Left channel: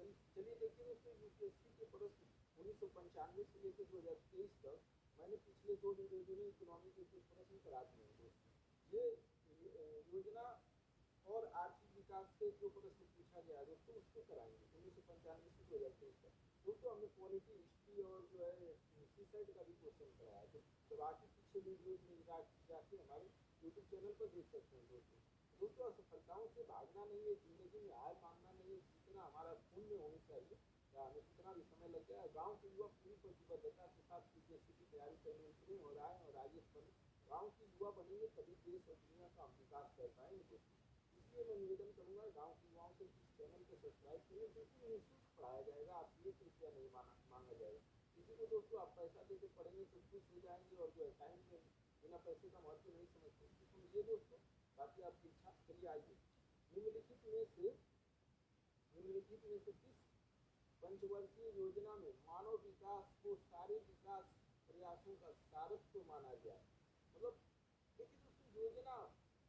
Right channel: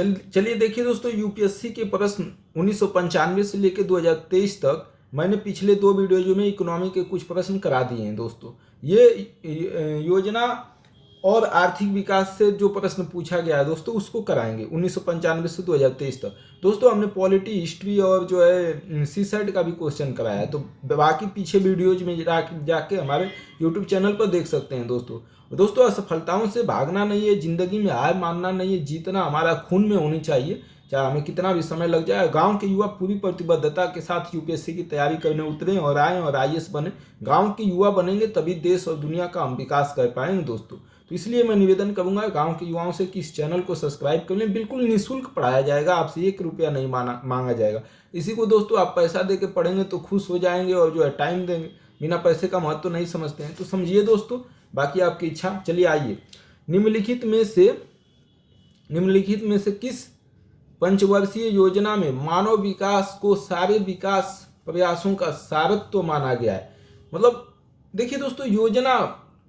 चलिए देखिए दोस्तों, यूपीएससी के प्रश्न 1995 से लेकर 2023 तक मैंने पिछले 2 वीडियो में इकोनॉमी के कुछ प्रश्न करा दिए हैं दोस्तों। ये योजना और आर्थिक विकास से जो प्रश्न पूछा गया है दोस्तों, उसको कराएंगे 1995 से 2023 तक। दोस्तों हमने पॉलिटी, हिस्ट्री और जो है सीसेट का भी क्वेश्चन कराया है, तो बाकी पीछे वीडियोज में जाके हमारे यूट्यूब चैनल पर देख सकते हैं दोस्तों असफलताओं से भागना नहीं है, जिंदगी में हार मानना नहीं है, जीतना हमारा खून में होनी चाहिए, चाहे हमें कितना भी समय लग जाए। गांव के युवा पूरी प्रतिबद्धता के साथ यूपीएससी की तैयारी करने उतरे और आए और आईएएस बने। गांव के युवा बनेंगे तभी देश और दुनिया का हम विकास कर पाएंगे दोस्तों। तो इसलिए मैं निवेदन करूंगा गांव के युवाओं से कि इस चैनल को सब्सक्राइब कर लें। बिल्कुल निःशुल्क पढ़ाया जाएगा, आपसे 1 रुपया नहीं मांगा जाएगा। इसी को दोस्तों आप पैसा दे के पढ़ेंगे तो खुश हो जाएंगे और जो है टाइम देंगे, बिना पैसे का महत्व नहीं समझते हैं तो समझिए दोस्तों, बाकी आपकी इच्छा। चलिए आइए, निम्नलिखित में से किस पंचवर्षीय योजना में मानव विकास को सारे विकास प्रयासों का सारत्व माना गया है। मतलब देखिए दोस्तों, योजना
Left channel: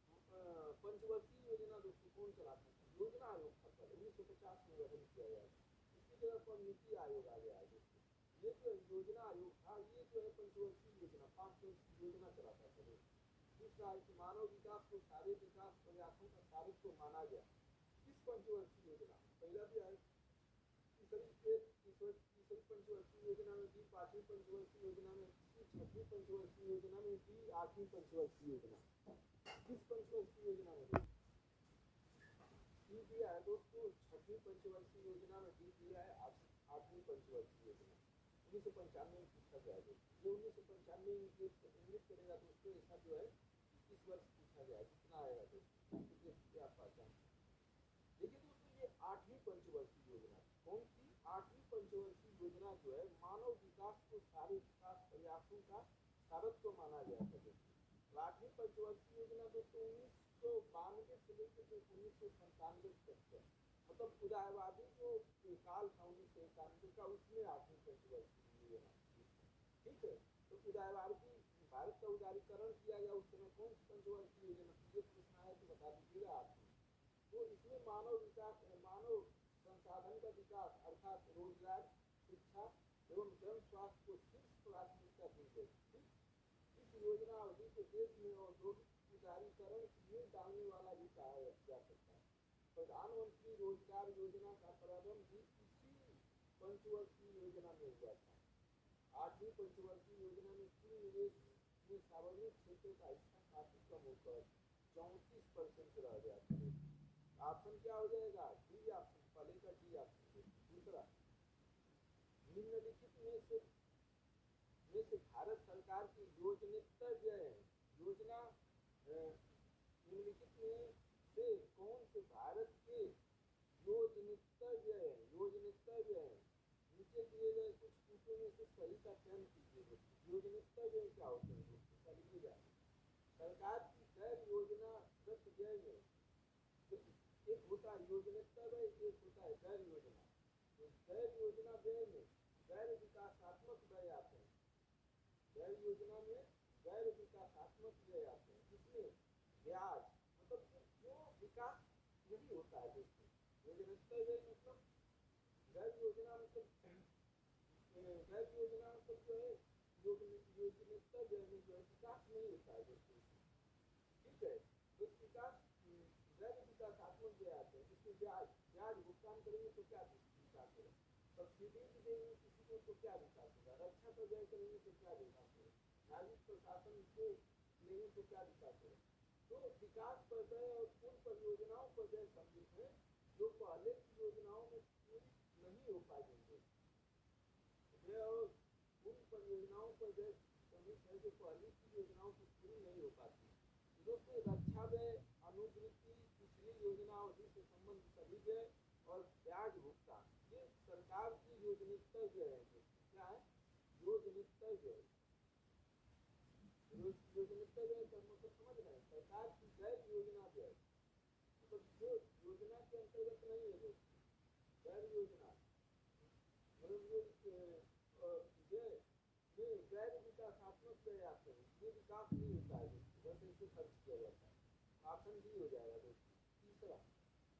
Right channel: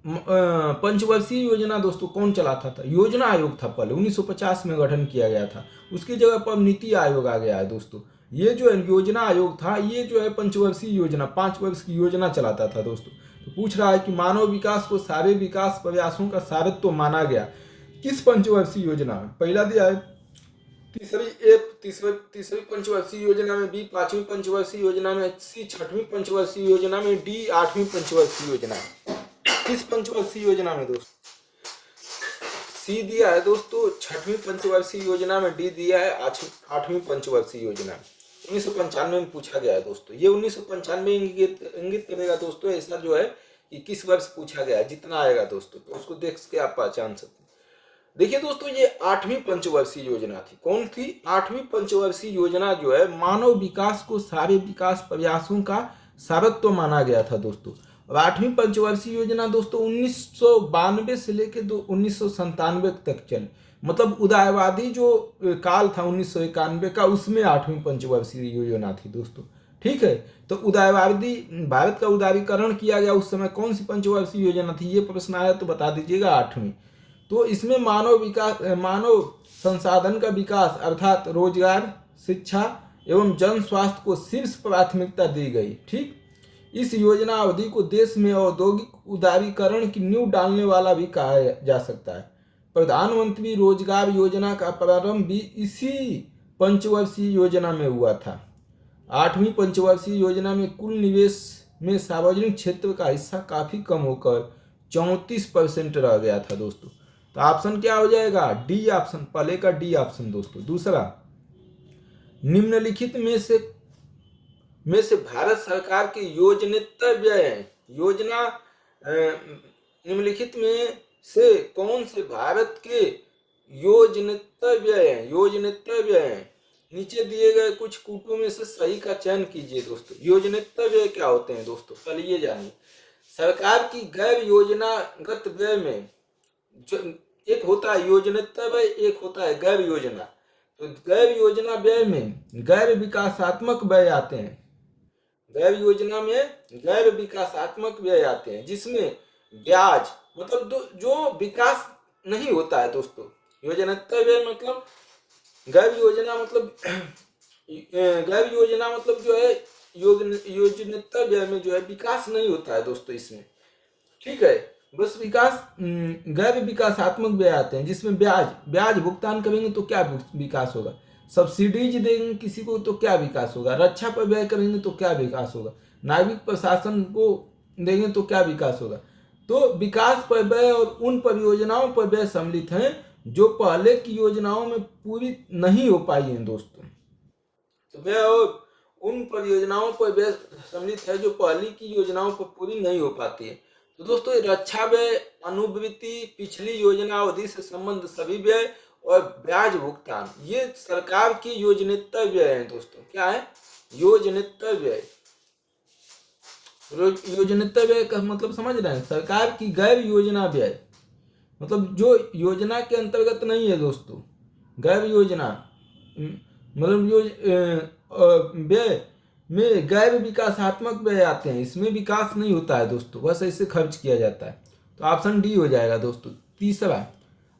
पंचवर्षीय योजना दोस्तों कौन चलाता था? योजना आयोग था, पहले 1950 में गठन किया गया था। उसकी जगह पर नीति आयोग आ गया है दोस्तों। ये जो योजना आयोग था, ये जो है पंचवर्षीय योजना, 5 वर्ष की योजना चलाता था दोस्तों। तो पूछ रहा है कि मानव विकास को सारे विकास प्रयासों का सारत्व माना गया किस पंचवर्षीय योजना में? पहला दिया है तीसरी पंचवर्षीय योजना में, बी 5वीं पंचवर्षीय योजना में, सी 6वीं पंचवर्षीय योजना में, डी 8वीं पंचवर्षीय योजना में। किस पंचवर्षीय योजना में दोस्तों? सी दिया है दोस्तों 6वीं पंचवर्षीय योजना में, डी दिया है 8वीं पंचवर्षीय योजना में। 1995 में पूछा गया है दोस्तों। ये 1995 इंगित करेगा दोस्तों, ऐसा जो है कि किस वर्ष पूछा गया है, जितना आएगा दोस्तों तो उसको देख के आप पहचान सकते हैं। देखिए दोस्तों, ये 8वीं पंचवर्षीय योजना थी। कौन थी? 8वीं पंचवर्षीय योजना जो है मानव विकास को सारे विकास प्रयासों का सारत्व माना गया था दोस्तों। अब 8वीं पंचवर्षीय योजना दोस्तों 1992 से लेकर 1997 तक चली। मतलब उदारवादी जो काल था 1991 का, उसमें 8वीं पंचवर्षीय योजना थी दोस्तों। ठीक है, तो उदारवादी भारत का उदारीकरण किया गया उस समय। कौन सी पंचवर्षीय योजना थी? ये प्रश्न आया तो बता दीजिएगा। 8वीं। तो इसमें मानव संसाधन का विकास अर्थात रोजगार, शिक्षा एवं जन स्वास्थ्य को शीर्ष प्राथमिकता दी गई। ठीक, इस योजना अवधि को देश में औद्योगिक उदारीकरण की नींव डालने वाला भी कहा जा सकता है। प्रधानमंत्री रोजगार योजना का प्रारंभ भी इसी पंचवर्षीय योजना में हुआ था। 8वीं पंचवर्षीय योजना में कुल निवेश में सार्वजनिक क्षेत्र का हिस्सा काफी कम होकर 34% रह गया था दोस्तों। तो ऑप्शन क्या हो जाएगा? डी ऑप्शन, पहले का डी ऑप्शन दोस्तों। दूसरा, निम्नलिखित में से भारत सरकार की योजनेतर व्यय योजना निम्नलिखित में से कौन से भारत के योजनेतर व्यय नीचे दिए गए कुछ कूटों में से सही का चयन कीजिए दोस्तों। योजनेतर व्यय क्या होते हैं दोस्तों? पहले ये जानिए। सरकार की गैर योजनागत व्यय में जो एक होता है योजनेतर व्यय, एक होता है गैर योजना। तो गैर योजना व्यय में गैर विकासात्मक व्यय आते हैं। गैर योजना में गैर विकासात्मक व्यय आते हैं, जिसमें ब्याज मतलब जो विकास नहीं होता है दोस्तों। योजनेतर व्यय मतलब गैर योजना मतलब जो है योजनेतर व्यय में जो है विकास नहीं होता है दोस्तों इसमें। ठीक है, बस गैर विकासात्मक व्यय आते हैं, जिसमें ब्याज भुगतान करेंगे तो क्या विकास होगा? सब्सिडीज देंगे किसी को तो क्या विकास होगा? रक्षा पर व्यय करेंगे तो क्या विकास होगा? नागरिक प्रशासन को देंगे तो क्या विकास होगा? तो विकास पर व्यय और उन परियोजनाओं पर व्यय सम्मिलित हैं जो पहले की योजनाओं में पूरी नहीं हो पाई हैं दोस्तों। तो व्यय और उन परियोजनाओं पर व्यय सम्मिलित है जो पहले की योजनाओं पर पूरी नहीं हो पाती है। तो दोस्तों रक्षा व्यय, अनुवृत्ति, पिछली योजना अवधि से संबंध सभी व्यय और ब्याज भुगतान, ये सरकार की योजनेतर व्यय है दोस्तों। क्या है? योजनेतर व्यय। योजनेतर व्यय का मतलब समझ रहे हैं? सरकार की गैर योजना व्यय मतलब जो योजना के अंतर्गत नहीं है दोस्तों। गैर योजना मतलब व्यय में गैर विकासात्मक व्यय आते हैं, इसमें विकास नहीं होता है दोस्तों, बस ऐसे खर्च किया जाता है। तो ऑप्शन डी हो जाएगा दोस्तों। तीसरा,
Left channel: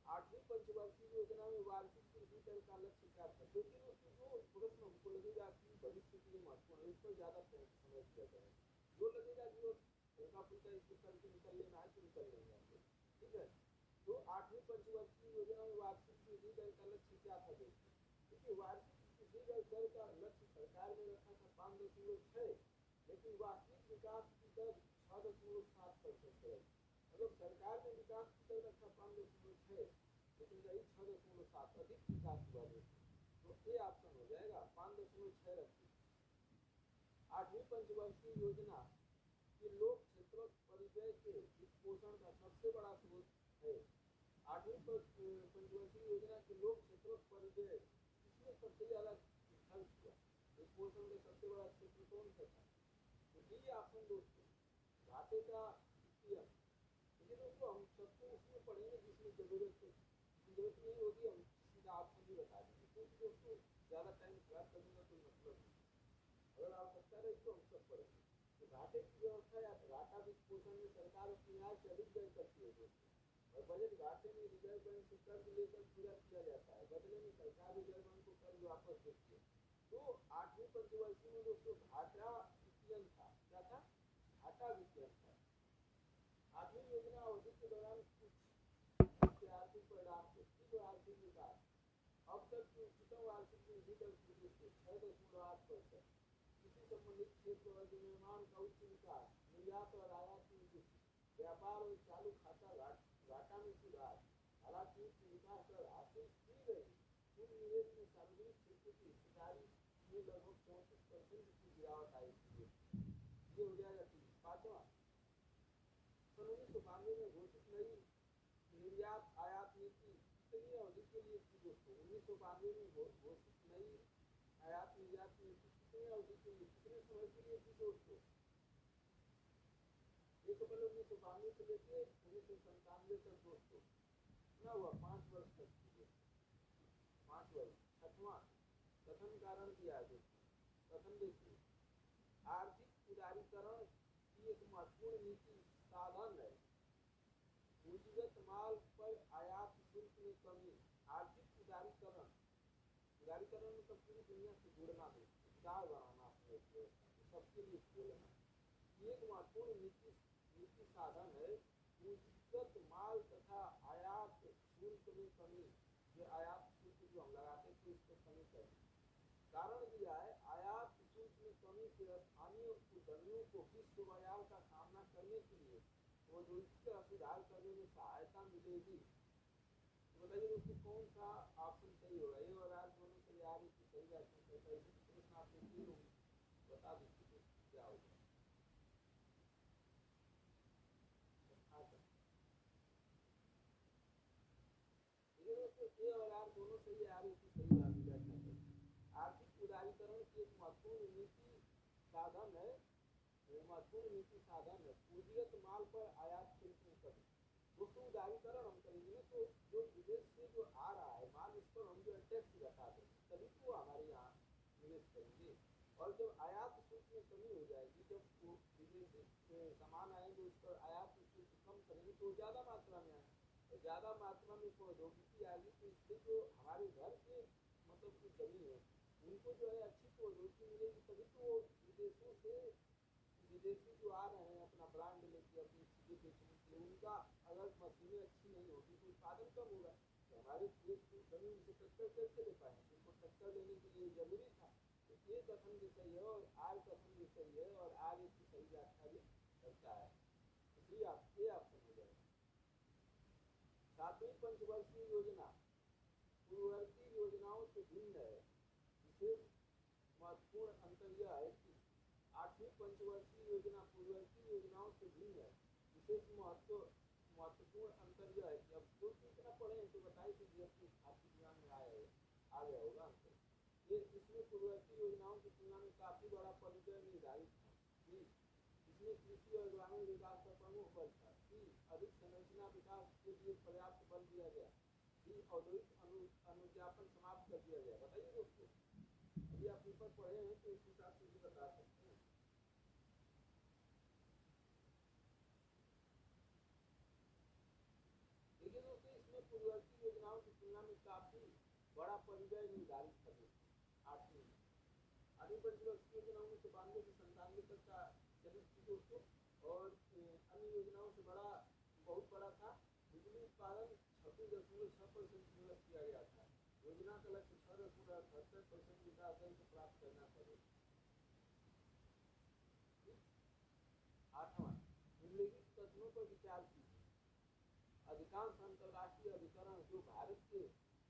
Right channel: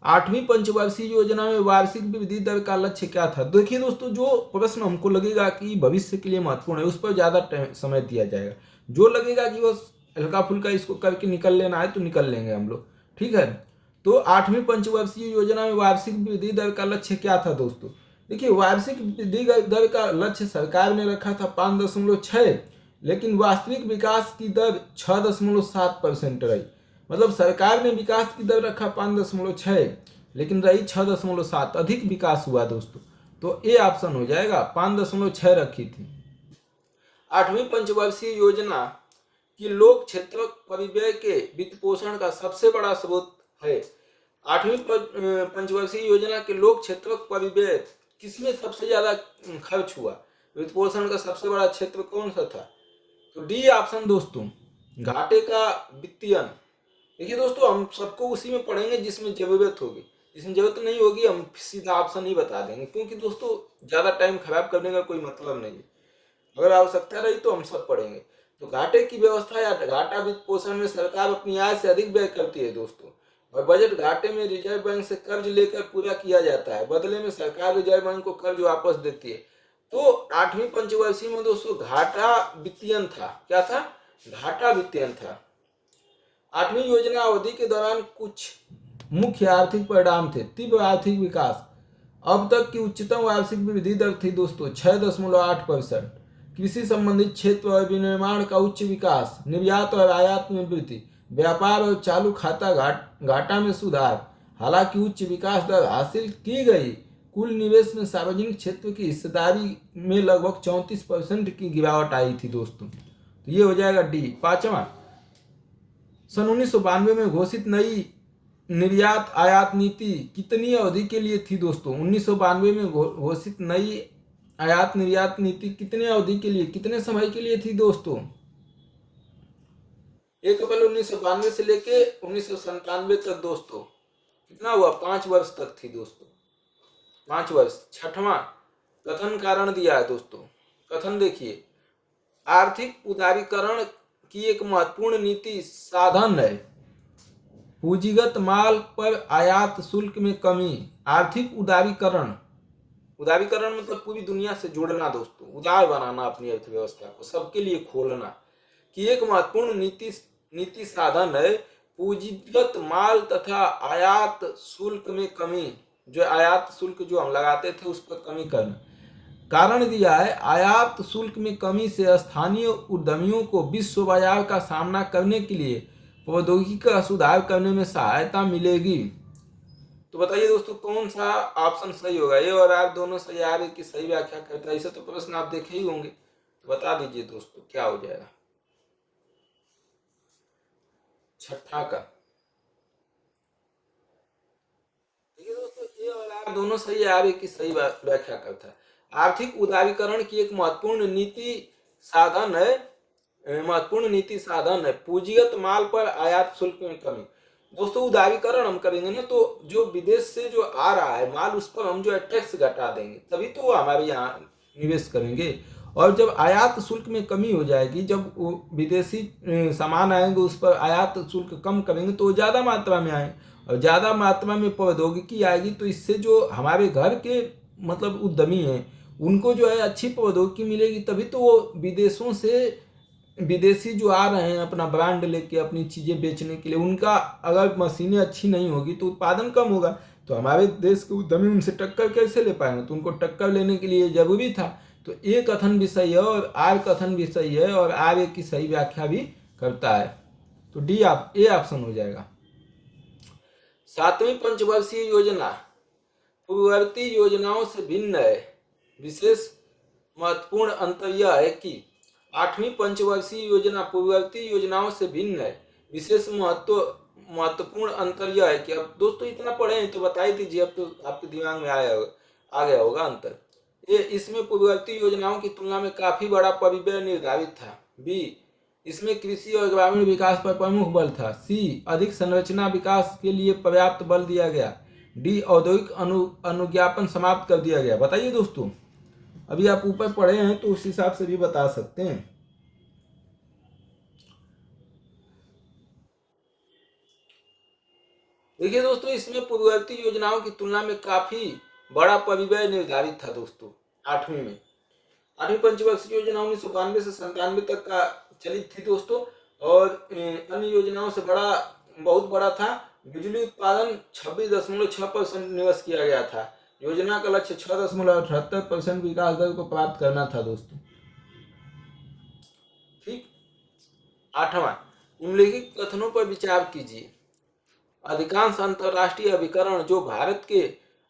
8वीं पंचवर्षीय योजना में वार्षिक वृद्धि दर का लक्ष्य क्या था? देखिए दोस्तों, जो प्रश्न हमको लगेगा कि भविष्य के लिए महत्वपूर्ण है उस पर ज्यादा समय दिया जाएगा। जो लगेगा कि बस हल्का फुल्का इसको करके निकल लेना है तो निकल लेंगे हम लोग, ठीक है। तो 8वीं पंचवर्षीय योजना में वार्षिक वृद्धि दर का लक्ष्य क्या था दोस्तों? देखिए, वार्षिक वृद्धि दर का लक्ष्य सरकार ने रखा था 5.6, लेकिन वास्तविक विकास की दर 6.7% रही। मतलब सरकार ने विकास की दर रखा 5.6, लेकिन रही 6.7, अधिक विकास हुआ दोस्तों। तो ए ऑप्शन हो जाएगा, 5.6 रखी थी। 8वीं पंचवर्षीय योजना की लोक क्षेत्र परिव्यय के वित्त पोषण का सबसे बड़ा स्रोत है। 8वीं पंचवर्षीय योजना के लोक क्षेत्र परिव्यय किसमें सबसे ज्यादा खर्च हुआ? वित्त पोषण का सबसे बड़ा क्षेत्र कौन सा था? तो डी ऑप्शन दोस्तों, घाटे का वित्तीयन। देखिए दोस्तों, हम सबको उसी में पढ़ेंगे जिसमें जरूरत होगी, जिसमें जरूरत नहीं होगी हम सीधा ऑप्शन ही बता देंगे, क्योंकि दोस्तों ज्यादा टाइम खराब करने का कोई मतलब नहीं है। अगर आवश्यकता रही तो हम सब पढ़ेंगे। तो घाटे की व्यवस्था या घाटा वित्त पोषण में सरकार अपनी आय से अधिक व्यय करती है दोस्तों, और बजट घाटे में रिजर्व बैंक से कर्ज लेकर पूरा किया जाता है। बदले में सरकार रिजर्व बैंक को कर्ज वापस देती है। तो 8वीं पंचवर्षीय में दोस्तों घाटा वित्तीयन था। क्या था? घाटा वित्तीयन था। 8वीं योजना अवधि के दौरान कुछ मुख्य आर्थिक परिणाम थे। तीव्र आर्थिक विकास। अब तक की उच्चतम वार्षिक वृद्धि दर थी दोस्तों 6.8%। कृषि संबंधित क्षेत्र और विनिर्माण का उच्च विकास। निर्यात और आयात में वृद्धि। व्यापार और चालू खाता घाटा में सुधार। हालांकि उच्च विकास दर हासिल की गई, कुल निवेश में सार्वजनिक क्षेत्र की हिस्सेदारी में लगभग 34% की गिरावट आई थी दोस्तों। तो ये हो जाएगा डी। पांचवा, सन 1992 में घोषित नई निर्यात आयात नीति कितनी अवधि के लिए थी दोस्तों? 1992 में घोषित नई आयात निर्यात नीति कितने अवधि के लिए, कितने समय के लिए थी दोस्तों? 1 अप्रैल 1992 से लेके 1997 तक दोस्तों। कितना हुआ? 5 वर्ष तक थी दोस्तों, 5 वर्ष। छठवां, कथन कारण दिया है दोस्तों। कथन देखिए, आर्थिक उदारीकरण की एक महत्वपूर्ण नीति साधन है पूंजीगत माल पर आयात शुल्क में कमी। आर्थिक उदारीकरण, उदारीकरण मतलब पूरी दुनिया से जुड़ना दोस्तों, उदार बनाना अपनी अर्थव्यवस्था को, सबके लिए खोलना, कि एक महत्वपूर्ण नीति साधन है पूंजीगत माल तथा आयात शुल्क में कमी। जो आयात शुल्क जो हम लगाते थे उस पर कमी करना। कारण दिया है, आयात शुल्क में कमी से स्थानीय उद्यमियों को विश्व बाजार का सामना करने के लिए प्रौद्योगिकी का सुधार करने में सहायता मिलेगी। तो बताइए दोस्तों, कौन सा ऑप्शन सही होगा? ए और आर दोनों सही आ रहे कि सही व्याख्या करता है? इसे तो प्रश्न आप देखे ही होंगे, तो बता दीजिए दोस्तों क्या हो जाएगा। छठा का देखिए दोस्तों, ए और आर दोनों सही आ रहे कि सही व्याख्या करता है। आर्थिक उदारीकरण की एक महत्वपूर्ण नीति साधन है पूंजीगत माल पर आयात शुल्क में कमी। दोस्तों, उदारीकरण हम करेंगे ना तो जो विदेश से जो आ रहा है माल उस पर हम जो है टैक्स घटा देंगे, तभी तो वो हमारे यहाँ निवेश करेंगे। और जब आयात शुल्क में कमी हो जाएगी, जब वो विदेशी सामान आएंगे उस पर आयात शुल्क कम करेंगे तो वो ज़्यादा मात्रा में आए, और ज़्यादा मात्रा में प्रौद्योगिकी आएगी तो इससे जो हमारे घर के मतलब उद्यमी हैं उनको जो है अच्छी प्रौद्योगिकी मिलेगी, तभी तो वो विदेशों से विदेशी जो आ रहे हैं अपना ब्रांड लेके अपनी चीज़ें बेचने के लिए, उनका अगर मशीनें अच्छी नहीं होगी तो उत्पादन कम होगा, तो हमारे देश के उद्यमी उनसे टक्कर कैसे ले पाएंगे? तो उनको टक्कर लेने के लिए जरूरी था। तो ए कथन भी सही है और आर कथन भी सही है, और आर ए की सही व्याख्या भी करता है। तो डी ए ऑप्शन हो जाएगा। 7वीं पंचवर्षीय योजना पूर्ववर्ती योजनाओं से भिन्न है। विशेष महत्वपूर्ण अंतर यह है कि 8वीं पंचवर्षीय योजना पूर्ववर्ती योजनाओं से भिन्न है। विशेष महत्वपूर्ण अंतर यह है कि, अब दोस्तों इतना पढ़े हैं तो बता ही दीजिए, अब तो आपके दिमाग में आ गया होगा अंतर। ए, इसमें पूर्ववर्ती योजनाओं की तुलना में काफी बड़ा परिव्यय निर्धारित था। बी, इसमें कृषि और ग्रामीण विकास पर प्रमुख बल था। सी, अधिक संरचना विकास के लिए पर्याप्त बल दिया गया। डी, औद्योगिक अनुज्ञापन समाप्त कर दिया गया। बताइए दोस्तों, अभी आप ऊपर पढ़े हैं तो उस हिसाब से भी बता सकते हैं। देखिए दोस्तों, इसमें पूर्ववर्ती योजनाओं की तुलना में काफी बड़ा परिव्यय निर्धारित था दोस्तों। 8वीं में 8वीं पंचवर्षीय योजना 1992 से 97 तक का चलित थी दोस्तों। और अन्य योजनाओं से बहुत बड़ा था। बिजली उत्पादन 26.6% निवेश किया गया था। योजना का लक्ष्य 6.78% विकास दर को प्राप्त करना था दोस्तों। ठीक। 8वां, निम्नलिखित कथनों पर विचार कीजिए। अधिकांश अंतर्राष्ट्रीय अभिकरण जो भारत के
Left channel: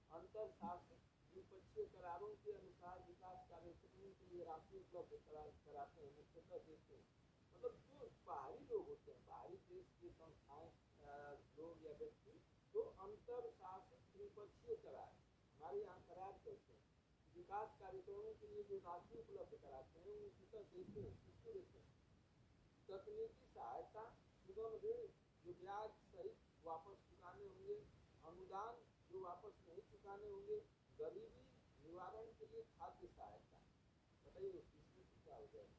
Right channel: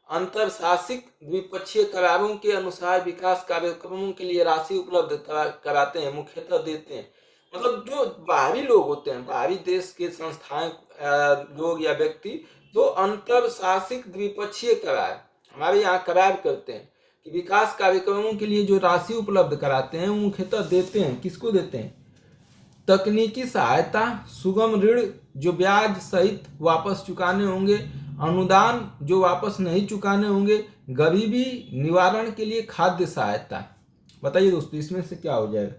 अंतरशासिक द्विपक्षीय करारों के अनुसार विकास कार्यक्रमों के लिए राशि उपलब्ध कराते हैं, मुख्यतः देते हैं। मतलब जो बाहरी लोग होते हैं, बाहरी देश के संस्थाएं, लोग या व्यक्ति जो अंतरशासिक द्विपक्षीय करार, हमारे यहाँ करार करते हैं कि विकास कार्यक्रमों के लिए जो राशि उपलब्ध कराते हैं, मुख्यतः देते हैं। किसको देते हैं? तकनीकी सहायता, सुगम ऋण जो ब्याज सहित वापस चुकाने होंगे, अनुदान जो वापस नहीं चुकाने होंगे, गरीबी निवारण के लिए खाद्य सहायता। बताइए दोस्तों, इसमें से क्या हो जाएगा?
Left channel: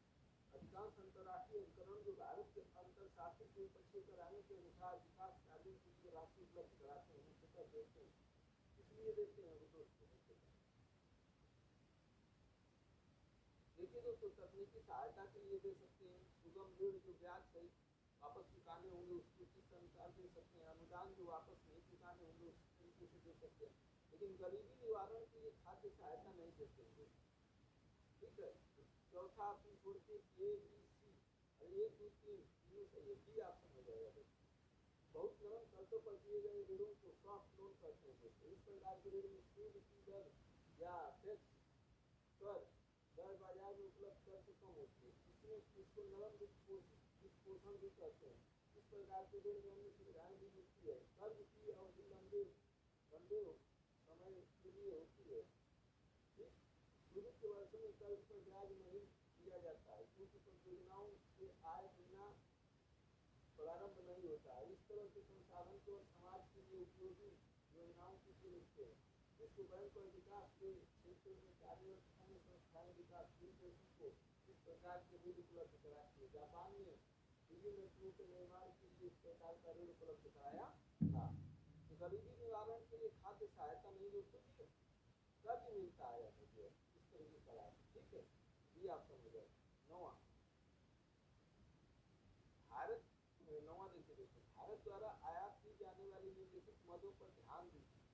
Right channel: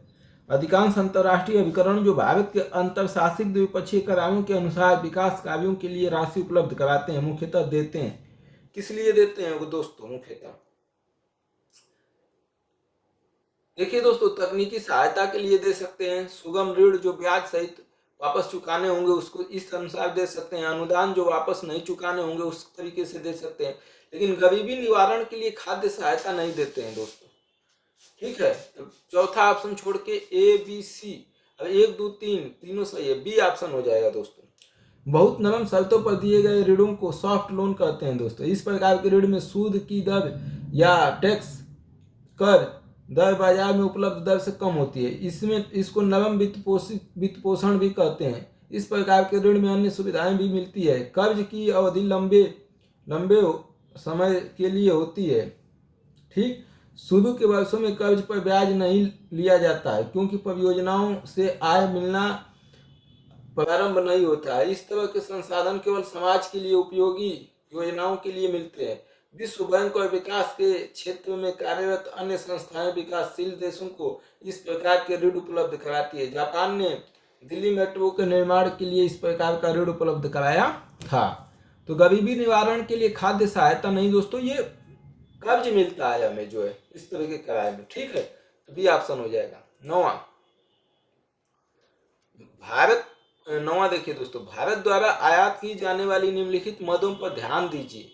अधिकांश अंतर्राष्ट्रीय अभिकरण जो भारत के अंतरशासित द्विपक्षीय करारों के अनुसार विकास कार्यों के लिए राशि उपलब्ध कराते हैं, मुख्यतः देते हैं। किस लिए देते हैं वो दोस्तों? मुख्यतः देखिए दोस्तों, तकनीकी सहायता के लिए दे सकते हैं, सुगम ऋण जो ब्याज सहित वापस चुकाने होंगे उसको इस अनुसार दे सकते हैं, अनुदान जो वापस नहीं चुकाने होंगे उस तरीके से दे सकते हैं, लेकिन गरीबी निवारण के लिए खाद्य सहायता नहीं देते हैं दोस्तों। ठीक है, तो चौथा ऑप्शन छोड़ के ए बी सी, अब 1 2 3 तीनों सही है, बी ऑप्शन हो जाएगा दोस्तों। बहुत नरम शर्तों पर दिए गए ऋणों को सॉफ्ट लोन कहते हैं दोस्तों। इस प्रकार के ऋण में सूद की दर या टैक्स कर दर बाजार में उपलब्ध दर से कम होती है। इसको नरम वित्त पोषण भी कहते हैं। इस प्रकार के ऋण में अन्य सुविधाएं भी मिलती है। कर्ज की अवधि लंबे समय के लिए होती है। ठीक, शुरू के वर्षों में कर्ज पर ब्याज नहीं लिया जाता है क्योंकि परियोजनाओं से आय मिलना प्रारंभ नहीं होता है। इस तरह के संसाधन केवल समाज के लिए उपयोगी योजनाओं के लिए मिलते हैं। विश्व बैंक और विकास के क्षेत्र में कार्यरत अन्य संस्थाएं विकासशील देशों को इस प्रकार के ऋण उपलब्ध कराती है। जापान ने दिल्ली मेट्रो के निर्माण के लिए इस प्रकार का ऋण उपलब्ध कराया था। तो गरीबी निवारण के लिए खाद्य सहायता नहीं दोस्तों, ये कर्ज मिलता है हमें जो है इस तरह के करार में। ठीक है, तो बी ऑप्शन हो जाएगा। नौवां देखिए दोस्तों, भारत द्वारा आयात की जाने वाली निम्नलिखित मदों पर ध्यान दीजिए।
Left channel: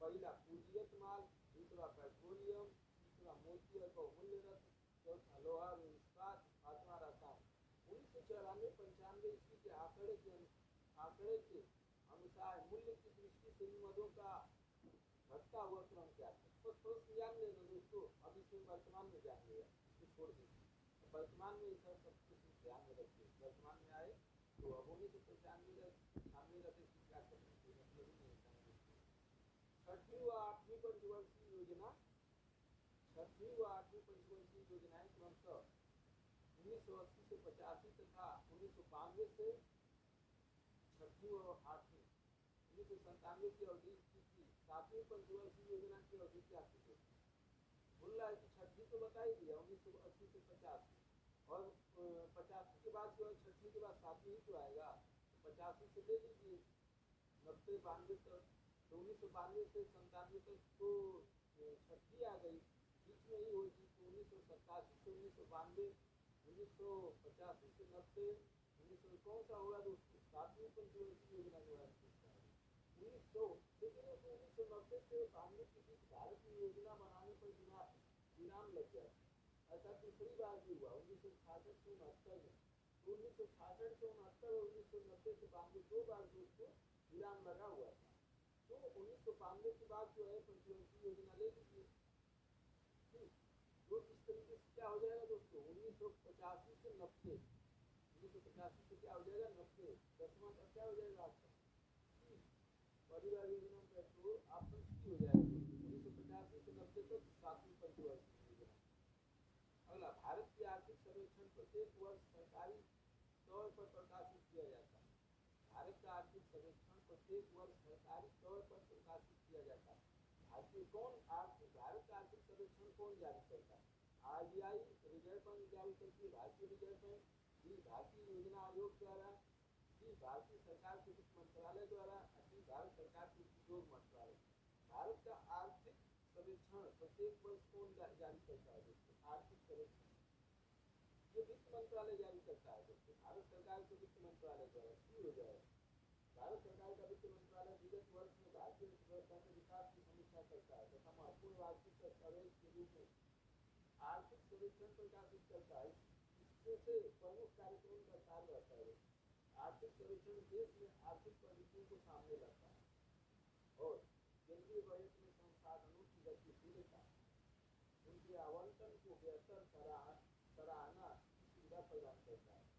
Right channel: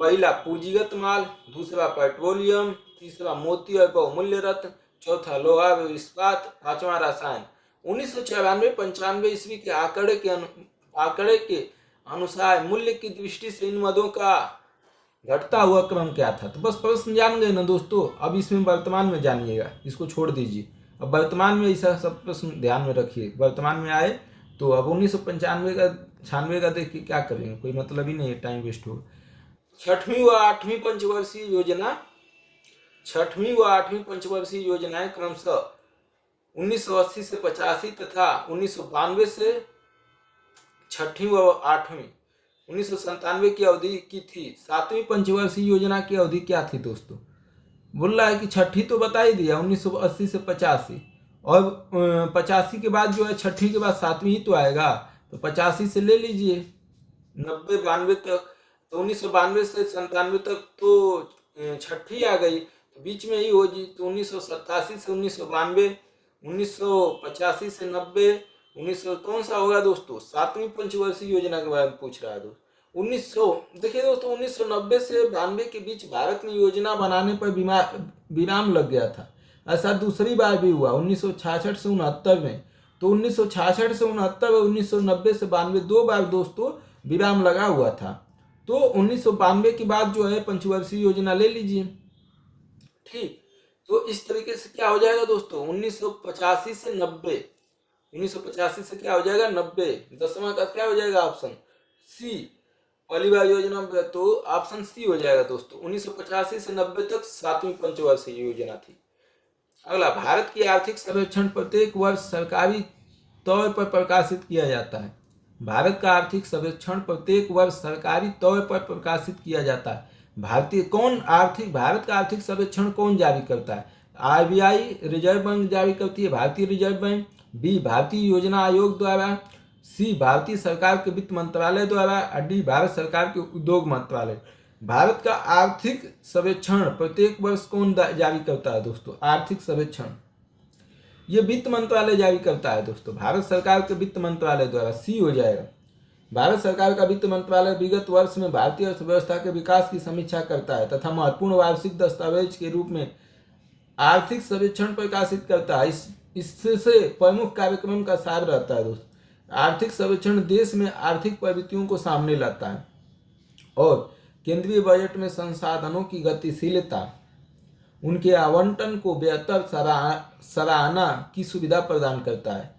पहला पूंजीगत माल, दूसरा पेट्रोलियम, तीसरा मोती और बहुमूल्य रत्न, चौथा लोहा व इस्पात, पांचवा रसायन। 1994-95 ईस्वी के आंकड़े के अनुसार मूल्य की दृष्टि से इन मदों का घटता हुआ क्रम क्या था? तो बस प्रश्न जान गए ना दोस्तों। अब इसमें वर्तमान में जानिएगा, इसको छोड़ दीजिए। अब वर्तमान में ऐसा सब प्रश्न ध्यान में रखिए। वर्तमान में आए तो अब 1995 का 96 का देख के क्या करेंगे, कोई मतलब ही नहीं है, टाइम वेस्ट होगा। छठवीं व आठवीं पंचवर्षीय योजनाएं क्रमशः 1980 से 85 तथा 1992 से छठी व आठवीं 1997 की अवधि की थी। 7वीं पंचवर्षीय योजना की अवधि क्या थी दोस्तों? बोल रहा है कि छठी तो बता ही दिया, 1980 से 85, और 85 के बाद जो है छठी के बाद 7वीं ही तो आएगा, तो 85 से ले लीजिए 92 तक, तो 1992 से 97 तक तो छठी आ गई, तो बीच में ही होगी। तो 1987 से 1992, 1985 से 90, 1900 कौन सा होगा दोस्तों? 7वीं पंचवर्षीय योजना के बारे में पूछ रहा है दोस्तों। 1900 देखिए दोस्तों, 1990 से 92 के बीच भारत में योजना बनाने पर विराम लग गया था। ऐसा दूसरी बार भी हुआ 1966 से 69 में। तो 1966 से 69 और 1990 से 92 दो बार दोस्तों विराम लगा हुआ था। तो 1992 के बाद जो है पंचवर्षीय योजना ले लीजिए। ठीक, तो इस तरीके से क्या हो जाएगा दोस्तों? 1985 से 90, 1985 से क्या हो जाएगा? 90। 10वां का क्या हो जाएगा? ऑप्शन सी, पहली बार योजना, तो ऑप्शन सी हो जाएगा दोस्तों। 1985 से 90 तक 7वीं पंचवर्षीय योजना थी। अगला, भारत की आर्थिक सर्वेक्षण प्रत्येक वर्ष सरकारी तौर पर प्रकाशित किया जाता है। भारत का आर्थिक सर्वेक्षण प्रत्येक वर्ष सरकारी तौर पर प्रकाशित किया जाता है। भारत का आर्थिक सर्वेक्षण कौन जारी करता है? आरबीआई, रिजर्व बैंक जारी करती है, भारतीय रिजर्व बैंक। बी, भारतीय योजना आयोग द्वारा। सी भारतीय सरकार के वित्त मंत्रालय द्वारा और डी भारत सरकार के उद्योग मंत्रालय। भारत का आर्थिक सर्वेक्षण प्रत्येक वर्ष कौन जारी करता है दोस्तों? आर्थिक सर्वेक्षण ये वित्त मंत्रालय जारी करता है दोस्तों, भारत सरकार के वित्त मंत्रालय द्वारा। सी हो जाएगा। भारत सरकार का वित्त मंत्रालय विगत वर्ष में भारतीय अर्थव्यवस्था के विकास की समीक्षा करता है तथा महत्वपूर्ण वार्षिक दस्तावेज के रूप में आर्थिक सर्वेक्षण प्रकाशित करता है। इससे प्रमुख कार्यक्रम का सार रहता है दोस्तों। आर्थिक सर्वेक्षण देश में आर्थिक प्रवृत्तियों को सामने लाता है और केंद्रीय बजट में संसाधनों की गतिशीलता, उनके आवंटन को बेहतर सराहना की सुविधा प्रदान करता है।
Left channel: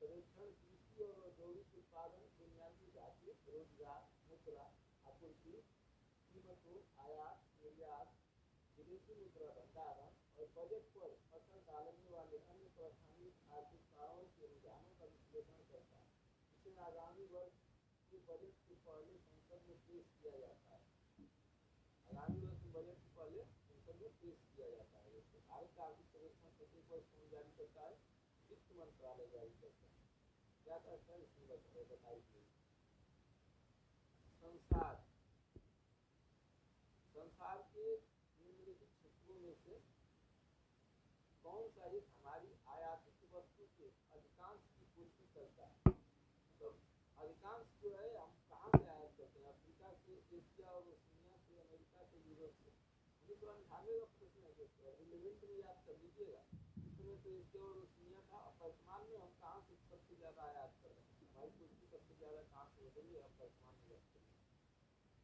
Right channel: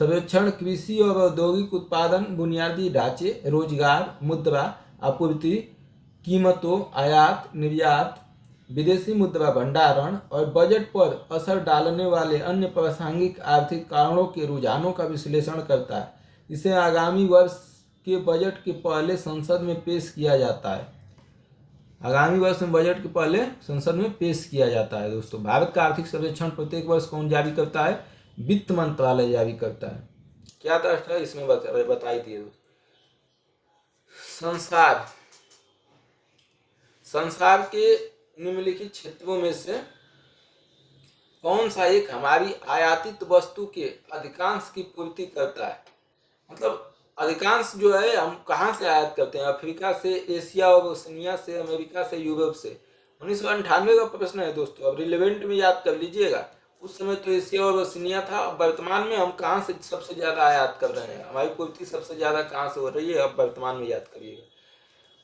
सर्वेक्षण कृषि और औद्योगिक उत्पादन, बुनियादी ढांचे, रोजगार, मुद्रा आपूर्ति, कीमतों, आयात निर्यात, विदेशी मुद्रा भंडारण और बजट पर असर डालने वाले अन्य प्रासंगिक आर्थिक कारणों के रुझानों का विश्लेषण करता है। इसे आगामी वर्ष के बजट के पहले संसद में पेश किया जाता है। आगामी वर्ष में बजट के पहले संसद में पेश किया जाता है दोस्तों। भारत का आर्थिक सर्वेक्षण प्रत्येक वर्ष कौन जारी करता है? वित्त मंत्रालय जारी करता है। क्या तथ्य है इसमें बताई दिए। संसार के निम्नलिखित क्षेत्रों में से कौन सा एक हमारी आयातित वस्तु के अधिकांश की पूर्ति करता है? मतलब अधिकांश जो है हम कहाँ से आयात करते हैं? अफ्रीका से, एशिया और ओशनिया से, अमेरिका से, यूरोप से। 1998 का प्रश्न है दोस्तों, अब रिलेवेंट में याद कर लीजिएगा। उस समय तो एशिया और ओशनिया था। अब वर्तमान में हम कहाँ से सबसे ज्यादा आयात कर रहे हैं? हमारी पूर्ति सबसे ज्यादा कहाँ से हो रही है? अब वर्तमान में याद करिएगा।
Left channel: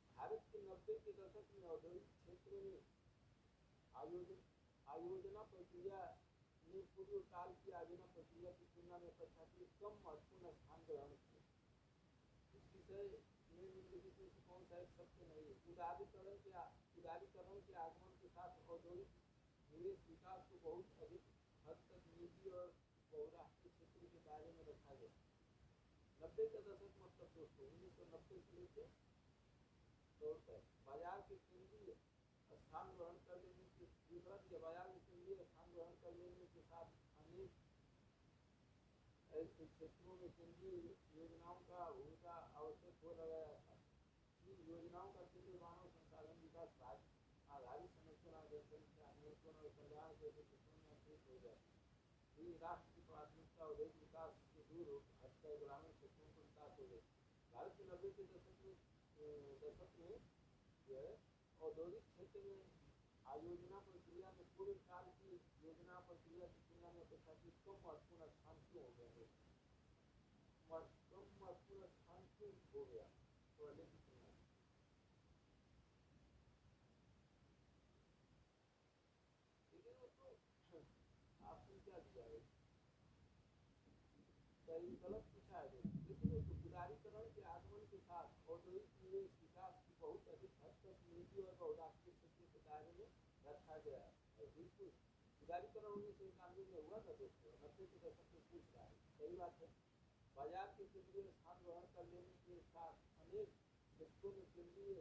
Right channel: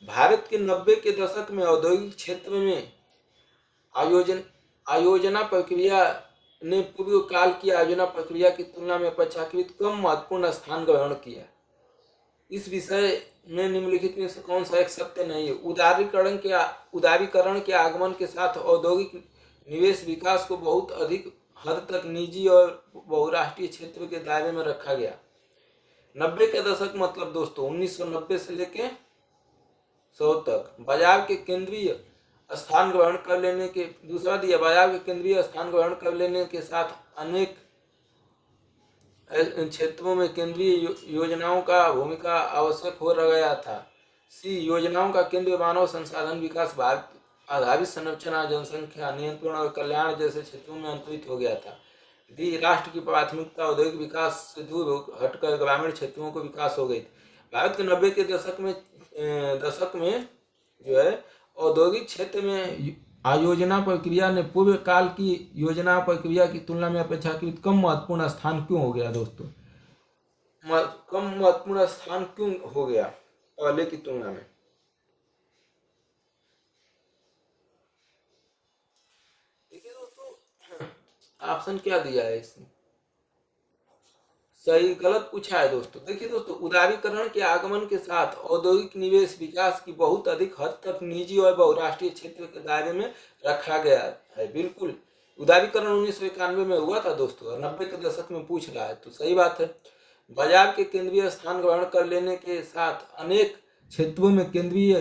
भारत के 90 के दशक में औद्योगिक क्षेत्र में आयोजना प्रक्रिया ने पूर्व काल की आयोजना प्रक्रिया की तुलना में अपेक्षाकृत कम महत्वपूर्ण स्थान ग्रहण किया। इस विषय में निम्नलिखित में से कौन सा एक सत्य नहीं है? उदारीकरण के आगमन के साथ औद्योगिक निवेश विकास को बहुत अधिक हद तक निजी और बहुराष्ट्रीय क्षेत्र के दायरे में रखा गया। 90 के दशक मतलब दोस्तों 1990 से लेके 100 तक बाजार के केंद्रीय स्थान ग्रहण कर लेने के दूसरा दिया बाजार के केंद्रीय स्थान ग्रहण कर लेने के साथ अनेक क्षेत्रों में केंद्रीय योजनाओं का भूमिका आवश्यक हो गया था। सी योजनाओं का केंद्र मानव संसाधन विकास, भारत आधारित संरचना, जनसंख्या नियंत्रण और कल्याण जैसे क्षेत्रों में अंतरित हो गया था। डी राष्ट्र की प्राथमिकता औद्योगिक विकास से दूर हटकर ग्रामीण क्षेत्रों को विकास हो गई थी। भारत के 90 के दशक में जो है औद्योगिक क्षेत्र में आयोजना प्रक्रिया ने पूर्व काल की योजना प्रक्रिया की तुलना में अपेक्षाकृत कम महत्वपूर्ण स्थान क्यों हो गया दोस्तों? कम महत्वपूर्ण स्थान क्यों हो गया पहले की तुलना में? देखिए दोस्तों, ऑप्शन क्या दिया है इसमें? सही गलत पूछा है दोस्तों। देखिए दोस्तों, उदारीकरण के आगमन के साथ औद्योगिक निवेश विकास की बहुत अधिक हद तक निजी और बहुराष्ट्रीय क्षेत्र के दायरे में रखा गया है। बिल्कुल, उदारीकरण 1991 में हुआ था दोस्तों और 90 के दशक में पूछ रहा है, तो सही बात है। बाजार के केंद्रीय स्थान ग्रहण कर लेने के साथ अनेक क्षेत्रों में केंद्रीय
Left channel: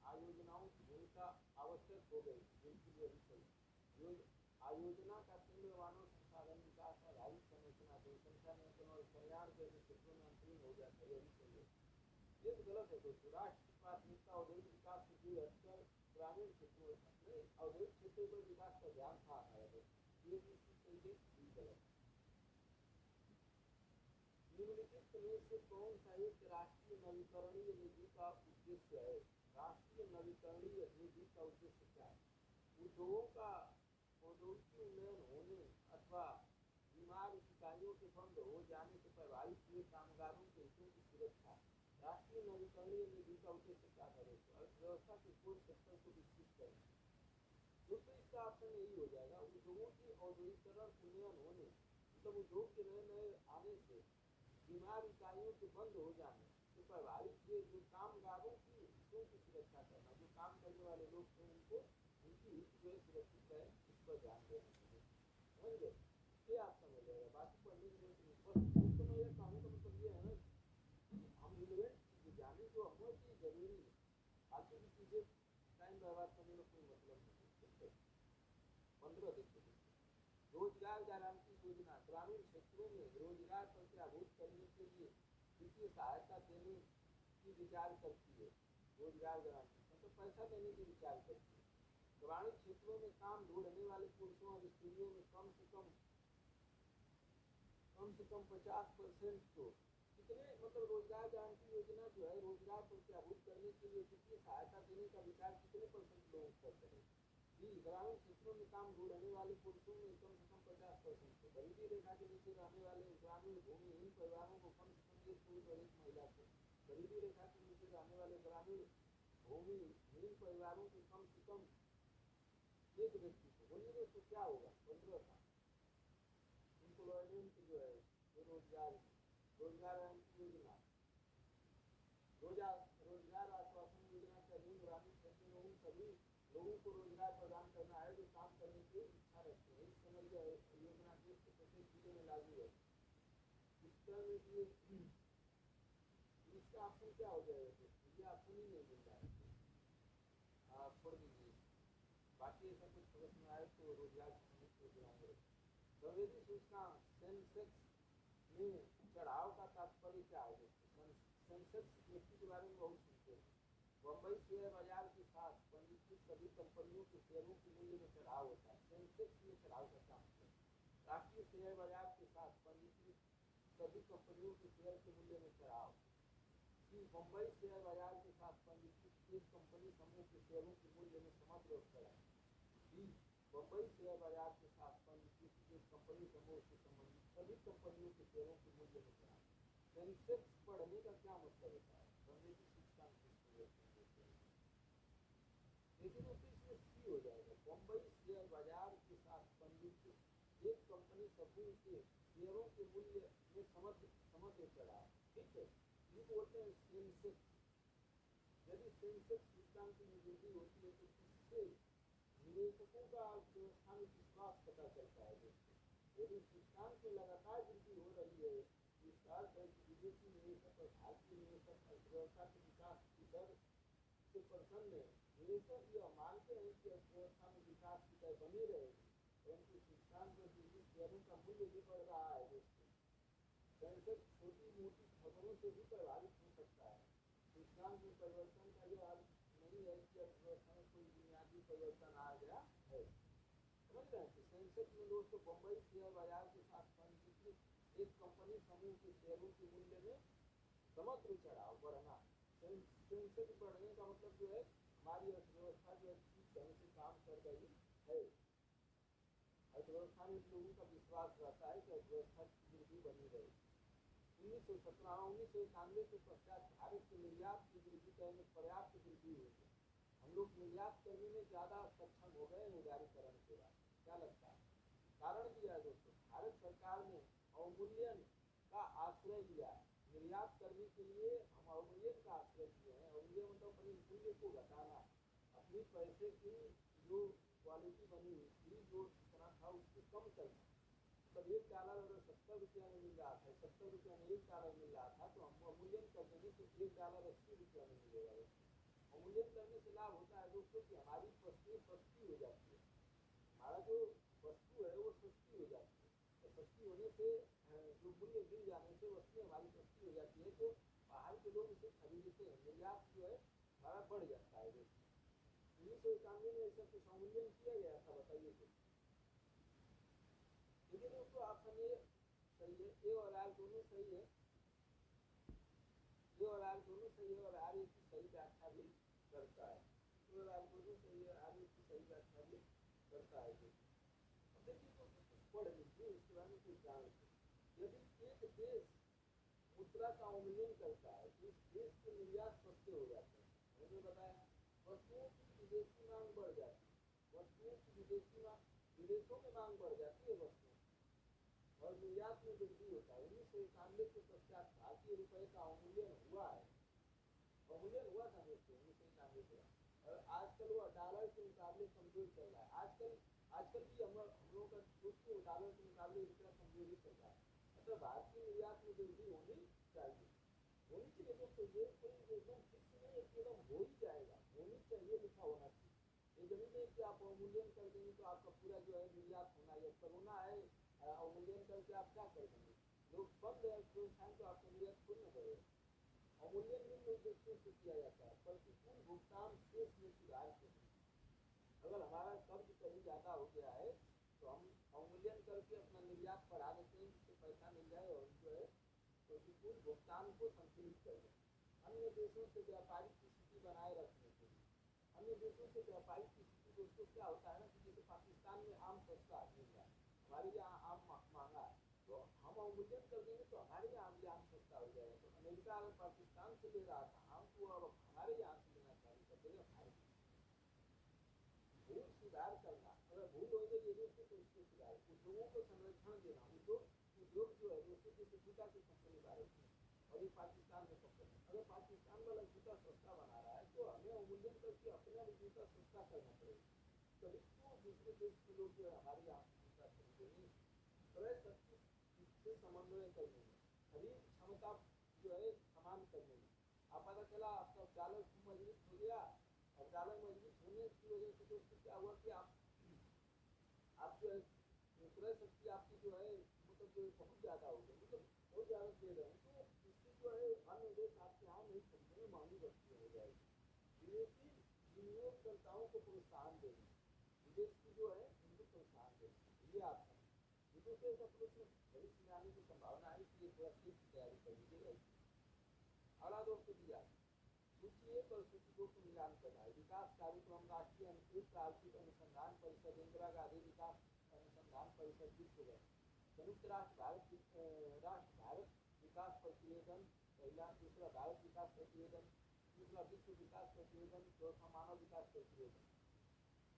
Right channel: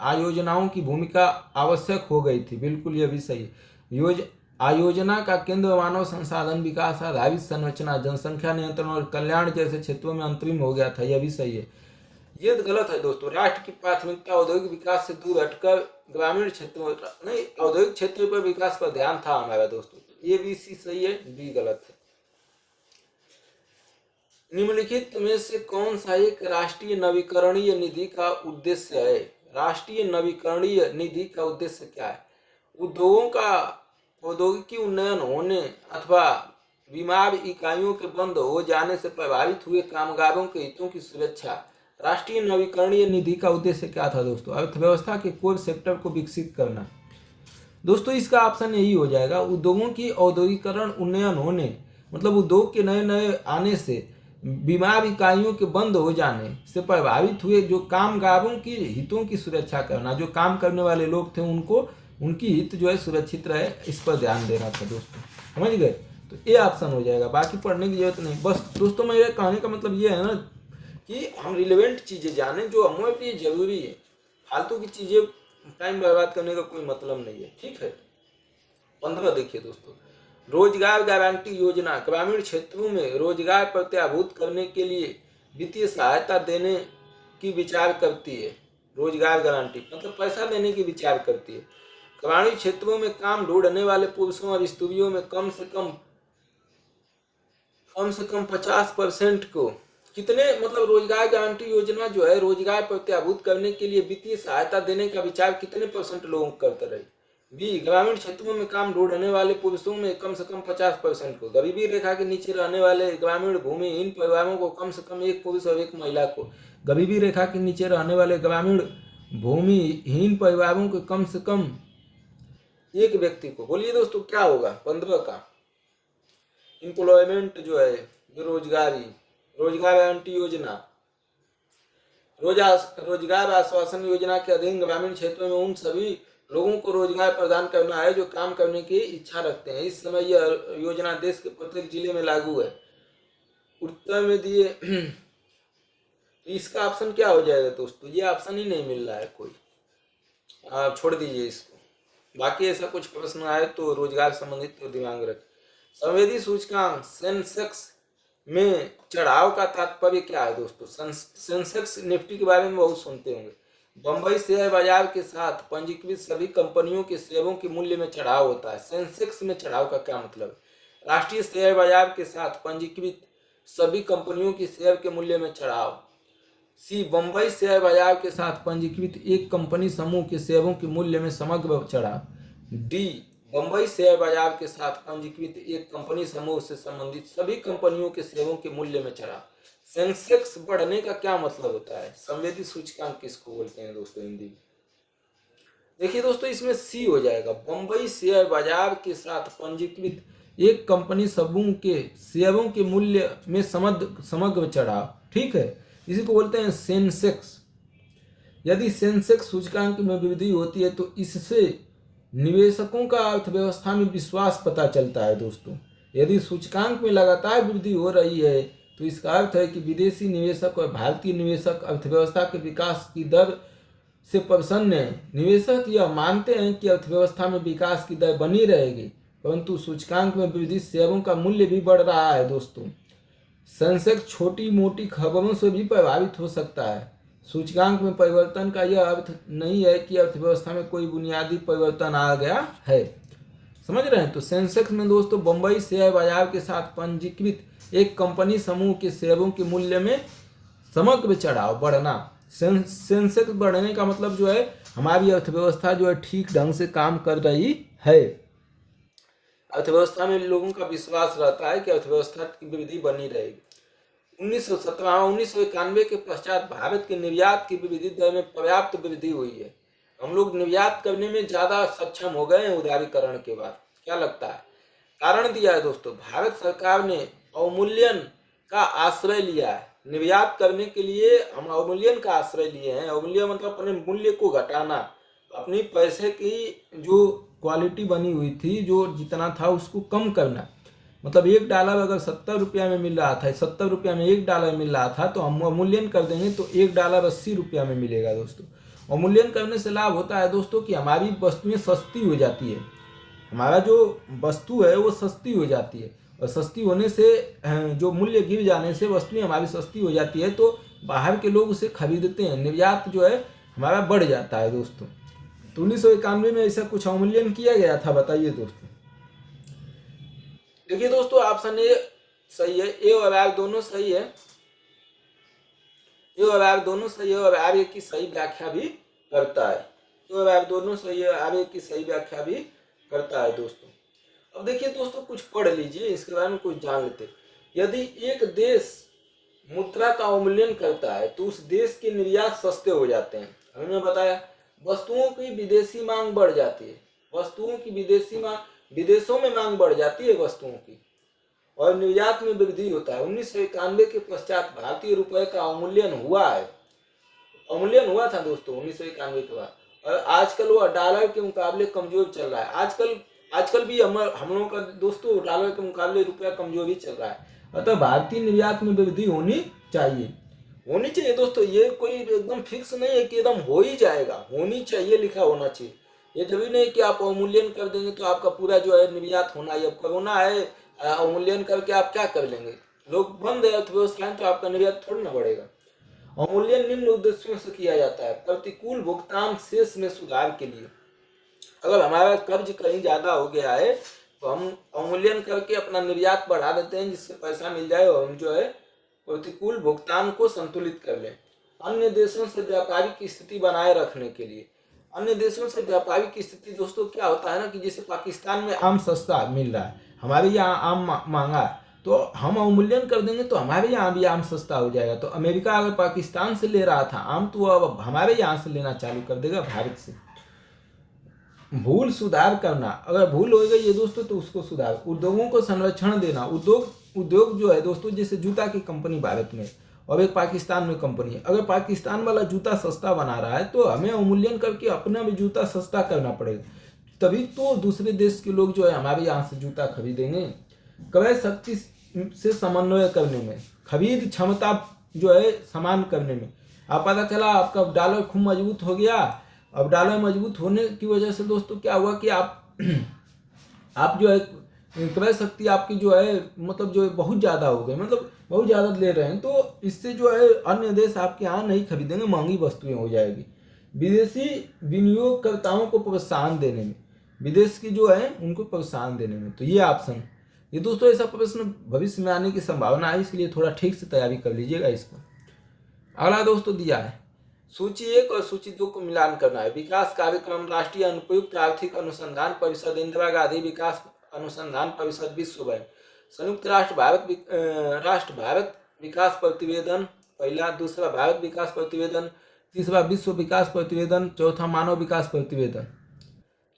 आयोजनाओं की भूमिका आवश्यक हो गई थी। बिल्कुल, यह भी सही है। आयोजना का केंद्र मानव संसाधन विकास, आधारित संरचना, जनसंख्या नियंत्रण और कल्याण जैसे क्षेत्रों में अंतरिम हो गया था। यह भी सही है। ये गलत है दोस्तों। राष्ट्र की प्राथमिकता औद्योगिक विकास से दूर हटकर ग्रामीण क्षेत्रों नहीं, औद्योगिक क्षेत्र पर विकास पर ध्यान था हमारा दोस्तों। ये भी सही है, बी गलत है। निम्नलिखित में से कौन सा एक राष्ट्रीय नवीकरणीय निधि का उद्देश्य है? राष्ट्रीय नवीकरणीय निधि का उद्देश्य क्या है? उद्योगों का औद्योगिकी उन्नयन होने अथवा बीमार इकाइयों के बंद हो जाने से प्रभावित हुए कामगारों के हितों की सुरक्षा। राष्ट्रीय नवीकरणीय निधि का उद्देश्य क्या था दोस्तों? अर्थव्यवस्था के कोर सेक्टर को विकसित करना। दोस्तों इसका ऑप्शन यही हो जाएगा। उद्योगों की औद्योगिकरण उन्नयन होने मतलब उद्योग के नए नए आने से बीमार इकाइयों के बंद हो जाने से प्रभावित हुए जो कामगारों की हितों की सुरक्षा करना। जो काम करने वाले लोग थे उनकी हित जो है सुरक्षित रहे, इस पर ध्यान देना था दोस्तों। समझ गए? तो ये ऑप्शन हो जाएगा, बाकी पढ़ने की जरूरत नहीं। बस दोस्तों मेरे कहने का मतलब ये है ना कि हम रिलेवेंट चीज़ें जानें जो हमारे लिए जरूरी है। फालतू की चीज़ें टाइम बर्बाद करने का कोई मतलब नहीं है। ठीक है। 15 देखिए दोस्तों, रोजगार गारंटी योजना ग्रामीण क्षेत्रों में रोजगार प्रत्याभूत करने के लिए वित्तीय सहायता देने की विचार करती है। रोजगार गारंटी मतलब पैसा देने की विचार करती है। ग्रामीण क्षेत्रों में काम ढूंढने वाले पुरुषों और स्त्रियों में कम से कम 50% को कितने मतलब रोजगार गारंटी योजना जो है रोजगार प्रत्याभूत करने के लिए वित्तीय सहायता देने का विचार कितने % लोगों को करते रहे। बी ग्रामीण क्षेत्रों में काम ढूंढने वाले पुरुषों में कम से कम 50% को, गरीबी रेखा के नीचे रहने वाले ग्रामीण भूमिहीन परिवारों को कम से कम एक पुरुष और एक महिला को, गरीबी रेखा के नीचे रहने वाले ग्रामीण भूमिहीन परिवारों के कम से कम एक व्यक्ति को। बोलिए दोस्तों क्या होगा 15 का। एम्प्लॉयमेंट जो है रोजगार गारंटी योजना, रोजगार आश्वासन योजना के अधीन ग्रामीण क्षेत्रों में उन सभी लोगों को रोजगार प्रदान करना है जो काम करने की इच्छा रखते हैं। इस समय यह योजना देश के प्रत्येक जिले में लागू है। उत्तर में दिए तो इसका ऑप्शन क्या हो जाएगा दोस्तों, ये ऑप्शन ही नहीं मिल रहा है कोई, आप छोड़ दीजिए इसको। बाकी ऐसा कुछ प्रश्न आए तो रोजगार संबंधित तो दिमाग रखें। संवेदी सूचकांक सेंसेक्स में चढ़ाव का तात्पर्य क्या है दोस्तों। सेंसेक्स निफ्टी के बारे में बहुत सुनते होंगे। बंबई शेयर बाजार के साथ पंजीकृत सभी कंपनियों के शेयरों के मूल्य में चढ़ाव होता है। सेंसेक्स में चढ़ाव का क्या मतलब। राष्ट्रीय शेयर बाजार के साथ पंजीकृत सभी कंपनियों के शेयर के मूल्य में चढ़ाव। सी बंबई शेयर बाजार के साथ पंजीकृत एक कंपनी समूह के शेयरों के मूल्य में समग्र चढ़ाव। डी बंबई शेयर बाजार के साथ पंजीकृत एक कंपनी समूह से संबंधित सभी कंपनियों के शेयरों के मूल्य में चढ़ाव। सेंसेक्स बढ़ने का क्या मतलब होता है। संवेदी सूचकांक किसको बोलते हैं दोस्तों हिंदी में। देखिए दोस्तों इसमें सी हो जाएगा, बंबई शेयर बाजार के साथ पंजीकृत एक कंपनी समूह के शेयरों के मूल्य में समग्र चढ़ाव। ठीक है, इसी को बोलते हैं सेंसेक्स। यदि सेंसेक्स सूचकांक में वृद्धि होती है तो इससे निवेशकों का अर्थव्यवस्था में विश्वास पता चलता है दोस्तों। यदि सूचकांक में लगातार वृद्धि हो रही है तो इसका अर्थ है कि विदेशी निवेशक और भारतीय निवेशक अर्थव्यवस्था के विकास की दर से प्रसन्न हैं। निवेशक यह मानते हैं कि अर्थव्यवस्था में विकास की दर बनी रहेगी, परंतु सूचकांक में वृद्धि शेयरों का मूल्य भी बढ़ रहा है दोस्तों। सेंसेक्स छोटी मोटी खबरों से भी प्रभावित हो सकता है। सूचकांक में परिवर्तन का यह अर्थ नहीं है कि अर्थव्यवस्था में कोई बुनियादी परिवर्तन आ गया है। समझ रहे हैं। तो सेंसेक्स में दोस्तों बंबई शेयर बाजार के साथ पंजीकृत एक कंपनी समूह के शेयरों के मूल्य में समग्र चढ़ाव बढ़ना। सेंसेक्स बढ़ने का मतलब जो है हमारी अर्थव्यवस्था जो है ठीक ढंग से काम कर रही है। अर्थव्यवस्था में लोगों का विश्वास रहता है कि अर्थव्यवस्था की वृद्धि बनी रहेगी। 1991 के पश्चात भारत के निर्यात की वृद्धि दर में पर्याप्त वृद्धि हुई है। हम लोग निर्यात करने में ज्यादा सक्षम हो गए हैं उदारीकरण के बाद। क्या लगता है। कारण दिया है दोस्तों, भारत सरकार ने अवमूल्यन का आश्रय लिया है। निर्यात करने के लिए हम अवमूल्यन का आश्रय लिए हैं। अवमूल्यन मतलब अपने मूल्य को घटाना, अपनी पैसे की जो क्वालिटी बनी हुई थी, जो जितना था उसको कम करना। मतलब $1 अगर 70 रुपया में मिल रहा था, 70 रुपया में $1 मिल रहा था, तो हम अवमूल्यन कर देंगे तो $1 80 रुपया में मिलेगा दोस्तों। अवमूल्यन करने से लाभ होता है दोस्तों कि हमारी वस्तुएं सस्ती हो जाती है। हमारा जो वस्तु है वो सस्ती हो जाती है, और सस्ती होने से जो मूल्य गिर जाने से वस्तुएं हमारी सस्ती हो जाती है, तो बाहर के लोग उसे खरीदते हैं, निर्यात जो है हमारा बढ़ जाता है दोस्तों। तो 1991 में ऐसा कुछ अवमूल्यन किया गया था, बताइए दोस्तों। देखिए दोस्तों ऑप्शन ए सही है, ए और आर दोनों सही है। ए और आर दोनों सही है और आर ए की सही व्याख्या भी करता है। ए और आर दोनों सही है, आर ए की सही व्याख्या भी करता है दोस्तों। अब देखिए दोस्तों कुछ पढ़ लीजिए, इसके बारे में कुछ जान लेते। यदि एक देश मुद्रा का अवमूल्यन करता है तो उस देश के निर्यात सस्ते हो जाते हैं। हमने बताया वस्तुओं की विदेशी मांग बढ़ जाती है, वस्तुओं की विदेशी मांग, विदेशों में मांग बढ़ जाती है वस्तुओं की, और निर्यात में वृद्धि होता है। 1991 के पश्चात भारतीय रुपए का अवमूल्यन हुआ है, अवमूल्यन हुआ था दोस्तों 1991 के बाद, और आजकल वो डॉलर के मुकाबले कमजोर चल रहा है। आजकल भी हम लोगों का दोस्तों डॉलर के मुकाबले रुपया कमजोर ही चल रहा है। अतः भारतीय निर्यात में वृद्धि होनी चाहिए दोस्तों। ये कोई एकदम फिक्स नहीं है कि एकदम हो ही जाएगा, होनी चाहिए लिखा होना चाहिए। ये जरूरी नहीं कि आप अवमूल्यन कर देंगे तो आपका पूरा जो है निर्यात होना है। अब कोरोना है, अवमूल्यन करके आप क्या कर लेंगे, लोग बंद है अर्थव्यवस्थाएं तो आपका निर्यात थोड़ी ना बढ़ेगा। अवमूल्यन निम्न उद्देश्यों से किया जाता है। प्रतिकूल भुगतान शेष में सुधार के लिए, अगर हमारा कर्ज कहीं ज्यादा हो गया है तो हम अवमूल्यन करके अपना निर्यात बढ़ा देते हैं जिससे पैसा मिल जाए और हम जो है प्रतिकूल भुगतान को संतुलित कर लें। अन्य देशों से व्यापारिक स्थिति बनाए रखने के लिए, अन्य देशों से व्यापारिक स्थिति दोस्तों क्या होता है ना कि जैसे पाकिस्तान में आम सस्ता मिल रहा है, हमारे यहाँ आम महंगा, तो हम अवमूल्यन कर देंगे तो हमारे यहाँ भी आम सस्ता हो जाएगा। तो अमेरिका अगर पाकिस्तान से ले रहा था आम तो अब हमारे यहाँ से लेना चालू कर देगा, भारत से। भूल सुधार करना, अगर भूल हो गई है दोस्तों तो उसको सुधार। उद्योगों को संरक्षण देना, उद्योग जो है दोस्तों जैसे जूता की कंपनी भारत में और एक पाकिस्तान में कंपनी है, अगर पाकिस्तान वाला जूता सस्ता बना रहा है तो हमें अवमूल्यन करके अपना भी जूता सस्ता करना पड़ेगा, तभी तो दूसरे देश के लोग जो है हमारे यहाँ से जूता खरीदेंगे। क्रय शक्ति से समन्वय करने में, खरीद क्षमता जो है समान करने में, आप पता चला आपका डॉलर खूब मजबूत हो गया, अब डॉलर मजबूत होने की वजह से दोस्तों क्या हुआ कि आप जो है क्रय शक्ति आपकी जो है मतलब जो है बहुत ज़्यादा हो गई, मतलब बहुत ज़्यादा ले रहे हैं, तो इससे जो है अन्य देश आपके यहाँ नहीं खरीदेंगे, महंगी वस्तुएं हो जाएगी। विदेशी विनियोगकर्ताओं को प्रोत्साहन देने में, विदेश की जो है उनको प्रोत्साहन देने में, तो ये ऑप्शन, ये दोस्तों ऐसा प्रश्न भविष्य में आने की संभावना है, इसलिए थोड़ा ठीक से तैयारी कर लीजिएगा इस पर। अगला दोस्तों दिया है सूची 1 और सूची 2 को मिलान करना है। विकास कार्यक्रम, राष्ट्रीय अनुप्रयुक्त आर्थिक अनुसंधान परिषद, इंदिरा गांधी विकास अनुसंधान परिषद, विश्व बैंक, संयुक्त राष्ट्र भारत विकास प्रतिवेदन पहला, दूसरा भारत विकास प्रतिवेदन, तीसरा विश्व विकास प्रतिवेदन, चौथा मानव विकास प्रतिवेदन।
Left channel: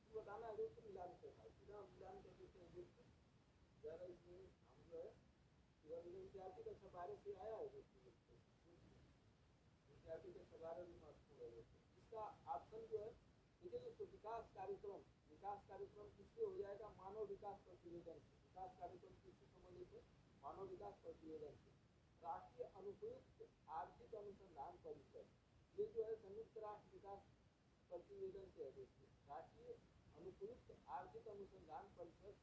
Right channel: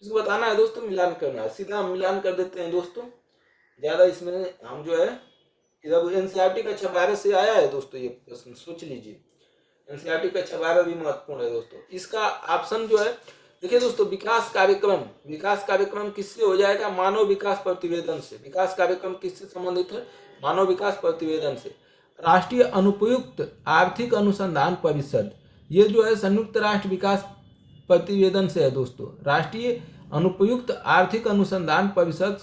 इसको बताना है दोस्तों, मिलान करना है। सीधा हम मिलान कर देते हैं दोस्तों, ज्यादा इसमें हम जो है इधर एनसीईआरटी कक्षा 12 से आया है दोस्तों, ये प्रश्न सोच लीजिए। एनसीईआरटी कक्षा 12 भी महत्वपूर्ण है दोस्तों। इसका ऑप्शन जो है देखिए दोस्तों, विकास कार्यक्रम किससे हो जाएगा? मानव विकास प्रतिवेदन से। विकास कार्यक्रम किससे संबंधित है? मानव विकास प्रतिवेदन से। राष्ट्रीय अनुपयुक्त आर्थिक अनुसंधान परिषद, ये जो है संयुक्त राष्ट्र विकास प्रतिवेदन से है दोस्तों। राष्ट्रीय अनुपयुक्त आर्थिक अनुसंधान परिषद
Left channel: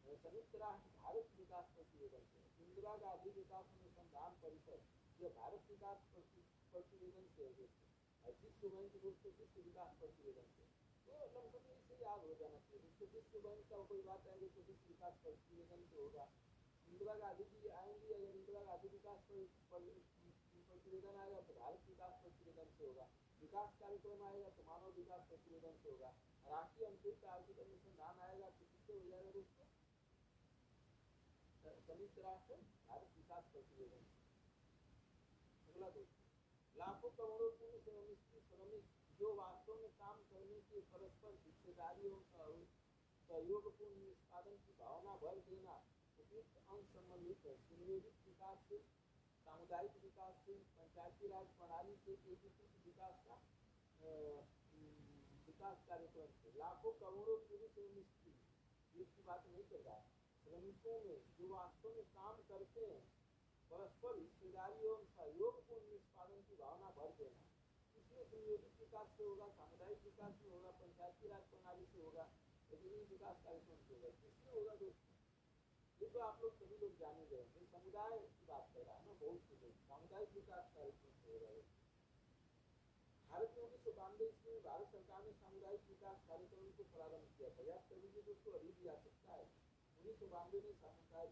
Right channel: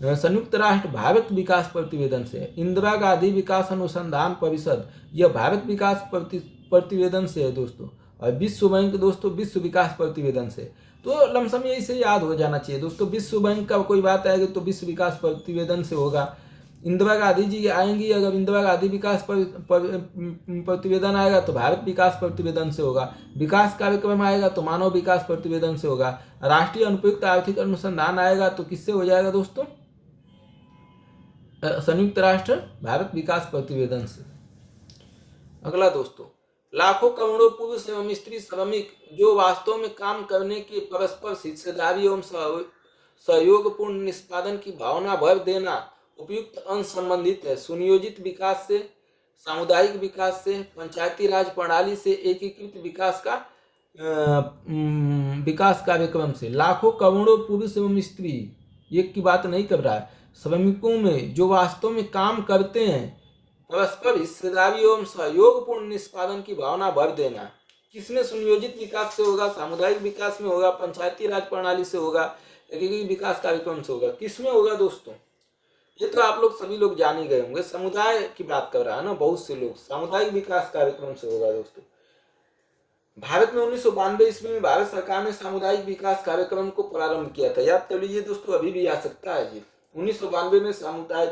संयुक्त राष्ट्र भारत विकास प्रतिवेदन से। इंदिरा गांधी विकास अनुसंधान परिषद, यह भारत विकास प्रतिवेदन से है दोस्तों। और विश्व बैंक दोस्तों विश्व विकास प्रतिवेदन से। तो लमसम यही से याद हो जाना चाहिए दोस्तों, विश्व बैंक का कोई बात आएगी तो विश्व विकास प्रतिवेदन से होगा। इंदिरा गांधी जी आएंगी, अगर इंदिरा गांधी विकास प्रतिवेदन आएगा तो भारत विकास प्रतिवेदन से होगा। विकास कार्यक्रम आएगा तो मानव विकास प्रतिवेदन से होगा। राष्ट्रीय अनुपयुक्त आर्थिक अनुसंधान आएगा तो किससे हो जाएगा दोस्तों? संयुक्त राष्ट्र भारत विकास प्रतिवेदन से। अगला दोस्तों, लाखों करोड़ों पुरुष एवं स्त्री श्रमिक जो वास्तव में काम करने की परस्पर हिस्सेदारी एवं सहयोगपूर्ण निष्पादन की भावना भर देना उपयुक्त अंश संबंधित है। सुनियोजित विकास से, सामुदायिक विकास से, पंचायती राज प्रणाली से, एकीकृत विकास कार्यक्रम से। लाखों करोड़ों पुरुष एवं स्त्री, एक की बात नहीं कर रहा है, श्रमिकों में जो वास्तव में काम करते हैं, परस्पर हिस्सेदारी एवं सहयोगपूर्ण निष्पादन की भावना भर देना। किसमें? सुनियोजित विकास से होगा, सामुदायिक विकास में होगा, पंचायती राज प्रणाली से होगा, एकीकृत विकास कार्यक्रम से होगा। किसमें होगा दोस्तों? ये तो आप लोग सभी लोग जान ही गए होंगे, समुदाय की बात कर रहा है ना बहुत से लोग, सामुदायिक विकास कार्यक्रम से होगा दोस्तों। भारत में 1992 ईस्वी में भारत सरकार ने सामुदायिक विकास कार्यक्रम को प्रारंभ किया था। याद कर लीजिए दोस्तों, अभी भी आ सकता है जी। 1992 में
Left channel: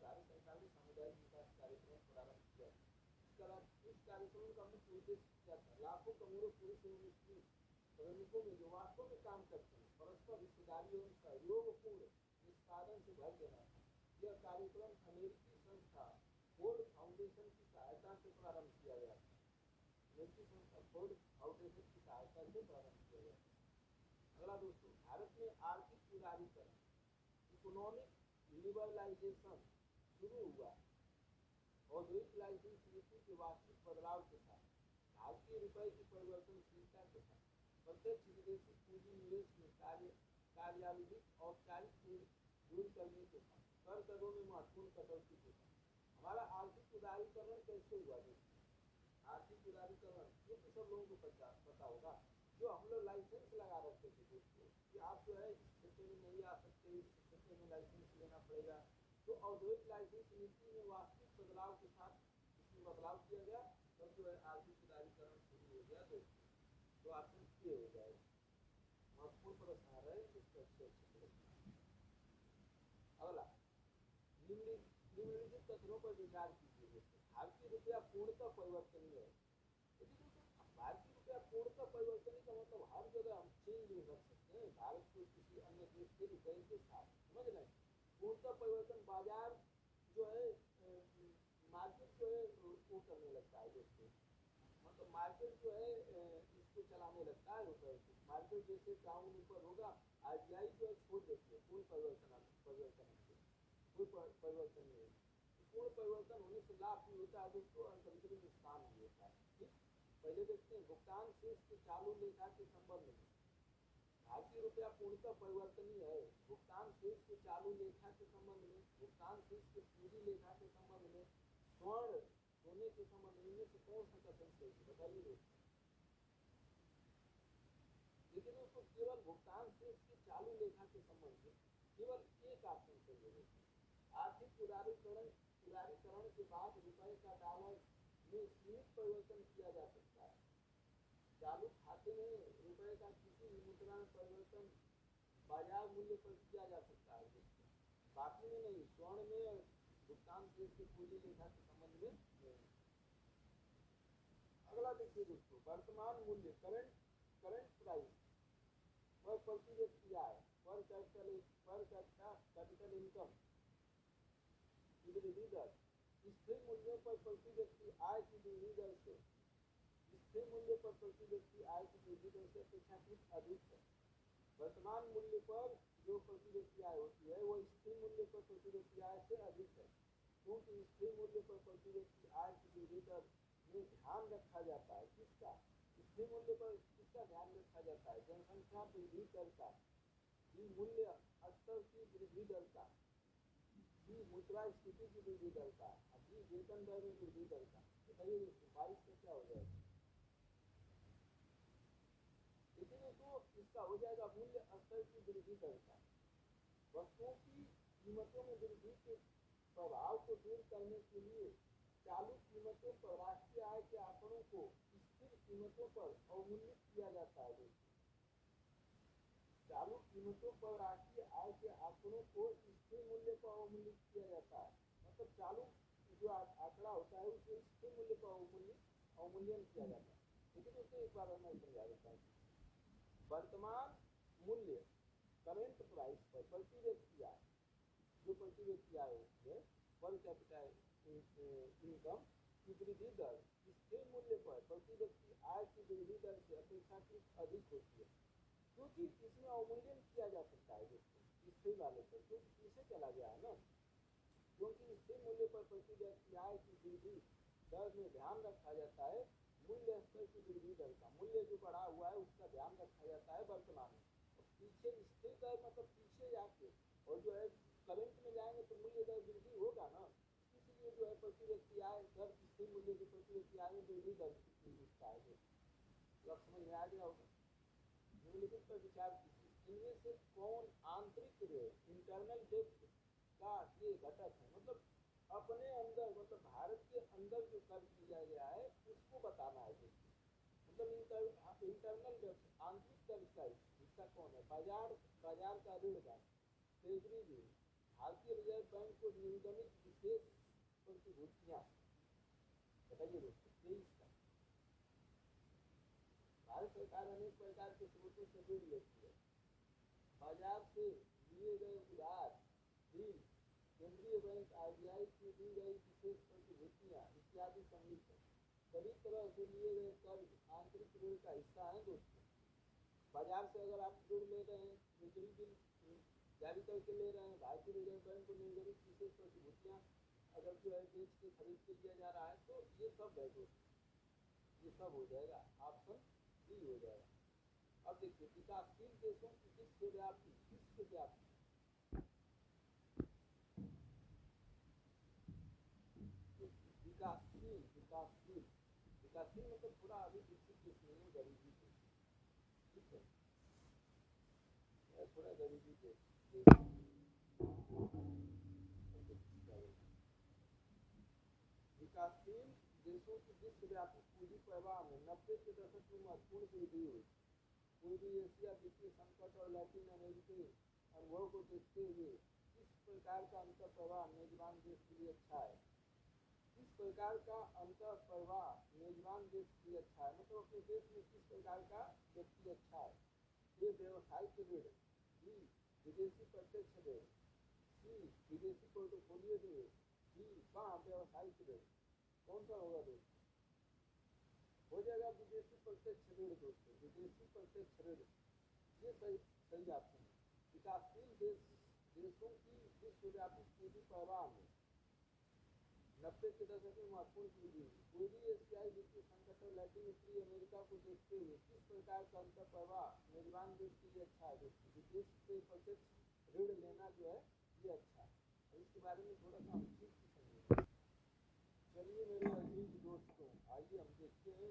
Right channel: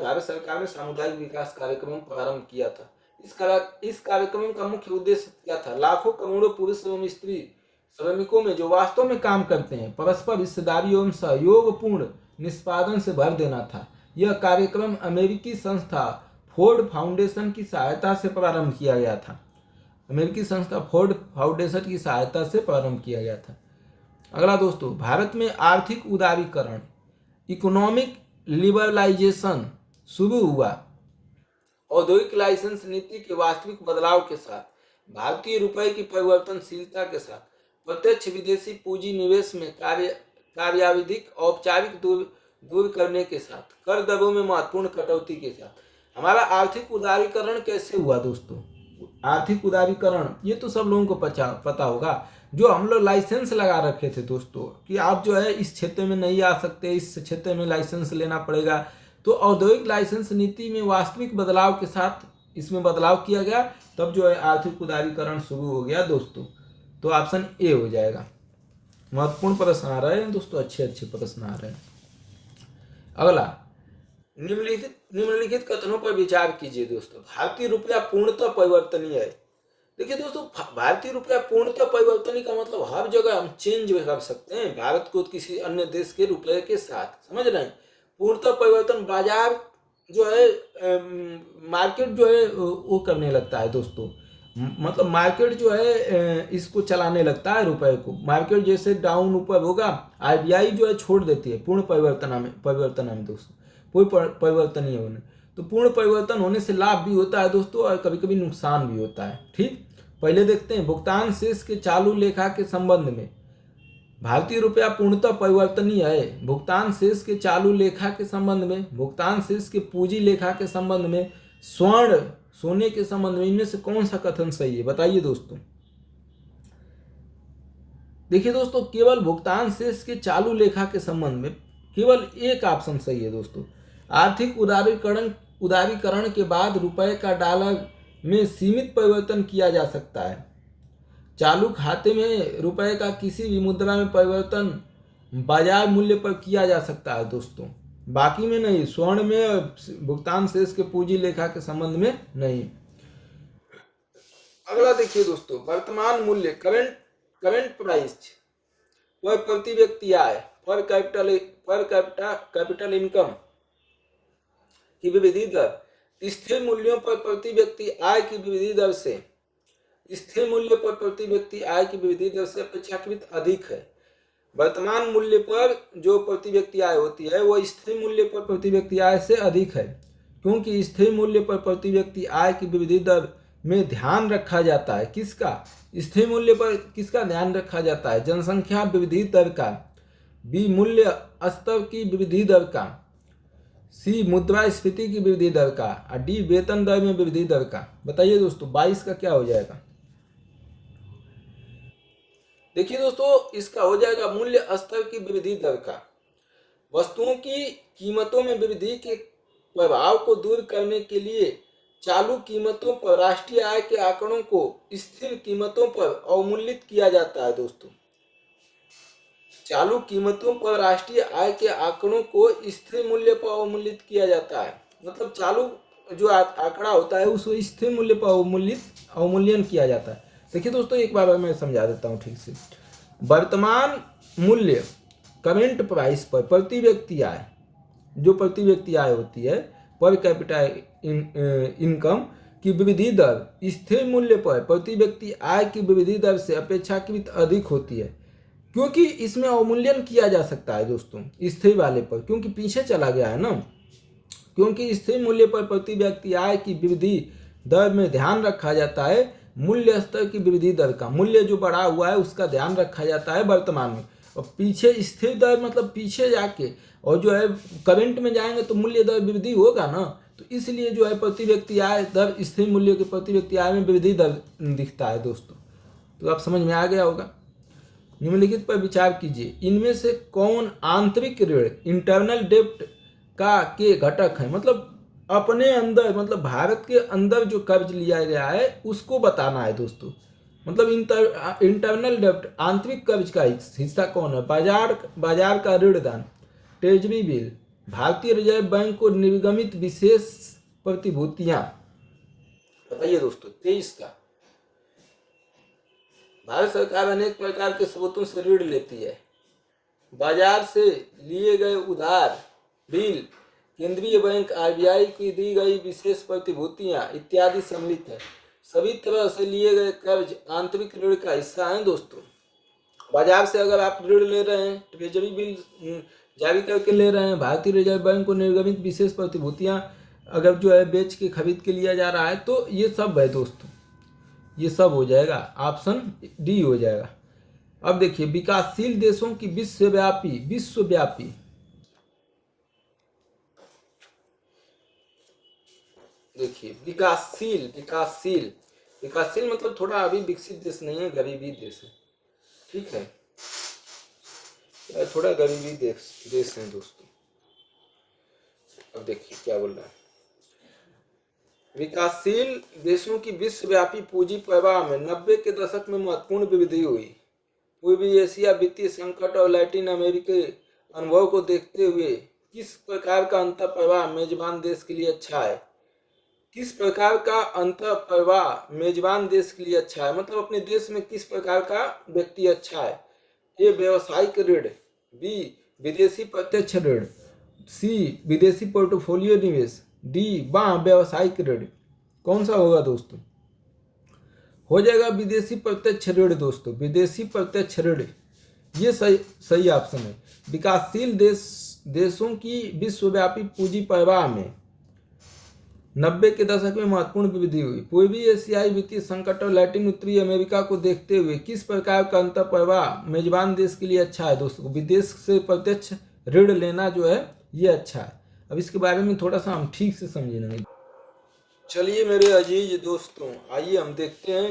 भारत सरकार ने सामुदायिक विकास कार्यक्रम प्रारंभ किया था। इस कार्यक्रम का मुख्य उद्देश्य क्या था? लाखों करोड़ों पुरुष एवं स्त्री श्रमिकों में जो वास्तव में काम करते हैं, परस्पर हिस्सेदारी एवं सहयोगपूर्ण निष्पादन से भर देना था। यह कार्यक्रम अमेरिकी संस्था फोर्ड फाउंडेशन की सहायता से प्रारंभ किया गया था। अमेरिकी संस्था फोर्ड फाउंडेशन की सहायता से प्रारंभ किया गया था। अगला दोस्तों, भारत में आर्थिक उदारीकरण, इकोनॉमिक लिबरलाइजेशन शुरू हुआ। औद्योगिक लाइसेंस नीति के वास्तविक बदलाव के साथ, भारतीय रुपए की परिवर्तनशीलता के साथ, प्रत्यक्ष विदेशी पूंजी निवेश में कार्याविधिक औपचारिक दूर करने के साथ, कर दरों में महत्वपूर्ण कटौती के साथ हमारा आर्थिक उदारीकरण कैसे हुआ दोस्तों? आर्थिक उदारीकरण ये तो सब लोगों को पता होगा। जो हम लोग लाइसेंस लगा रखे थे दोस्तों कि आप जो है इस क्षेत्र में नहीं आ सकते, इस क्षेत्र में लाइसेंस लेना पड़ेगा, तो औद्योगिक लाइसेंस नीति में वास्तविक बदलाव के साथ इसमें बदलाव किया गया, तब जो है आर्थिक उदारीकरण शुरू हो गया दोस्तों। तो ऑप्शन ए हो जाएगा। महत्वपूर्ण प्रश्न आ रहे हैं दोस्तों, अच्छे अच्छे प्रश्न आ रहे हैं। अगला, निम्नलिखित कथनों पर विचार कीजिए दोस्तों। भारतीय रुपया पूर्णतः परिवर्तनीय है। देखिए दोस्तों, भारतीय रुपया पूर्णतः परिवर्तनीय का मतलब हर जगह हम चेंज कर सकते हैं भारत को किसी अन्य देश के रुपये के साथ, समझ रहे हैं। पूर्णतः परिवर्तन, बाजार जो है मार्केट जो है वो करने लगता है दोस्तों। मतलब मार्केट जो है इसको चलाने लगता है रुपए को। मार्केट जैसे डाउन ऊपर होगा, आरबीआई जो है छोड़ देती है पूर्ण परिवर्तन में दोस्तों, कोई परिवर्तन नहीं होने। तो पूर्ण परिवर्तन होने से लाभ भी होता है दोस्तों और कभी कभी नुकसान भी होता है। ठीक, पहले देखते हैं भुगतान शेष के चालू लेखा के संबंध में। भारतीय रुपया पूर्णतः परिवर्तनीय है। भुगतान शेष के चालू लेखा के संबंध में, भुगतान शेष के पूंजी लेखा के संबंध में, स्वर्ण सोने के संबंध में, इनमें से कौन सा कथन सही है बताइए दोस्तों। देखिए दोस्तों, केवल भुगतान शेष के चालू लेखा के संबंध में केवल एक ऑप्शन सही है दोस्तों। आर्थिक उदारीकरण के बाद रुपए का डॉलर में सीमित परिवर्तन किया जा सकता है। चालू खाते में रुपए का किसी भी मुद्रा में परिवर्तन बाजार मूल्य पर किया जा सकता है दोस्तों, बाकी में नहीं। स्वर्ण में और भुगतान शेष के पूंजी लेखा के संबंध में नहीं। अगला देखिए दोस्तों, वर्तमान मूल्य, करंट प्राइस पर प्रति व्यक्ति आय, पर कैपिटल इनकम की विविधि दर स्थिर मूल्यों पर प्रति व्यक्ति आय की विविधि दर से, स्थिर मूल्य पर प्रति व्यक्ति आय की विविधि दर से अपेक्षाकृत अधिक है। वर्तमान मूल्य पर जो प्रति व्यक्ति आय होती है वो स्थिर मूल्य पर प्रति व्यक्ति आय से अधिक है, क्योंकि स्थिर मूल्य पर प्रति व्यक्ति आय की विविधि दर में ध्यान रखा जाता है। किसका? स्थिर मूल्य पर किसका ध्यान रखा जाता है? जनसंख्या विविधि दर का, बी मूल्य स्तर की विविधि दर का, सी मुद्रास्फीति की विविधि दर का, और डी वेतन दर में विविधि दर का। बताइए दोस्तों 22 का क्या हो जाएगा? देखिए दोस्तों, इसका हो जाएगा मूल्य स्तर की विविधि दर का। वस्तुओं की कीमतों में वृद्धि के प्रभाव को दूर करने के लिए चालू कीमतों पर राष्ट्रीय आय के आंकड़ों को स्थिर कीमतों पर अवमूल्यित किया जाता है दोस्तों। चालू कीमतों पर राष्ट्रीय आय के आंकड़ों को स्थिर मूल्य पर अवमूल्यित किया जाता है। मतलब चालू जो आंकड़ा होता है उसको स्थिर मूल्य पर अवमूल्यन किया जाता है। देखिए दोस्तों, एक बार मैं समझा देता हूँ ठीक से। वर्तमान मूल्य, करेंट प्राइस पर प्रति व्यक्ति आय, जो प्रति व्यक्ति आय होती है, पर कैपिटल इनकम की विविधि दर स्थिर मूल्य पर प्रति व्यक्ति आय की विविधि दर से अपेक्षाकृत अधिक होती है, क्योंकि इसमें अवमूल्यन किया जा सकता है दोस्तों स्थिर वाले पर, क्योंकि पीछे चला गया है ना। क्योंकि स्थिर मूल्य पर प्रति व्यक्ति आय की विविधि दर में ध्यान रखा जाता है मूल्य स्तर की विविधि दर का। मूल्य जो बढ़ा हुआ है उसका ध्यान रखा जाता है वर्तमान में, और पीछे स्थिर दर मतलब पीछे जाके और जो है करंट में जाएंगे तो मूल्य दर विविधि होगा ना। तो इसलिए जो है प्रति व्यक्ति आय दर स्थिर मूल्य के प्रति व्यक्ति आय में विविधि दर दिखता है दोस्तों। तो आप समझ में आ गया होगा। निम्नलिखित पर विचार कीजिए, इनमें से कौन आंतरिक ऋण, इंटरनल डेब्ट का के घटक है? मतलब अपने अंदर, मतलब भारत के अंदर जो कर्ज लिया गया है उसको बताना है दोस्तों। मतलब इंटरनल डेब्ट, आंतरिक कर्ज का हिस्सा कौन है? बाजार का ऋण दान, ट्रेजरी बिल, भारतीय रिजर्व बैंक को निर्गमित विशेष प्रतिभूतियां। बताइए दोस्तों 23 का। भारत सरकार अनेक प्रकार के स्रोतों से ऋण लेती है। बाजार से लिए गए उधार, बिल, केंद्रीय बैंक आरबीआई की दी गई विशेष प्रतिभूतियां इत्यादि सम्मिलित है। सभी तरह से लिए गए कर्ज आंतरिक ऋण का हिस्सा हैं दोस्तों। बाजार से अगर आप ऋण ले रहे हैं, ट्रेजरी बिल जारी करके ले रहे हैं, भारतीय रिजर्व बैंक को निर्गमित विशेष प्रतिभूतियां अगर जो है बेच के खरीद के लिया जा रहा है, तो ये सब है दोस्तों, ये सब हो जाएगा। ऑप्शन डी हो जाएगा। अब देखिए, विकासशील देशों की विश्वव्यापी देखिए, विकासशील मतलब थोड़ा अभी विकसित देश नहीं है, गरीबी देश है। ठीक है, थोड़ा गरीबी देश है दोस्तों। अब देखिए क्या बोल रहा है। विकासशील देशों की विश्वव्यापी पूंजी प्रवाह में 90 के दशक में महत्वपूर्ण वृद्धि हुई। पूर्वी एशिया वित्तीय संकट और लैटिन अमेरिकी अनुभव को देखते हुए किस प्रकार का अंतर प्रवाह मेजबान देश के लिए अच्छा है? किस प्रकार का अंतर प्रवाह मेजबान देश के लिए अच्छा है, मतलब अपने देश में किस प्रकार का व्यक्ति अच्छा है? ए व्यवसायिक ऋण, बी विदेशी प्रत्यक्ष ऋण, सी विदेशी पोर्टफोलियो निवेश, डी व्यावसायिक ऋण। कौन सा होगा दोस्तों? हो जाएगा विदेशी प्रत्यक्ष ऋण दोस्तों, विदेशी प्रत्यक्ष ऋण, ये सही ऑप्शन है। विकासशील देशों की विश्वव्यापी पूंजी प्रवाह में 90 के दशक में महत्वपूर्ण वृद्धि हुई। पूर्वी एशियाई वित्तीय संकट और लैटिन उत्तरी अमेरिका को देखते हुए किस प्रकार का अंतर प्रवाह मेजबान देश के लिए अच्छा है दोस्तों? विदेश से प्रत्यक्ष ऋण लेना जो है ये अच्छा है। अब इसके बारे में थोड़ा सा हम ठीक से समझेंगे। चलिए मेरे अजीज दोस्तों, आइए हम देखते हैं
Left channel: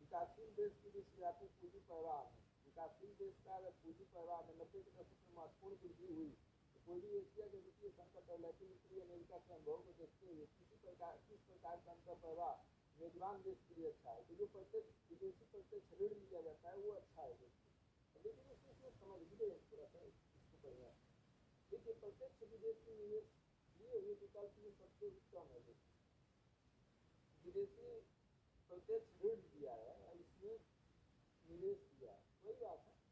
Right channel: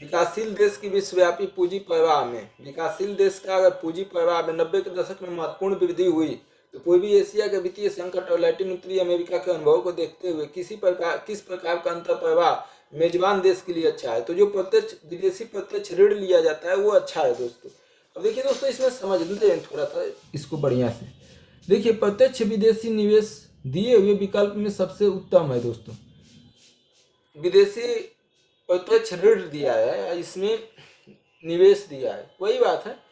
विकासशील देश की विश्वव्यापी पूंजी प्रवाह में। विकासशील देश का अगर पूंजी प्रवाह में 90 के दशक में महत्वपूर्ण वृद्धि हुई तो पूर्वी एशिया के वित्तीय संकट और लैटिन उत्तरी अमेरिका के अनुभव को देखते हुए किस प्रकार का अंतर प्रवाह मेजबान देश के लिए अच्छा है? तो जो प्रत्यक्ष विदेशी प्रत्यक्ष ऋण लिया जाता है वो अच्छा है दोस्तों। अब देखिए दोस्तों, इसमें समझ लेते हैं थोड़ा सा इसको बढ़िया से। देखिए, प्रत्यक्ष विदेशी निवेश दिए हुए विकल्प में सबसे उत्तम है दोस्तों। विदेशी प्रत्यक्ष ऋण दिया है, इसमें निवेश दिया है, वही बात है।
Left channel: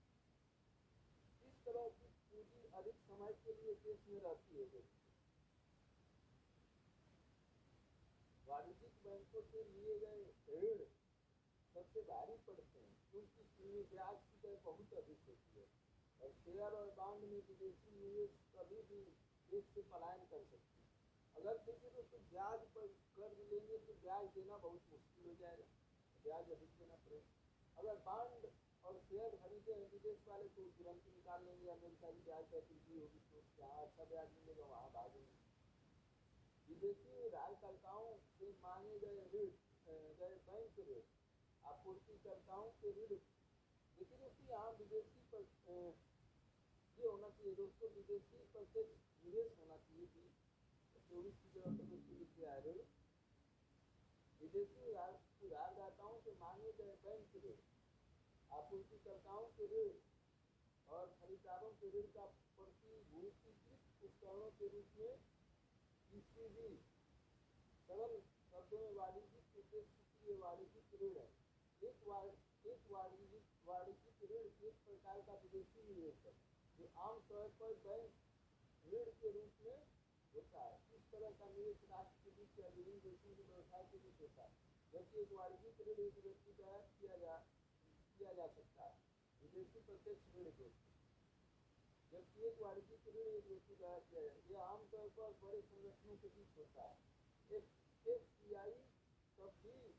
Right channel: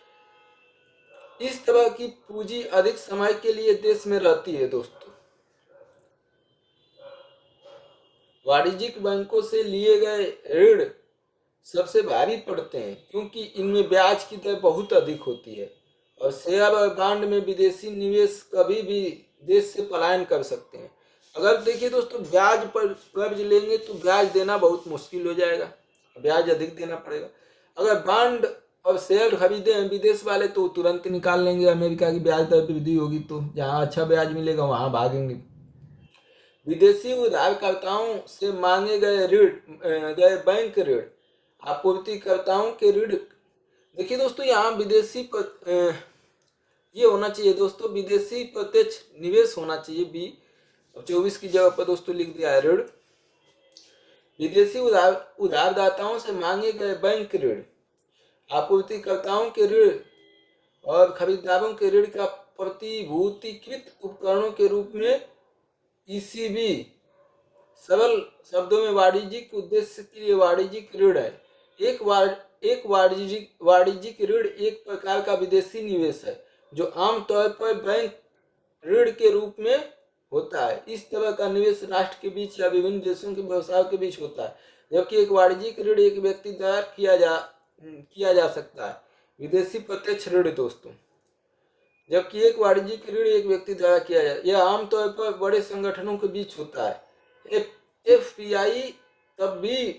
इस तरह की पूंजी अधिक समय के लिए देश में रहती है दोस्तों। वाणिज्यिक बैंकों से लिए गए ऋण सबसे भारी पड़ते हैं क्योंकि इनमें ब्याज की दर बहुत अधिक होती है और शेयर और बॉन्ड में विदेशी निवेश कभी भी देश से पलायन कर सकते हैं। अगर देखिए दोस्तों, ब्याज पर कर्ज लेंगे तो ब्याज देना बहुत मुश्किल हो जाएगा, ब्याज अधिक देना पड़ेगा। अगर बॉन्ड और शेयर खरीदे हैं विदेश वाले तो तुरंत निकाल लेंगे, अमेरिका की ब्याज दर वृद्धि होगी तो जहाँ अच्छा ब्याज मिलेगा वहाँ भागेंगे। विदेशी उधारकर्ताओं से मांगे गए बैंक ऋण आपूर्तिकर्ताओं के ऋण। देखिए दोस्तों, यहाँ विदेशी ये होना चाहिए दोस्तों, विदेशी प्रत्यक्ष निवेश होना चाहिए बी। 24 की जगह पर दोस्तों लिख दिया है ऋण। विदेशी उधारदाताओं से मांगे गए बैंक ऋण आपूर्तिकर्ताओं के ऋण और खरीदारों के ऋण का प्रतिभूतिकृत उपकरणों के रूप में ईसीबी। सरल शब्दों में वाणिज्यिक उद्देश्य के लिए वाणिज्यिक ऋण है। एक वाणिज्यिक ऋण एक प्रकार का विदेशी निवेश है जो आमतौर पर बैंक ऋण के रूप में होता है। इस तरह का निवेश राष्ट्र के बीच या विभिन्न देशों के व्यवसायों के बीच होता है, जबकि एक वाणिज्यिक ऋण एक व्यक्ति द्वारा किया जा सकता है। विदेशी प्रत्यक्ष ऋण दोस्तों, जबकि एक वाणिज्यिक ऋण एक व्यक्ति द्वारा किया जाए, यह आमतौर पर बड़े संगठनों के बीच होता है। एफपीआई तब भी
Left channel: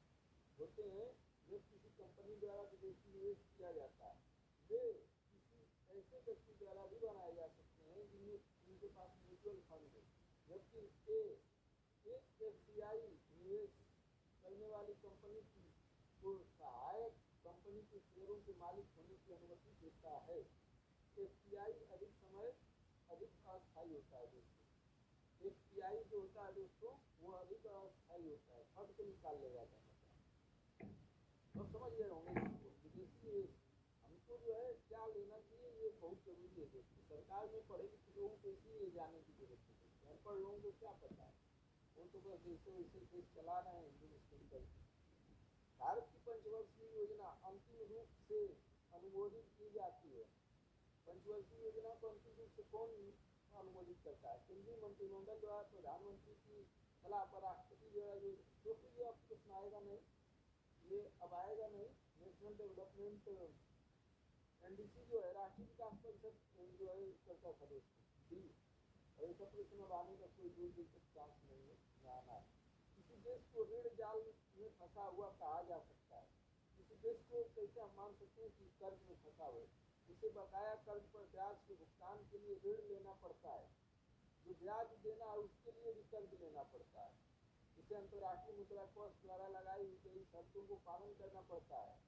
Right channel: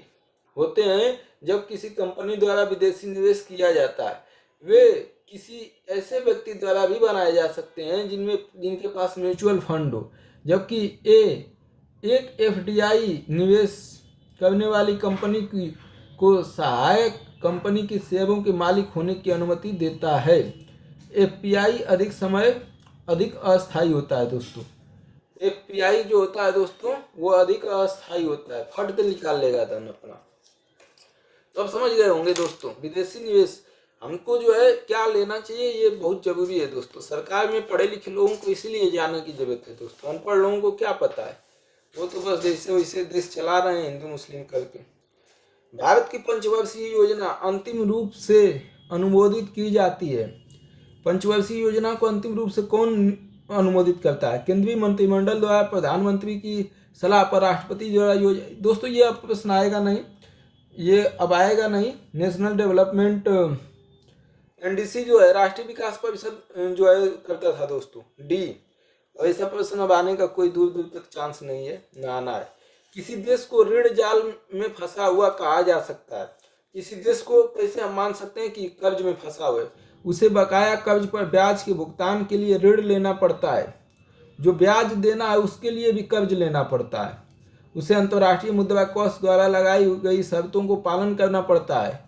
होते हैं जब किसी कंपनी द्वारा विदेशी निवेश किया जाता है। वे किसी ऐसे व्यक्ति द्वारा भी बनाए जा सकते हैं जिनके पास म्यूचुअल फंड हो, जबकि एक एफडीआई निवेश करने वाली कंपनी को सहायक कंपनी की शेयरों के मालिक होने की अनुमति देता है। एफपीआई अधिक अस्थायी होता है दोस्तों। एफपीआई जो होता है दोस्तों वो अधिक अस्थायी होता है, फट के निकाल लेगा धन अपना। तो अब समझ गए होंगे दोस्तों, विदेशी निवेश हमको जो है क्या लेना चाहिए ये बहुत जरूरी है दोस्तों। सरकार में पढ़े लिखे लोगों को इसीलिए जानने की जरूरत है दोस्तों, अनपढ़ लोगों को क्या पता है, वो तो बस जैसे वैसे देश चला रहे हैं हिंदू मुस्लिम करके। भारत की पंचवर्षीय योजना अंतिम रूप से अनुमोदित की जाती है। पंचवर्षीय योजना को अंतिम रूप से कौन अनुमोदित करता है? केंद्रीय मंत्रिमंडल द्वारा, प्रधानमंत्री की सलाह पर, राष्ट्रपति द्वारा। दोस्तों ये अब प्रश्न आएगा नहीं, ये अब आएगा नहीं। नेशनल डेवलपमेंट एनडीसी जो है राष्ट्रीय विकास परिषद जो है करता था दोस्तों, डी। और ऐसा प्रश्न अब आने का कोई दूर दूर तक चांस नहीं है, ना आना है। किसी देश को ऋण जाल में फंसा हुआ कहा जा सकता है। किसी देश को कैसे हम मान सकते हैं कि कर्ज में फंसा हुआ है? उसे बकाया कर्ज पर ब्याज के भुगतान के लिए ऋण लेना पड़ता है। जो ब्याज देना है उसके लिए भी कर्ज लेना पड़ता है। उसे अंतर्राष्ट्रीय मुद्रा कोष द्वारा लगाई गई शर्तों को पालन करना पड़ता है।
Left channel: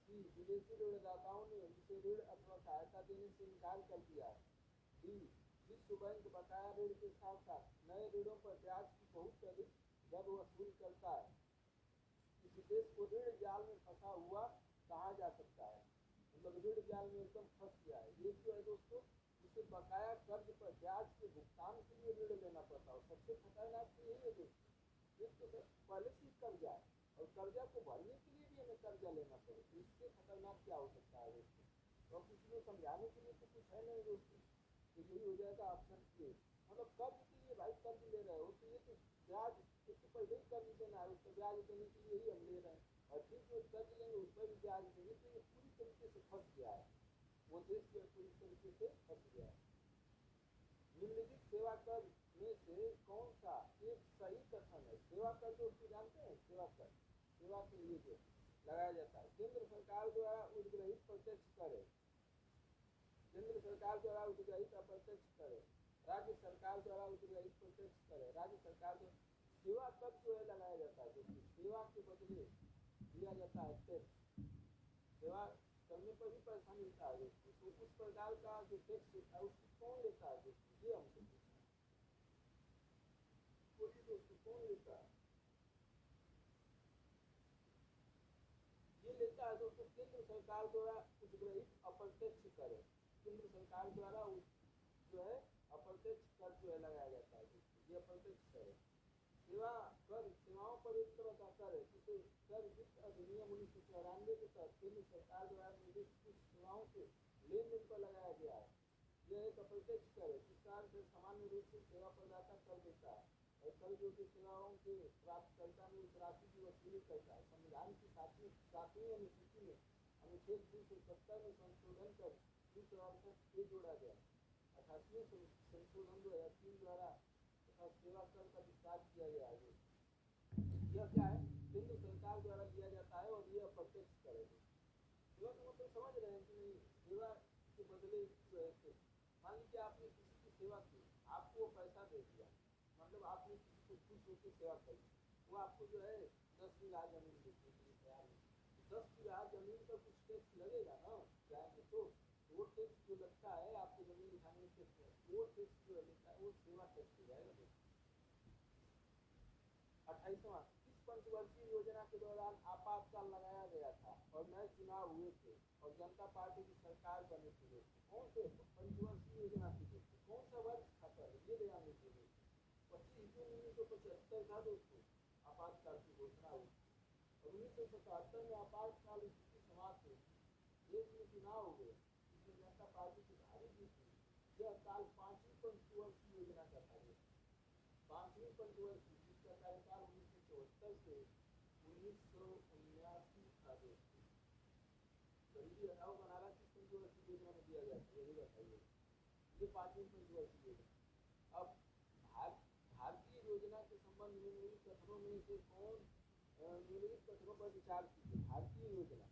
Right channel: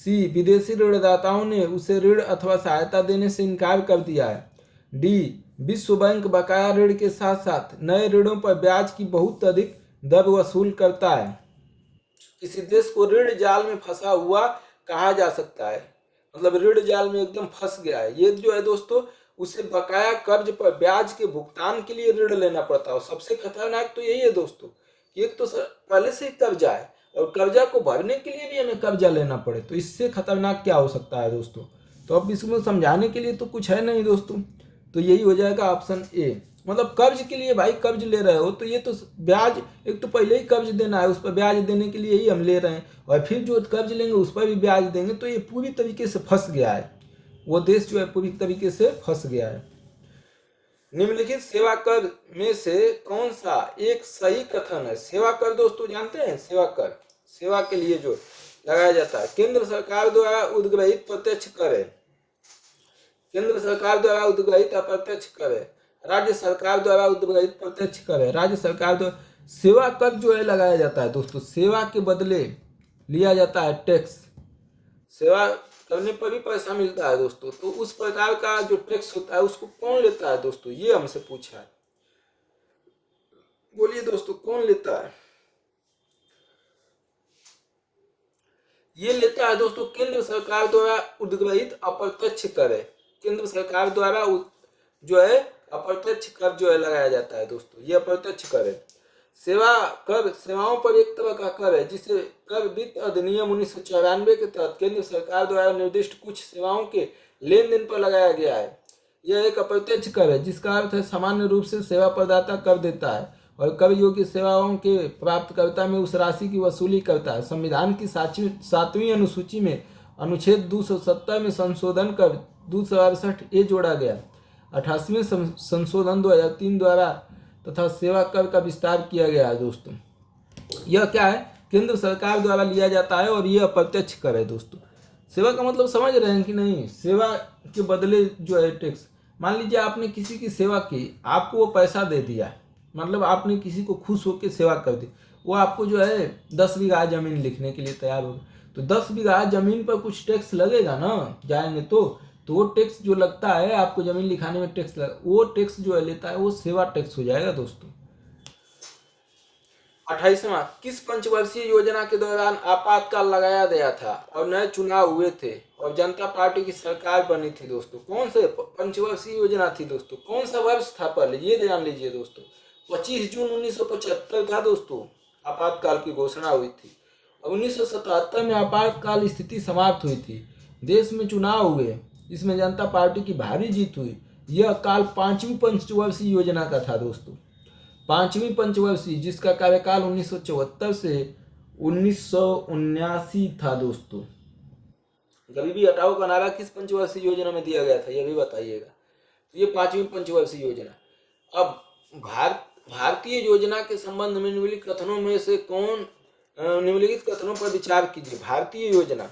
सी, विदेशी ऋणदाताओं ने उसे ऋण अथवा सहायता देने से इनकार कर दिया है। डी, विश्व बैंक बकाया ऋण के साथ साथ नए ऋणों पर ब्याज की बहुत अधिक दर वसूल करता है। किसी देश को ऋण जाल में फंसा हुआ कहा जा सकता है, मतलब ऋण जाल में एकदम फंस गया है। ये जो है दोस्तों, उसे बकाया कर्ज पर ब्याज के भुगतान के लिए ऋण लेना पड़ता है। और सबसे खतरनाक तो यही है दोस्तों कि एक तो पहले से ही कर्जा है और कर्जा को भरने के लिए भी हमें कर्जा लेना पड़े, तो इससे खतरनाक क्या हो सकता है दोस्तों। तो अब इसमें समझाने के लिए तो कुछ है नहीं दोस्तों, तो यही हो जाएगा ऑप्शन ए। मतलब कर्ज के लिए भाई कर्ज ले रहे हो तो ये तो ब्याज, एक तो पहले ही कर्ज देना है, उस पर ब्याज देने के लिए ही हम ले रहे हैं, और फिर जो कर्ज लेंगे उस पर भी ब्याज देंगे, तो ये पूरी तरीके से फंस गया है। वो देश जो है पूरी तरीके से फंस गया है। निम्नलिखित सेवा कर में से कौन सा एक सही कथन है? सेवा कर दोस्तों जानते हैं, सेवा कर सेवा के लिए जो लगाया जाता है। केंद्र सरकार द्वारा उद्ग्रहित प्रत्यक्ष कर है, केंद्र सरकार द्वारा उद्ग्रहित अप्रत्यक्ष कर है, राज्य सरकार द्वारा उद्ग्रहित प्रत्यक्ष कर है, राज्य सरकार द्वारा। सेवा कर जो है लगाया जाता है दोस्तों, सेवा के बदले लिया जाता है टैक्स। सेवा करने पर भी पैसा मिलता है दोस्तों, तो उस प्रकार का जो टैक्स होता है उसको कौन लेता है दोस्तों, ये हमसे पूछा है। बोलिए दोस्तों कौन लेता है? ये लेता है दोस्तों केंद्र सरकार द्वारा उद्ग्रहित अप्रत्यक्ष कर है। केंद्र सरकार द्वारा जो है अप्रत्यक्ष कर जो है लगाया जाता है दोस्तों, ये अप्रत्यक्ष कर है। सेवा कर सेवाओं पर एक तरह का कर है, जिसे कर वित्त अधिनियम 1994 के तहत केंद्र सरकार द्वारा निर्दिष्ट कुछ सेवाओं के लेन देन पर लगाया गया है। यह एक अप्रत्यक्ष कर है, जिसका अर्थ है सामान्य रूप से सेवा प्रदाता कर देता है और कर योग्य सेवाओं के प्राप्तकर्ता में उस राशि की वसूली करता है। संविधान की 7वीं अनुसूची में अनुच्छेद 270 में संशोधन कर 268 जोड़ा गया। 88वें संशोधन 2003 द्वारा तथा सेवा कर का विस्तार किया गया है दोस्तों। यह क्या है? केंद्र सरकार द्वारा लिया जाता है और यह अप्रत्यक्ष कर है दोस्तों। सेवा का मतलब समझ रहे हैं कि नहीं? सेवा के बदले जो है टैक्स। मान लीजिए आपने किसी की सेवा की, आपको वो पैसा दे दिया, मतलब आपने किसी को खुश होकर सेवा कर दी, वो आपको जो है 10 बीघा जमीन लिखने के लिए तैयार हो, तो 10 बीघा जमीन पर कुछ टैक्स लगेगा ना, जाएंगे तो वो टैक्स जो लगता है आपको जमीन लिखाने में टैक्स लगा, वो टैक्स जो है लेता है वो सेवा टैक्स हो जाएगा दोस्तों। 28वां, किस पंचवर्षीय योजना के दौरान आपातकाल लगाया गया था और नए चुनाव हुए थे और जनता पार्टी की सरकार बनी थी दोस्तों? कौन से पंचवर्षीय योजना थी दोस्तों? कौन सा वर्ष था पहले ये जान लीजिए दोस्तों। 25 जून 1975 था दोस्तों, आपातकाल की घोषणा हुई थी। 1977 में आपातकाल स्थिति समाप्त हुई थी, देश में चुनाव हुए, इसमें जनता पार्टी की भारी जीत हुई। यह काल 5वीं पंचवर्षीय योजना का था दोस्तों, 5वीं पंचवर्षीय, जिसका कार्यकाल 1974 से 1979 था दोस्तों। गरीबी हटाओ का नारा किस पंचवर्षीय योजना में दिया गया था, यह भी बताइएगा। ये 5वीं पंचवर्षीय योजना। अब भारतीय योजना के संबंध में निम्नलिखित कथनों में से कौन, निम्नलिखित कथनों पर विचार कीजिए। भारतीय योजना,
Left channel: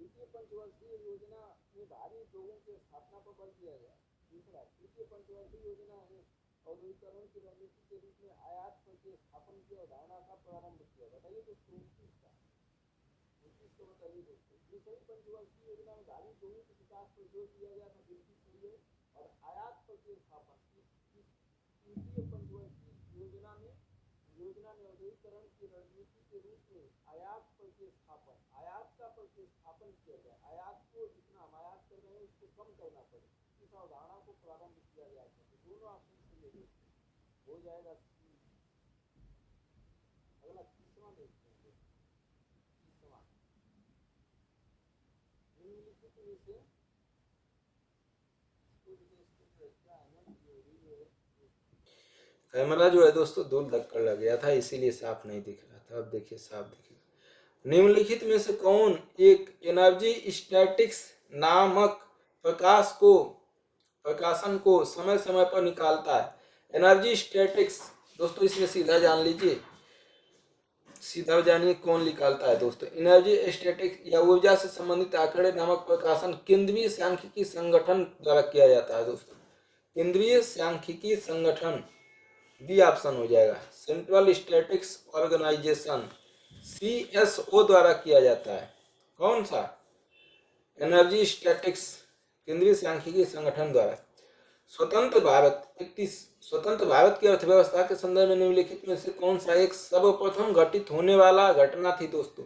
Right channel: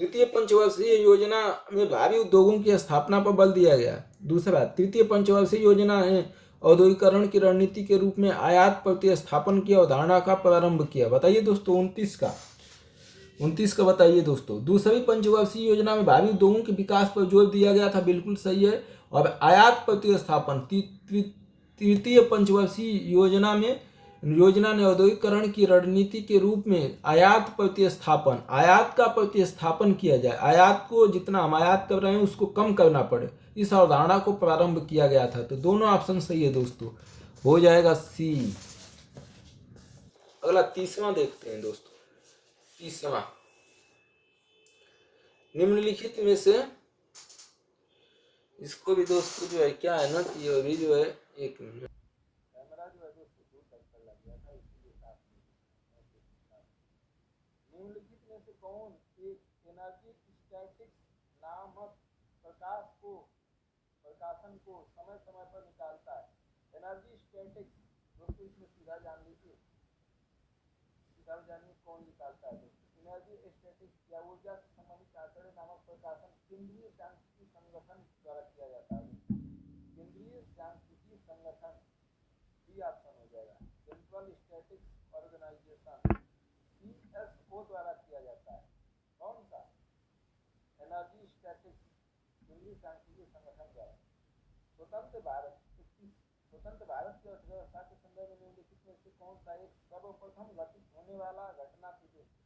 द्वितीय पंचवर्षीय योजना में भारी उद्योगों की स्थापना पर बल दिया गया। दूसरा, तृतीय पंचवर्षीय योजना है औद्योगिकरण की रणनीति के रूप में आयात प्रतिस्थापन की अवधारणा का प्रारंभ किया। बताइए दोस्तों 29 का बताइए दोस्तों। दूसरी पंचवर्षीय योजना में भारी उद्योगों के विकास पर जोर दिया गया था, बिल्कुल सही है। और आयात प्रतिस्थापन, तृतीय पंचवर्षीय योजना ने औद्योगिकरण की रणनीति के रूप में आयात प्रतिस्थापन, आयात का प्रतिस्थापन किया जाए, आयात को जितना हम आयात कर रहे हैं उसको कम करना पड़े, इस अवधारणा को प्रारंभ किया गया था। तो दोनों ऑप्शन सही है दोस्तों, हो जाएगा सी। अगला 30वां देखते हैं दोस्तों। 30वां, निम्नलिखित में से, इसको भी दोस्तों जो है क्या है ना कि ये भी जो है, एक मिनट, कैमरा जो है दोस्तों दूर धक्का लग गया था इसीलिए साफ नहीं दिख रहा था, अब देखिए साफ दिखेगा। निम्नलिखित में से कौन एक एनर्जी स्टैटिक्स नामक प्रकाशन को समय समय पर निकालता है? एनर्जी स्टैटिक्स दोस्तों, इसमें सीधा जान लीजिए, सीधा जानिए कौन निकालता है दोस्तों। एनर्जी स्टैटिक्स या ऊर्जा से संबंधित आंकड़े नामक प्रकाशन केंद्रीय सांख्यिकी संगठन द्वारा किया जाता है दोस्तों। केंद्रीय सांख्यिकी संगठन, बी ऑप्शन हो जाएगा। सेंट्रल स्टैटिक्स ऑर्गेनाइजेशन, CSO द्वारा किया जाता है। कौन सा? एनर्जी स्टैटिक्स, केंद्रीय सांख्यिकी संगठन द्वारा। स्वतंत्र भारत 31 स्वतंत्र भारत की अर्थव्यवस्था के संदर्भ में निम्नलिखित में से कौन सा एक सर्वप्रथम घटित होने वाला घटना थी दोस्तों?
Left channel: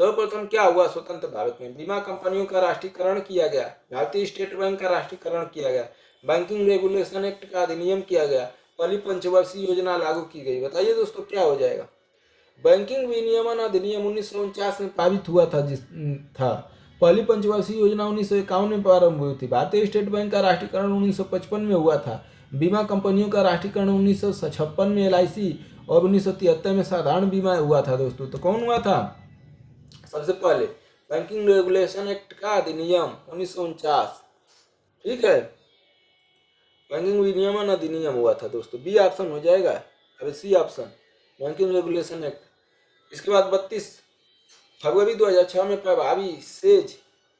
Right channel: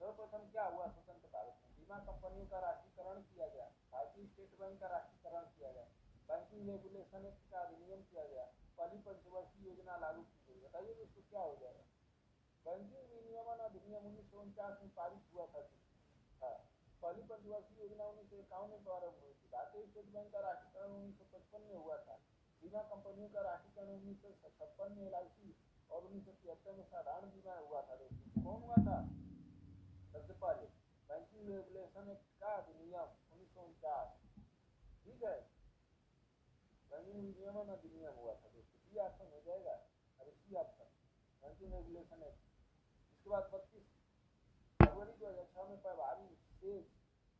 सर्वप्रथम क्या हुआ स्वतंत्र भारत में? बीमा कंपनियों का राष्ट्रीयकरण किया गया, भारतीय स्टेट बैंक का राष्ट्रीयकरण किया गया, बैंकिंग रेगुलेशन एक्ट का अधिनियम किया गया, पहली पंचवर्षीय योजना लागू की गई। बताइए दोस्तों क्या हो जाएगा? बैंकिंग विनियमन अधिनियम 1949 में पारित हुआ था। पहली पंचवर्षीय योजना 1951 में प्रारंभ हुई थी। भारतीय स्टेट बैंक का राष्ट्रीयकरण 1955 में हुआ था। बीमा कंपनियों का राष्ट्रीयकरण 1956 में LIC और 1973 में साधारण बीमा हुआ था दोस्तों। तो कौन हुआ था? सबसे पहले बैंकिंग रेगुलेशन एक्ट का अधिनियम 1949, ठीक है, बैंकिंग विनियमन अधिनियम हुआ था दोस्तों। बी ऑप्शन हो जाएगा। अभी C option banking regulation act. इसके बाद 32 फरवरी 2006 में प्रभावी सेज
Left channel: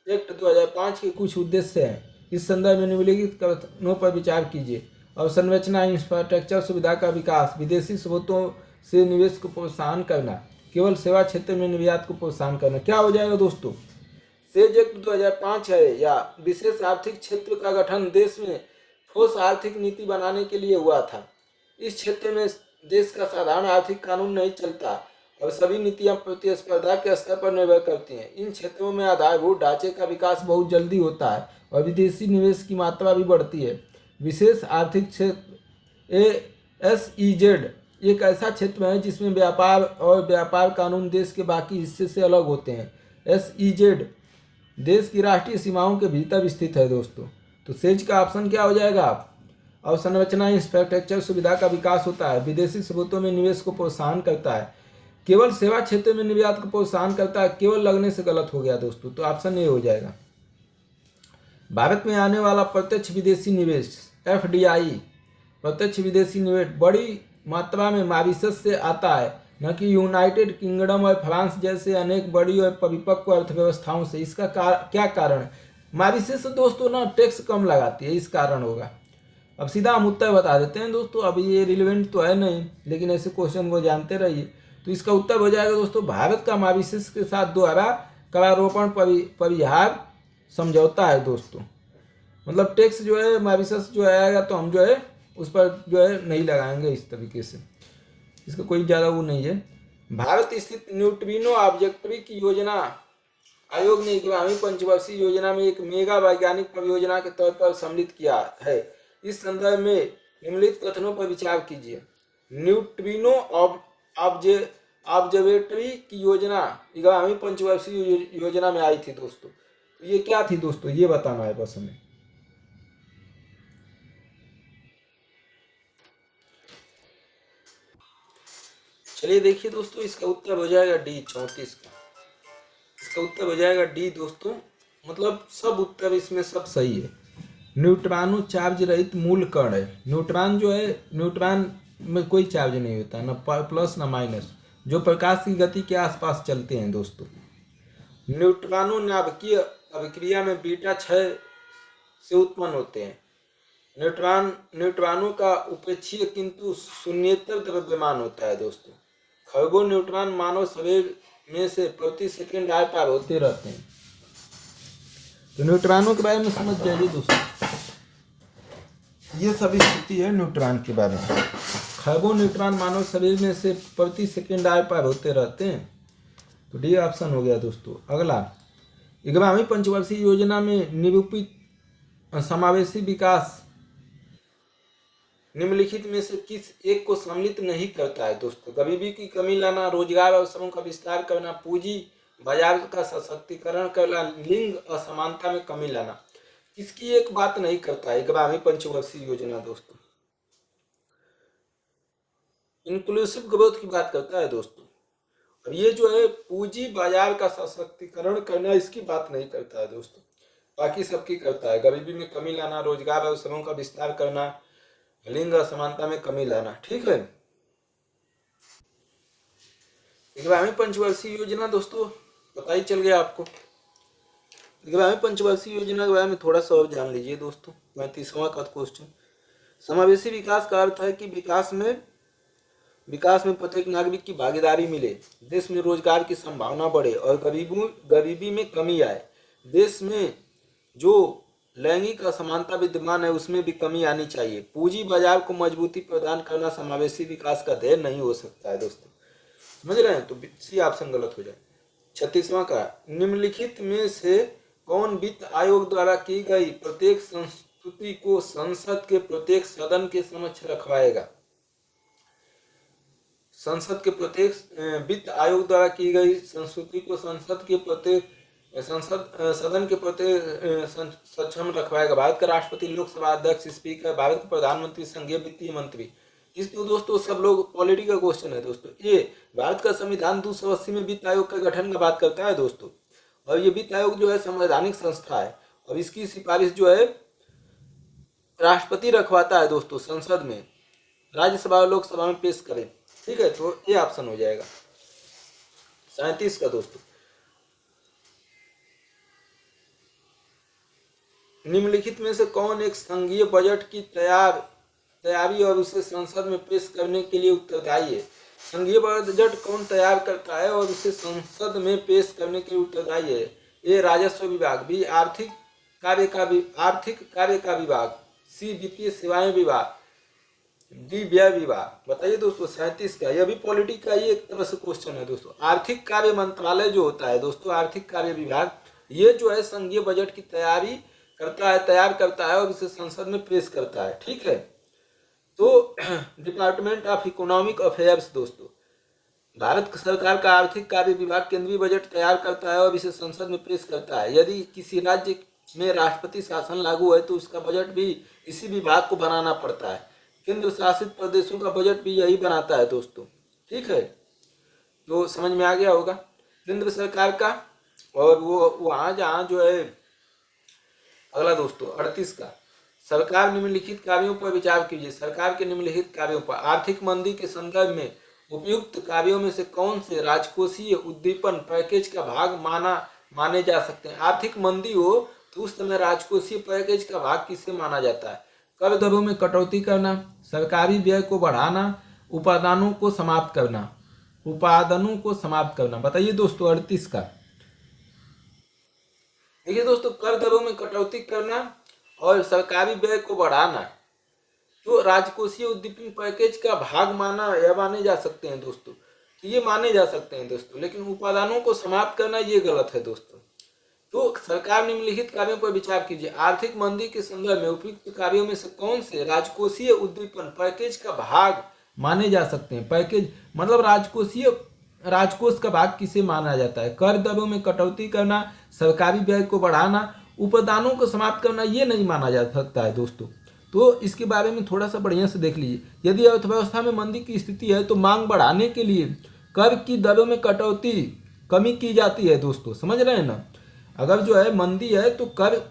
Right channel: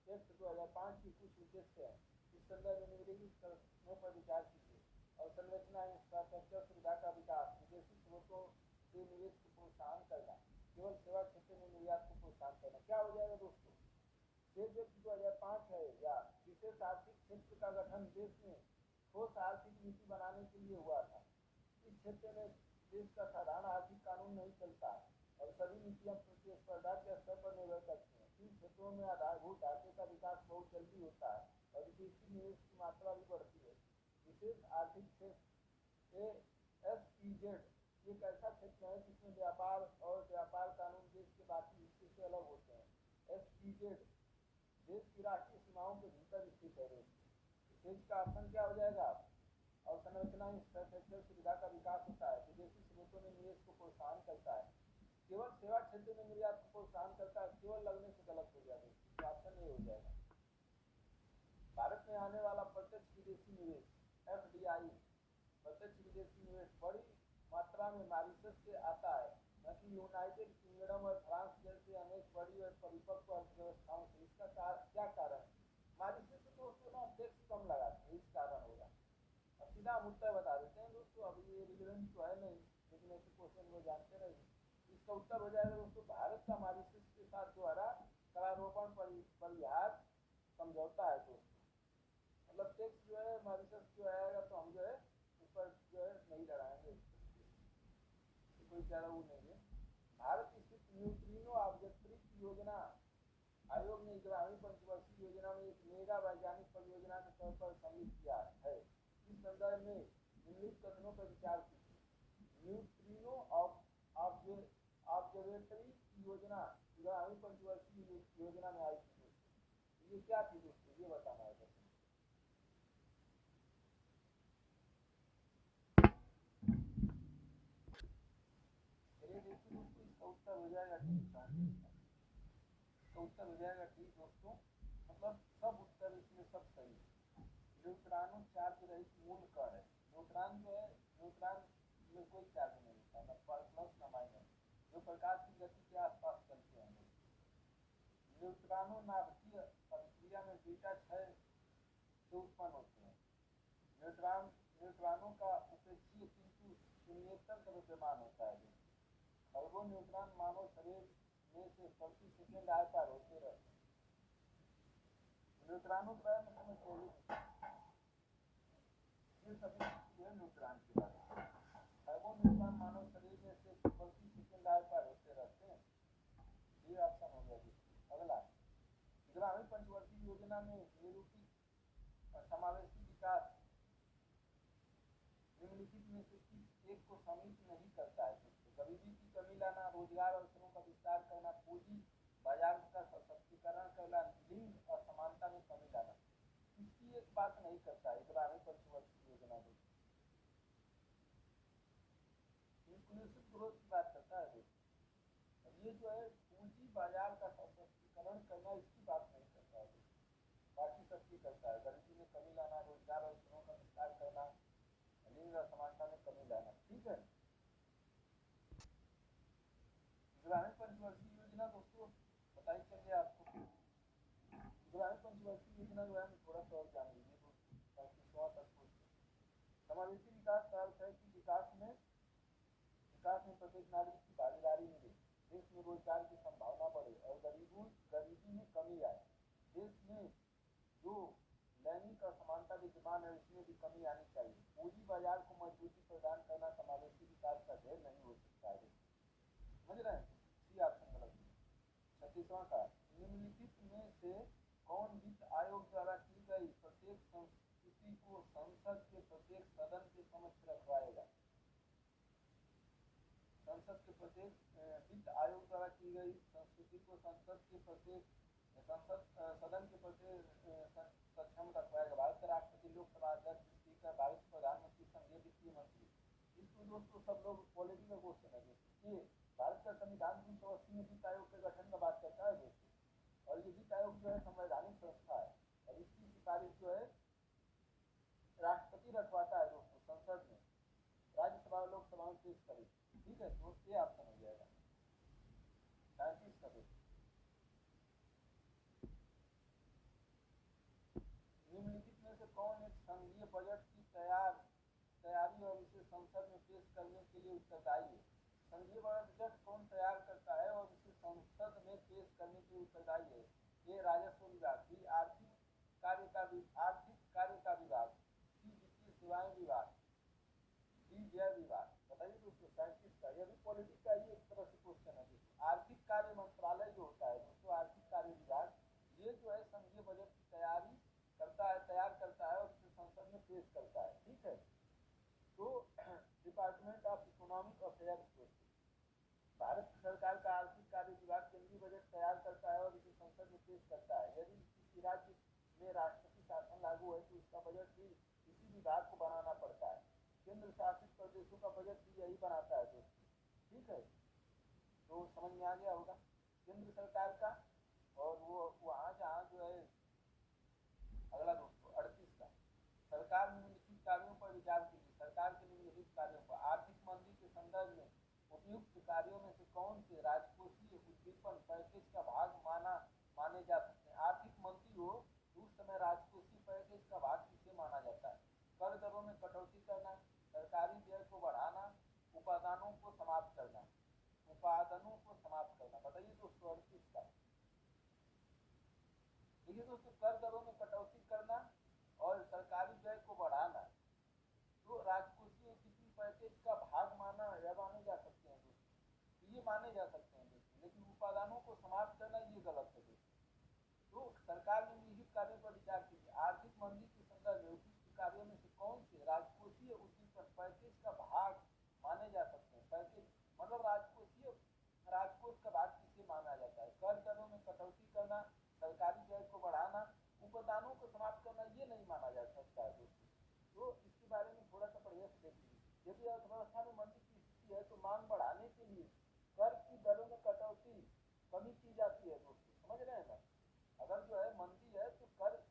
एक्ट 2005 के कुछ उद्देश्य हैं। इस संदर्भ में निम्नलिखित कथनों पर विचार कीजिए। अवसंरचना इंफ्रास्ट्रक्चर सुविधा का विकास, विदेशी स्रोतों से निवेश को प्रोत्साहन करना, केवल सेवा क्षेत्र में निर्यात को प्रोत्साहन करना। क्या हो जाएगा दोस्तों? सेज एक्ट 2005 है या विशेष आर्थिक क्षेत्र का गठन देश में ठोस आर्थिक नीति बनाने के लिए हुआ था। इस क्षेत्र में देश का साधारण आर्थिक कानून नहीं चलता और सभी नीतियां प्रतिस्पर्धा के स्तर पर निर्भर करती हैं। इन क्षेत्रों में आधारभूत ढांचे का विकास बहुत जल्दी होता है और विदेशी निवेश की मात्रा भी बढ़ती है। विशेष आर्थिक क्षेत्र ASEZ एक ऐसा क्षेत्र है जिसमें व्यापार और व्यापार कानून देश के बाकी हिस्से से अलग होते हैं। SEZ देश की राष्ट्रीय सीमाओं के भीतर स्थित है दोस्तों। तो सेज का ऑप्शन क्या हो जाएगा? अवसंरचना इंफ्रास्ट्रक्चर सुविधा का विकास होता है, विदेशी स्रोतों में निवेश को प्रोत्साहन करता है, केवल सेवा क्षेत्र में निर्यात को प्रोत्साहन करता है। केवल लगने से गलत हो गया दोस्तों, तो ऑप्शन ए हो जाएगा। भारत में आने वाला प्रत्यक्ष विदेशी निवेश FDI प्रत्यक्ष विदेशी निवेश बड़ी मात्रा में मॉरिशस से आता है, न कि यूनाइटेड किंगडम और फ्रांस जैसे अनेक बड़ी और परिपक्व अर्थव्यवस्थाओं से। इसका क्या कारण? मॉरिशस दोस्तों ना टैक्स कम लगाती है, इस कारण होगा। अब सीधा हम उत्तर बता देते हैं दोस्तों। अब ये रिलेवेंट तो है नहीं, लेकिन ऐसे क्वेश्चन को जानते रहिए। तो इसका उत्तर हो जाएगा दोस्तों, भारत का मॉरिशस के साथ द्वारा करारोपण परिहार समझौता है दोस्तों। मतलब टैक्स जो है मॉरिशस जो आएगा तो हम जो है उस पर जो है नहीं लगाएंगे, इस तरीके से। इसका कोई ज़्यादा वो नहीं है। भारत स्थित न्यूट्रिनो ऑब्जेक्टिव की योजना आयोग ने 11वीं पंचवर्षीय योजना में एक मेगा वैज्ञानिक परियोजना के तौर पर सम्मिलित किया है। इस संदर्भ में निम्नलिखित कथनों पर विचार कीजिए। न्यूट्रिनो ऑब्जर्वेटरी की योजना 11वीं पंचवर्षीय योजना में आई थी दोस्तों। तो ये क्या थी दोस्तों, ये बताना है बस हमें। चलिए देखिए दोस्तों, इसका उत्तर हो जाएगा डी 34 का। इसका उत्तर हो जाएगा डी दोस्तों। मतलब सब उत्तर इसमें सब सही है। न्यूट्रॉनो चार्ज रहित मूल कण है। न्यूट्रॉन जो है, न्यूट्रॉन में कोई चार्ज नहीं होता, ना प्लस ना माइनस, जो प्रकाश की गति के आसपास चलते हैं दोस्तों। न्यूट्रॉनो नाभिकीय अभिक्रिया में बीटा क्षय से उत्पन्न होते हैं। न्यूट्रॉनों का उपेक्षीय किंतु शून्येतर द्रव्यमान होता है दोस्तों। खरगों न्यूट्रॉन मानव शरीर में से प्रति सेकंड आर पार होते रहते हैं। तो न्यूट्रॉनों के बारे में समझ जाइए दोस्तों, ये सभी स्थिति है न्यूट्रॉन के बारे में। खरगों न्यूट्रॉन मानव शरीर में से प्रति सेकंड आर पार होते रहते हैं। तो डी ऑप्शन हो गया दोस्तों। अगला, 11वीं पंचवर्षीय योजना में निरूपित समावेशी विकास निम्नलिखित में से किस एक को सम्मिलित नहीं करता है दोस्तों? गरीबी की कमी लाना, रोजगार अवसरों का विस्तार करना, पूंजी बाजार का सशक्तिकरण करना, लिंग असमानता में कमी लाना, किसकी एक बात नहीं करता है 11वीं पंचवर्षीय योजना दोस्तों? इंक्लूसिव ग्रोथ की बात करता है दोस्तों। और ये जो है पूंजी बाजार का सशक्तिकरण करना, इसकी बात नहीं करता है दोस्तों, बाकी सबकी करता है। गरीबी में कमी लाना, रोजगार अवसरों का विस्तार करना, लिंग असमानता में कमी लाना, ठीक है। 11वीं पंचवर्षीय योजना दोस्तों पता ही चल गया आपको। 11वीं पंचवर्षीय योजना के बारे में थोड़ा सा और जान लीजिए दोस्तों। 35वां का क्वेश्चन, समावेशी विकास का अर्थ है कि विकास में प्रत्येक नागरिक की भागीदारी मिले, देश में रोजगार की संभावना बढ़े और गरीबी में कमी आए। देश में जो लैंगिक असमानता विद्यमान है उसमें भी कमी आनी चाहिए। पूंजी बाजार को मजबूती प्रदान करना समावेशी विकास का ध्येय नहीं हो सकता है दोस्तों। समझ रहे हैं? तो सी ऑप्शन गलत हो जाए। 36वां का, निम्नलिखित में से कौन वित्त आयोग द्वारा की गई प्रत्येक संस्तुति को संसद के प्रत्येक सदन के समक्ष रखवाएगा? संसद के प्रत्येक वित्त आयोग द्वारा की गई संस्तुति को संसद के प्रत्येक सदन के प्रत्येक सक्षम रखवाएगा? भारत का राष्ट्रपति, लोकसभा अध्यक्ष, स्पीकर, भारत के प्रधानमंत्री, संघीय वित्तीय मंत्री। इस तो दोस्तों सब लोग पॉलिटिकल क्वेश्चन है दोस्तों। ये भारत का संविधान 280 में वित्त आयोग का गठन का बात करता है दोस्तों, और ये वित्त आयोग जो है संवैधानिक संस्था है और इसकी सिफारिश जो है राष्ट्रपति रखवाता है दोस्तों, संसद में, राज्यसभा और लोकसभा में पेश करें। ठीक है, तो ये ऑप्शन हो जाएगा 37 का दोस्तों। निम्नलिखित में से कौन एक संघीय बजट की तैयारी और उसे संसद में पेश करने के लिए उत्तरदायी है? संघीय बजट कौन तैयार करता है और उसे संसद में पेश करने के लिए उत्तरदायी है? ए राजस्व विभाग, बी आर्थिक कार्य का विभाग, सी वित्तीय सेवाएं विभाग, डी व्यय विभाग। बताइए दोस्तों 37 का। यह भी पॉलिटिक्स का ही एक तरह से क्वेश्चन है दोस्तों। आर्थिक कार्य मंत्रालय जो होता है दोस्तों, आर्थिक कार्य विभाग, ये जो है संघीय बजट की तैयार करता है और इसे संसद में पेश करता है। ठीक है, तो डिपार्टमेंट ऑफ इकोनॉमिक अफेयर्स दोस्तों, भारत सरकार का आर्थिक कार्य विभाग केंद्रीय बजट तैयार करता है और इसे संसद में पेश करता है। यदि किसी राज्य में राष्ट्रपति शासन लागू है तो उसका बजट भी इसी विभाग को बनाना पड़ता है। केंद्र शासित प्रदेशों का बजट भी यही बनाता है दोस्तों। ठीक है, तो समझ में आ गया होगा केंद्र सरकार का। और वो वहाँ जहाँ जो है अगला दोस्तों 38 का, सरकार निम्नलिखित कार्यों पर विचार कीजिए। सरकार के निम्नलिखित कार्यों पर आर्थिक मंदी के संदर्भ में उपयुक्त कार्यों में से कौन से राजकोषीय उद्दीपन पैकेज का भाग माने जा सकते हैं? आर्थिक मंदी हो तो उस समय राजकोषीय पैकेज का भाग किसे माना जाता है? कर दरों में कटौती करना, सरकारी व्यय को बढ़ाना, उपादानों को समाप्त करना। बताइए दोस्तों 38 का। देखिए दोस्तों, कर दरों में कटौती करना और सरकारी व्यय को बढ़ाना तो राजकोषीय उद्दीपन पैकेज का भाग माने जा सकते हैं दोस्तों। तो ये माने जा सकते हैं दोस्तों, लेकिन उपादानों को समाप्त करना ये गलत है दोस्तों। तो सरकार निम्नलिखित कार्यों पर विचार कीजिए। आर्थिक मंदी के संदर्भ में उपयुक्त कार्यों में से कौन से राजकोषीय उद्दीपन पैकेज का भाग माने जा सकते हैं? पैकेज मतलब राजकोष का भाग किसे माना जाता है? कर दरों में कटौती करना, सरकारी व्यय को बढ़ाना, उपादानों को समाप्त करना, ये नहीं माना जा सकता है दोस्तों। तो इसके बारे में थोड़ा सा बढ़िया से देख लीजिए। यदि अर्थव्यवस्था में मंदी की स्थिति है तो मांग बढ़ाने के लिए कर की दरों में कमी की जाती है दोस्तों। समझ रहे हैं ना? अगर जो है मंदी है तो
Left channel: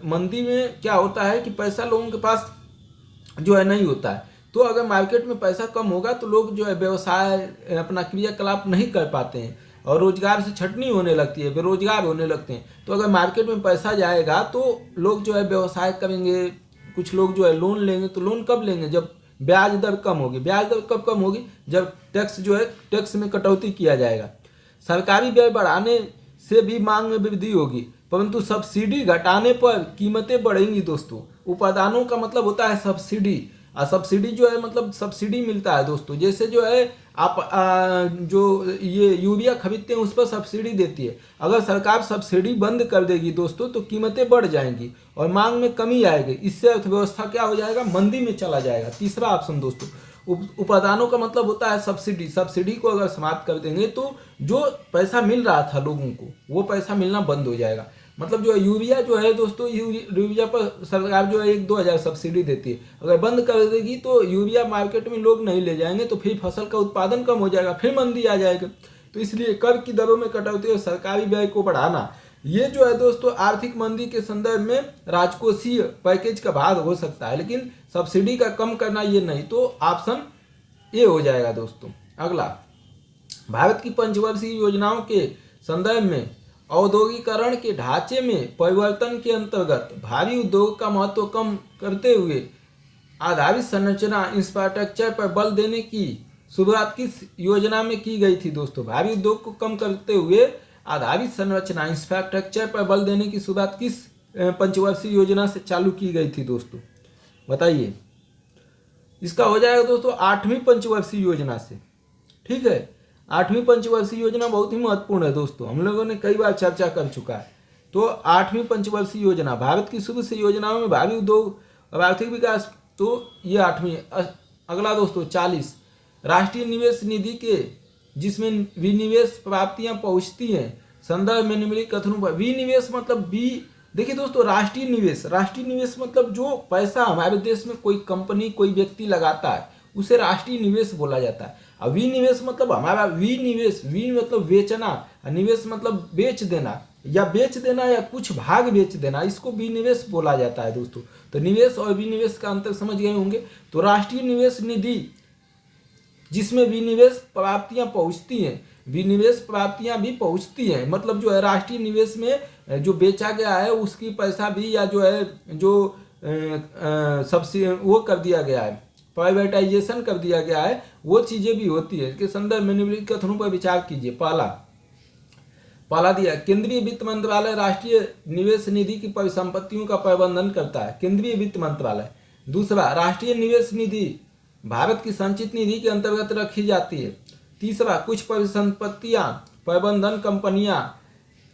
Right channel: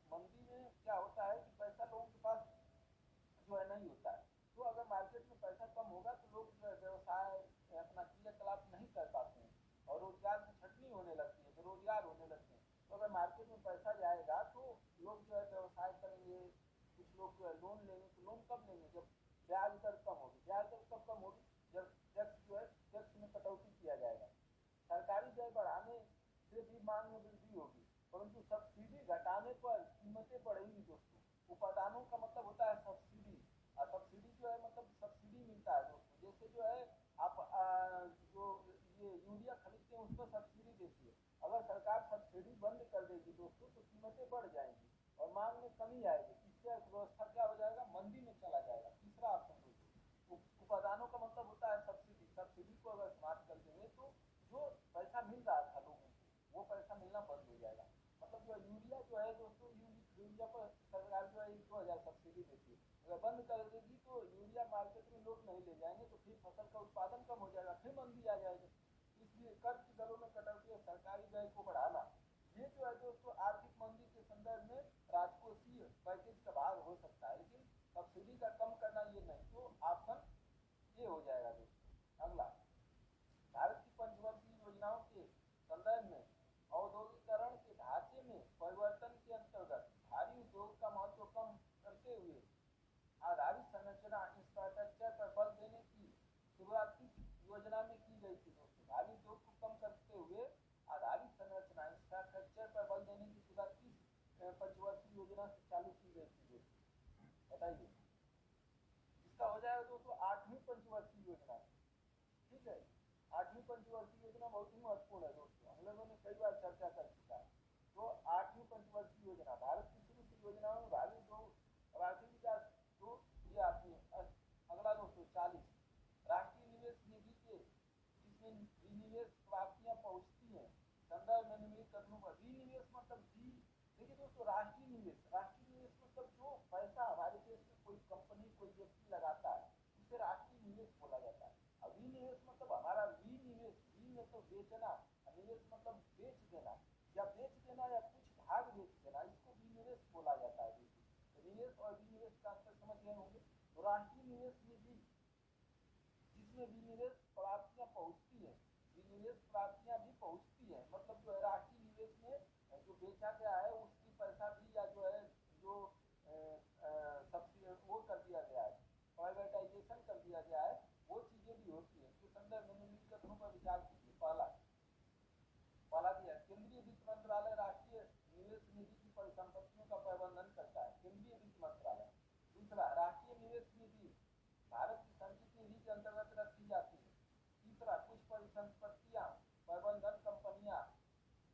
मंदी में क्या होता है कि पैसा लोगों के पास जो है नहीं होता है, तो अगर मार्केट में पैसा कम होगा तो लोग जो है व्यवसाय अपना क्रियाकलाप नहीं कर पाते हैं और रोजगार से छटनी होने लगती है, बेरोजगार होने लगते हैं। तो अगर मार्केट में पैसा जाएगा तो लोग जो है व्यवसाय करेंगे, कुछ लोग जो है लोन लेंगे। तो लोन कब लेंगे? जब ब्याज दर कम होगी। ब्याज दर कब कम होगी? जब टैक्स में कटौती किया जाएगा। सरकारी व्यय बढ़ाने से भी मांग में वृद्धि होगी, परंतु सब्सिडी घटाने पर कीमतें बढ़ेंगी दोस्तों। उपादानों का मतलब होता है सब्सिडी, और सब्सिडी जो है मतलब सब्सिडी मिलता है दोस्तों। जैसे जो है आप जो ये यूरिया खरीदते हैं उस पर सब्सिडी देती है। अगर सरकार सब्सिडी बंद कर देगी दोस्तों तो कीमतें बढ़ जाएंगी और मांग में कमी आएगी। इससे अर्थव्यवस्था क्या हो जाएगा? मंदी में चला जाएगा। तीसरा ऑप्शन दोस्तों। उपादानों का मतलब होता है सब्सिडी। सब्सिडी को अगर समाप्त कर देंगे तो जो पैसा मिल रहा था लोगों को वो पैसा मिलना बंद हो जाएगा। मतलब जो यूरिया जो है दोस्तों, यूरिया पर सरकार जो है 1-2 हज़ार सब्सिडी देती है। अगर बंद कर देगी तो यूरिया मार्केट में लोग नहीं ले जाएंगे, तो फिर फसल का उत्पादन कम हो जाएगा, फिर मंदी आ जाएगा। तो इसलिए कर की दरों में कटौती और सरकारी व्यय को बढ़ाना, ये जो है दोस्तों आर्थिक मंदी के संदर्भ में राजकोषीय पैकेज का भाग हो सकता है, लेकिन सब्सिडी का कम करना ये नहीं। तो ऑप्शन ए हो जाएगा दोस्तों। अगला, भारत की पंचवर्षीय योजनाओं के संदर्भ में औद्योगिकरण के ढांचे में परिवर्तन के अंतर्गत भारी उद्योग का महत्व कम करते हुए आधारित संरचना इंफ्रास्ट्रक्चर पर बल देने की शुरुआत किस योजना में की गई थी दोस्तों? भारी उद्योग को कम करते हुए आधारित संरचना इंफ्रास्ट्रक्चर पर बल देने की शुरुआत किस पंचवर्षीय योजना से चालू की गई थी दोस्तों? बताइए। इसका हो जाएगा दोस्तों 8वीं पंचवर्षीय योजना से। ठीक है, 8वीं पंचवर्षीय योजना बहुत ही महत्वपूर्ण है दोस्तों, हम लोगों ने कई बार चर्चा कर चुका है। तो 8वीं पंचवर्षीय योजना भारत की शुरू से योजनाओं में भावी उद्योग और आर्थिक विकास, तो ये 8वीं। अगला दोस्तों 40, राष्ट्रीय निवेश निधि के जिसमें विनिवेश प्राप्तियां पहुंचती हैं, संदर्भ में निम्नलिखित कथनों पर। विनिवेश मतलब देखिए दोस्तों, राष्ट्रीय निवेश मतलब जो पैसा हमारे देश में कोई कंपनी कोई व्यक्ति लगाता है उसे राष्ट्रीय निवेश बोला जाता है। और विनिवेश मतलब हमारा वी मतलब बेचना, निवेश मतलब बेच देना या कुछ भाग बेच देना, इसको विनिवेश बोला जाता है दोस्तों। तो निवेश और विनिवेश का अंतर समझ गए होंगे। तो राष्ट्रीय निवेश निधि जिसमें विनिवेश प्राप्तियां पहुंचती हैं, विनिवेश प्राप्तियां भी पहुंचती हैं, मतलब जो है राष्ट्रीय निवेश में जो बेचा गया है उसकी पैसा भी, या जो है जो सबसे वो कर दिया गया है, प्राइवेटाइजेशन कर दिया गया है, वो चीजें भी होती है। इसके संदर्भ में निम्नलिखित कथनों पर विचार कीजिए। पहला दिया, केंद्रीय वित्त मंत्रालय राष्ट्रीय निवेश निधि की परिसंपत्तियों का प्रबंधन करता है, केंद्रीय वित्त मंत्रालय। दूसरा, राष्ट्रीय निवेश निधि भारत की संचित निधि के अंतर्गत रखी जाती है। तीसरा, कुछ परिसंपत्तियां प्रबंधन कंपनियां